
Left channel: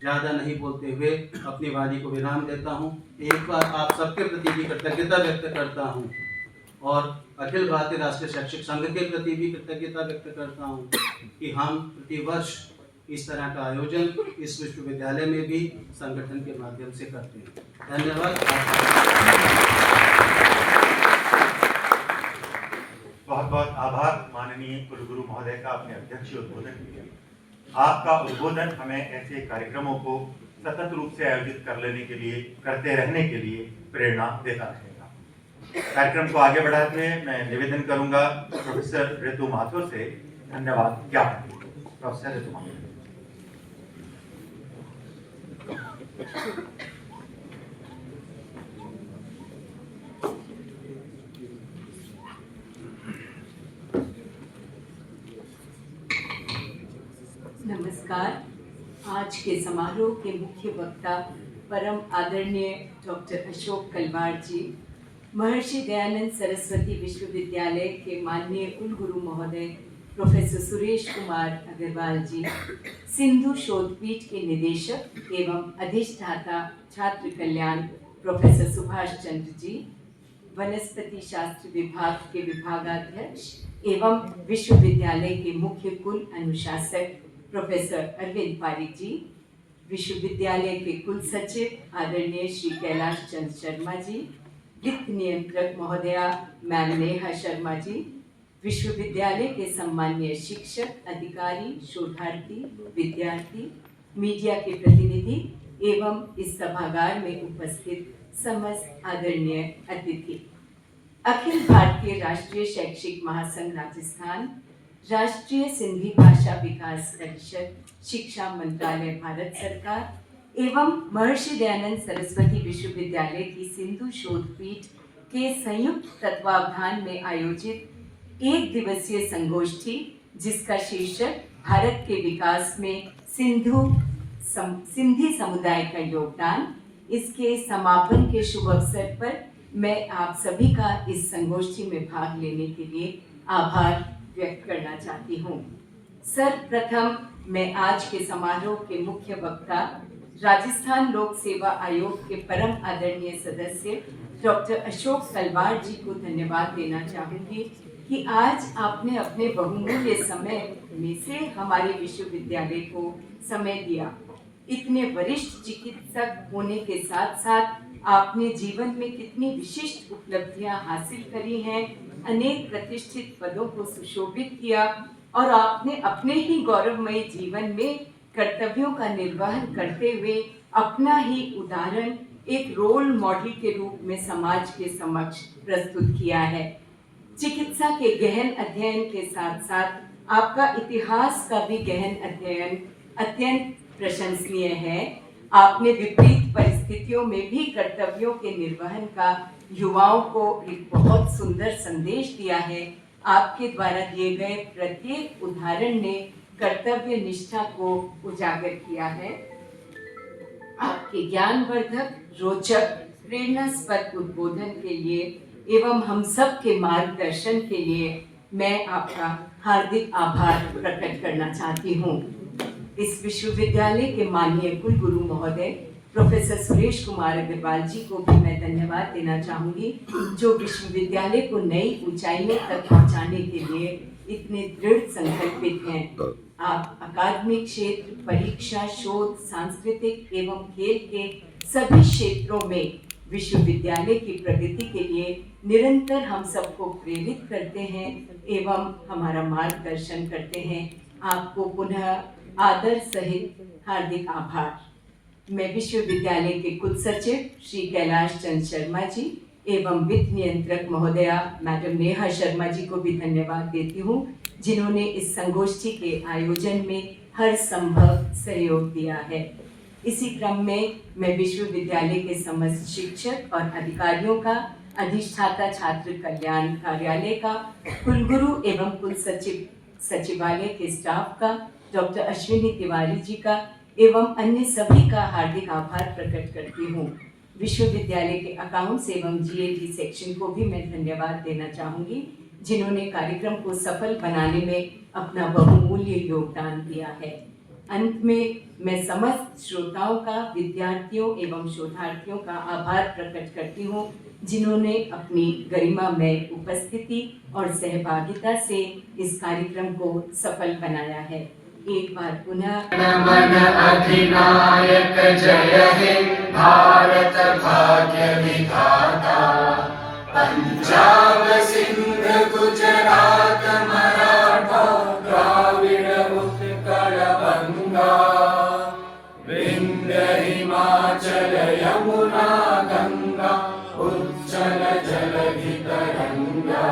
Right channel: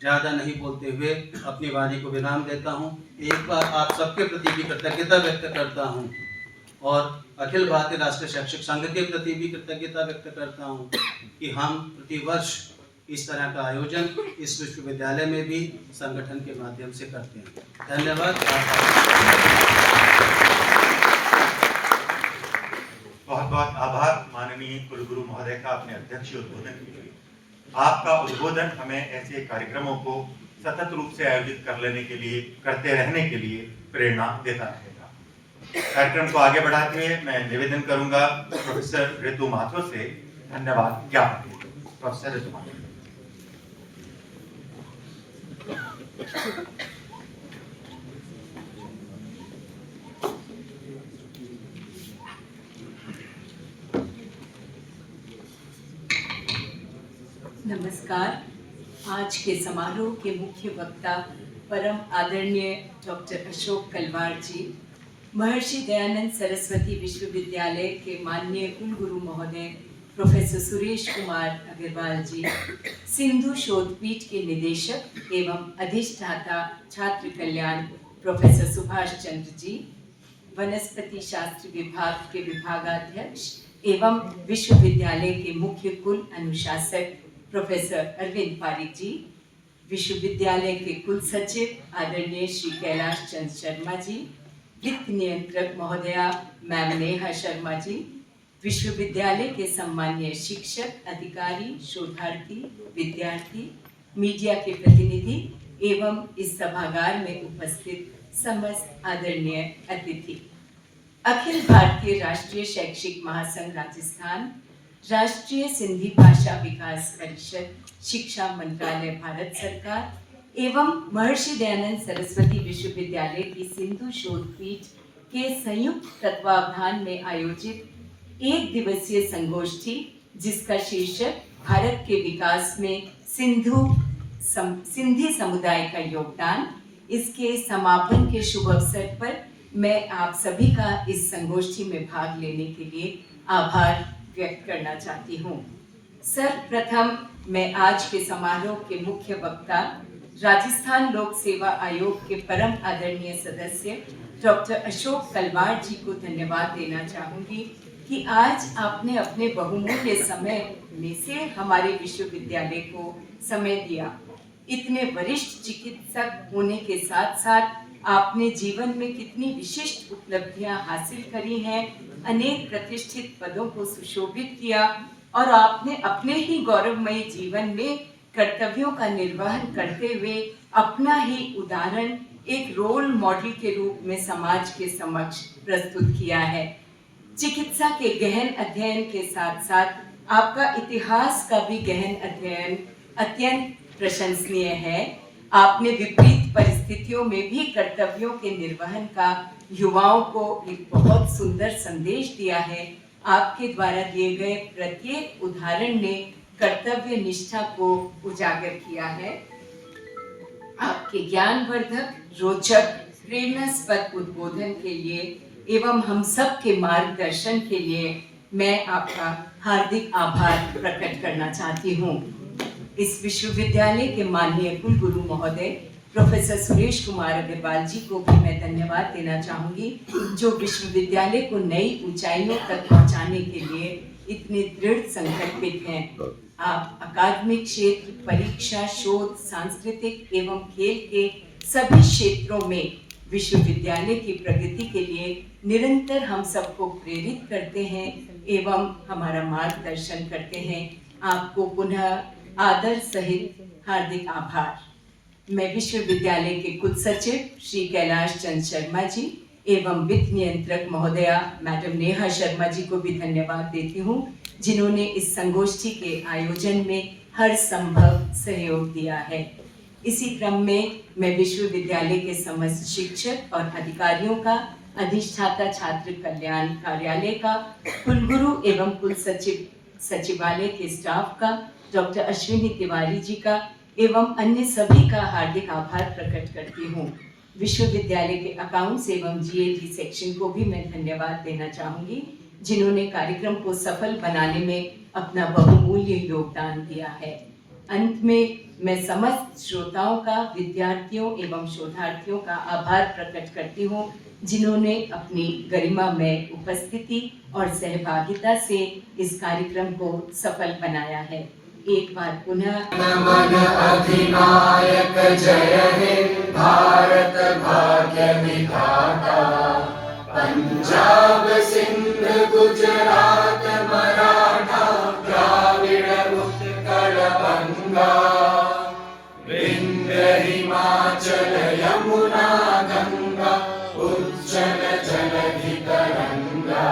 ज़्यादा नहीं बोलते हुए अपनी वाणी को विराम देता हूँ। एक बार आप सबके प्रति भी कृतज्ञता व्यक्त करता हूँ और अखिल भारतीय राष्ट्रीय शैक्षिक संघ के प्रति भी कृतज्ञता व्यक्त करता हूँ कि हम प्रतिवर्ष इस तरह का आयोजन इस विश्वविद्यालय में भी संगठन के माध्यम से करते हैं। धन्यवाद। बहुत बहुत आभार माननीय कुलगुरु महोदय का अपने अध्यक्षीय उद्बोधन के लिए। आपका उद्बोधन हमें ऐसे कार्यक्रमों को सतत रूप से आयोजित करते रहने के लिए प्रेरणा देता रहेगा। कार्यक्रम को आगे बढ़ाते हुए मैं निवेदन करूंगा प्रोफेसर ऋतु माथुर से धन्यवाद ज्ञापन। प्रोफेसर ऋतु माथुर। नमस्कार। आज के समारोह के मुख्य वक्ता परम आदरणीय डॉक्टर अशोक कलवार जी, महर्षि दयानंद सरस्वती विश्वविद्यालय के माननीय कुलगुरु महोदय प्रोफेसर सुरेश कुमार अग्रवाल जी, सिंधु शोधपीठ के निदेशक एवं अधिष्ठाता छात्र कल्याण प्रोफेसर सुभाष चंद्र जी, वनस्पति शास्त्र विभाग के विभागाध्यक्ष एवं विश्वविद्यालय के मुख्य कुल अनुशासक प्रोफेसर अरविंद पारिक जी, विश्वविद्यालय के कुल सचिव आदरणीय श्री कैलाश चंद्र शर्मा जी, वित्त नियंत्रक महोदया मैम नेहा शर्मा जी, विश्वविद्यालय के सम्मानीय शिक्षक, अधिकारी, शोधार्थी, विद्यार्थी, मीडिया के प्रतिनिधि एवं इस सभागार में उपस्थित समस्त आदरणीय अतिथि, अखिल भारतीय राष्ट्रीय शैक्षिक महासंघ राजस्थान, राष्ट्रीय सिंधी भाषा विकास परिषद, शिक्षा मंत्रालय भारत सरकार एवं महर्षि दयानंद सरस्वती विश्वविद्यालय की सिंधु शोधपीठ के संयुक्त तत्वावधान में आयोजित एक दिवसीय संगोष्ठी, जिसका शीर्षक भारत के विकास में सिंधी समुदाय का योगदान, इसके समापन के शुभ अवसर पर मैं आप सभी का इस संगोष्ठी में भाग लेने के लिए आभार व्यक्त करना चाहती हूँ। सर्वप्रथम मैं आज के समारोह के मुख्य वक्ता राजस्थान लोक सेवा आयोग के परम आदरणीय सदस्य डॉक्टर अशोक कलवार जी को धन्यवाद देना चाहूँगी, कि आज आपने अपने बहुमूल्य समय में से हमारे विश्वविद्यालय को समय दिया। इतने वरिष्ठ चिकित्सक होने के साथ साथ आपने जीवन में कितनी विशिष्ट उपलब्धियां हासिल करी हैं, अनेक प्रतिष्ठित पदों को सुशोभित किया और आपने अपने ही गौरवमयी जीवन में कर्तव्यों का निर्वहन करते हुए अपना ही उदाहरण एक रोल मॉडल के रूप में समाज के समक्ष प्रस्तुत किया है। चिकित्सा के गहन अध्ययन के साथ साथ आपका इतिहास का भी गहन अध्ययन अत्यंत प्रशंसनीय है। आपने विपरीत परिस्थितियों में भी कर्तव्यों के निर्वहन का युवाओं को एक बहुत सुंदर संदेश दिया है। आपके द्वारा दिए गए प्रत्येक उदाहरण ने कर्तव्य निष्ठा को उजागर किया है। आपके ज्ञानवर्धक, रोचक, प्रेरणास्पद उद्बोधन के लिए एवं हम सब के मार्गदर्शन के लिए मैं आपका हार्दिक आभार प्रकट करना चाहती हूँ। इस विश्वविद्यालय के माननीय कुलगुरु महोदय प्रोफेसर सुरेश कुमार अग्रवाल जी को भी मैं धन्यवाद देना चाहूँगी, जो विश्वविद्यालय को नई ऊंचाइयों तक पहुँचाने के लिए इतने दृढ़ संकल्पित हैं। आप अकादमिक क्षेत्र, परीक्षा, शोध, सांस्कृतिक एवं खेल के सभी क्षेत्रों में विश्वविद्यालय की प्रगति के लिए निरंतर हम सबको प्रेरित करते हैं एवं हमारा मार्गदर्शन करते हैं। आपको पुनः आदर सहित हार्दिक आभार। मैं विश्वविद्यालय के कुलसचिव श्री कैलाश चंद शर्मा जी एवं वित्त नियंत्रक महोदया मैडम नेहा शर्मा जी को भी धन्यवाद देती हूँ, जिन्होंने इस संगोष्ठी के आयोजन में हर संभव सहयोग दिया है। इसी क्रम में मैं विश्वविद्यालय के समस्त शिक्षक और अधिकारियों का, अधिष्ठाता छात्र कल्याण कार्यालय का, कुलगुरु एवं कुलसचिव सचिवालय के स्टाफ का, डॉक्टर अश्विनी तिवारी जी का एवं अन्य सभी का हार्दिक आभार प्रकट करती हूँ। विश्वविद्यालय के अकाउंट्स एवं जीएटी सेक्शन को भी मैं धन्यवाद देना चाहूँगी, जिन्होंने कार्यक्रम को सफल बनाने में अपना बहुमूल्य योगदान दिया है। अंत में मैं समस्त श्रोताओं का, विद्यार्थियों एवं शोधार्थियों का आभार प्रकट करती हूँ, जिन्होंने अपनी गरिमामय उपस्थिति और सहभागिता से इस कार्यक्रम को सफल बनाया है। एक बार पुनः मन अधिनायक जय हे भारत भाग्य विधाता, पंजाब सिंध गुजरात मराठा द्राविड़ उत्कल बंगा, विंध्य हिमाचल यमुना गंगा उज्जल जलधि तरंगा,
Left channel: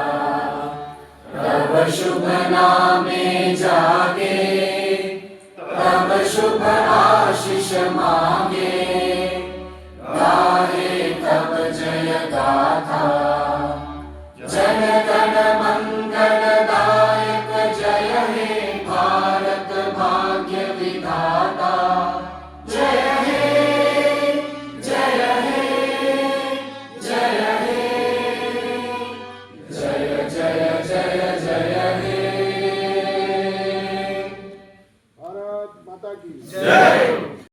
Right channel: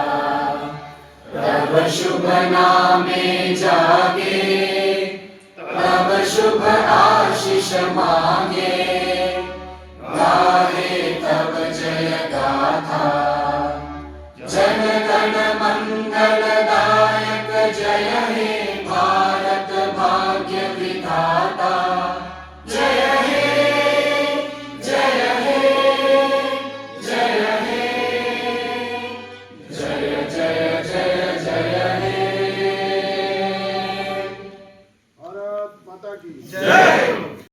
तब शुभ नामे जागे तब शुभ आशीष मांगे, गाहे तब जय गाथा जन गण मंगल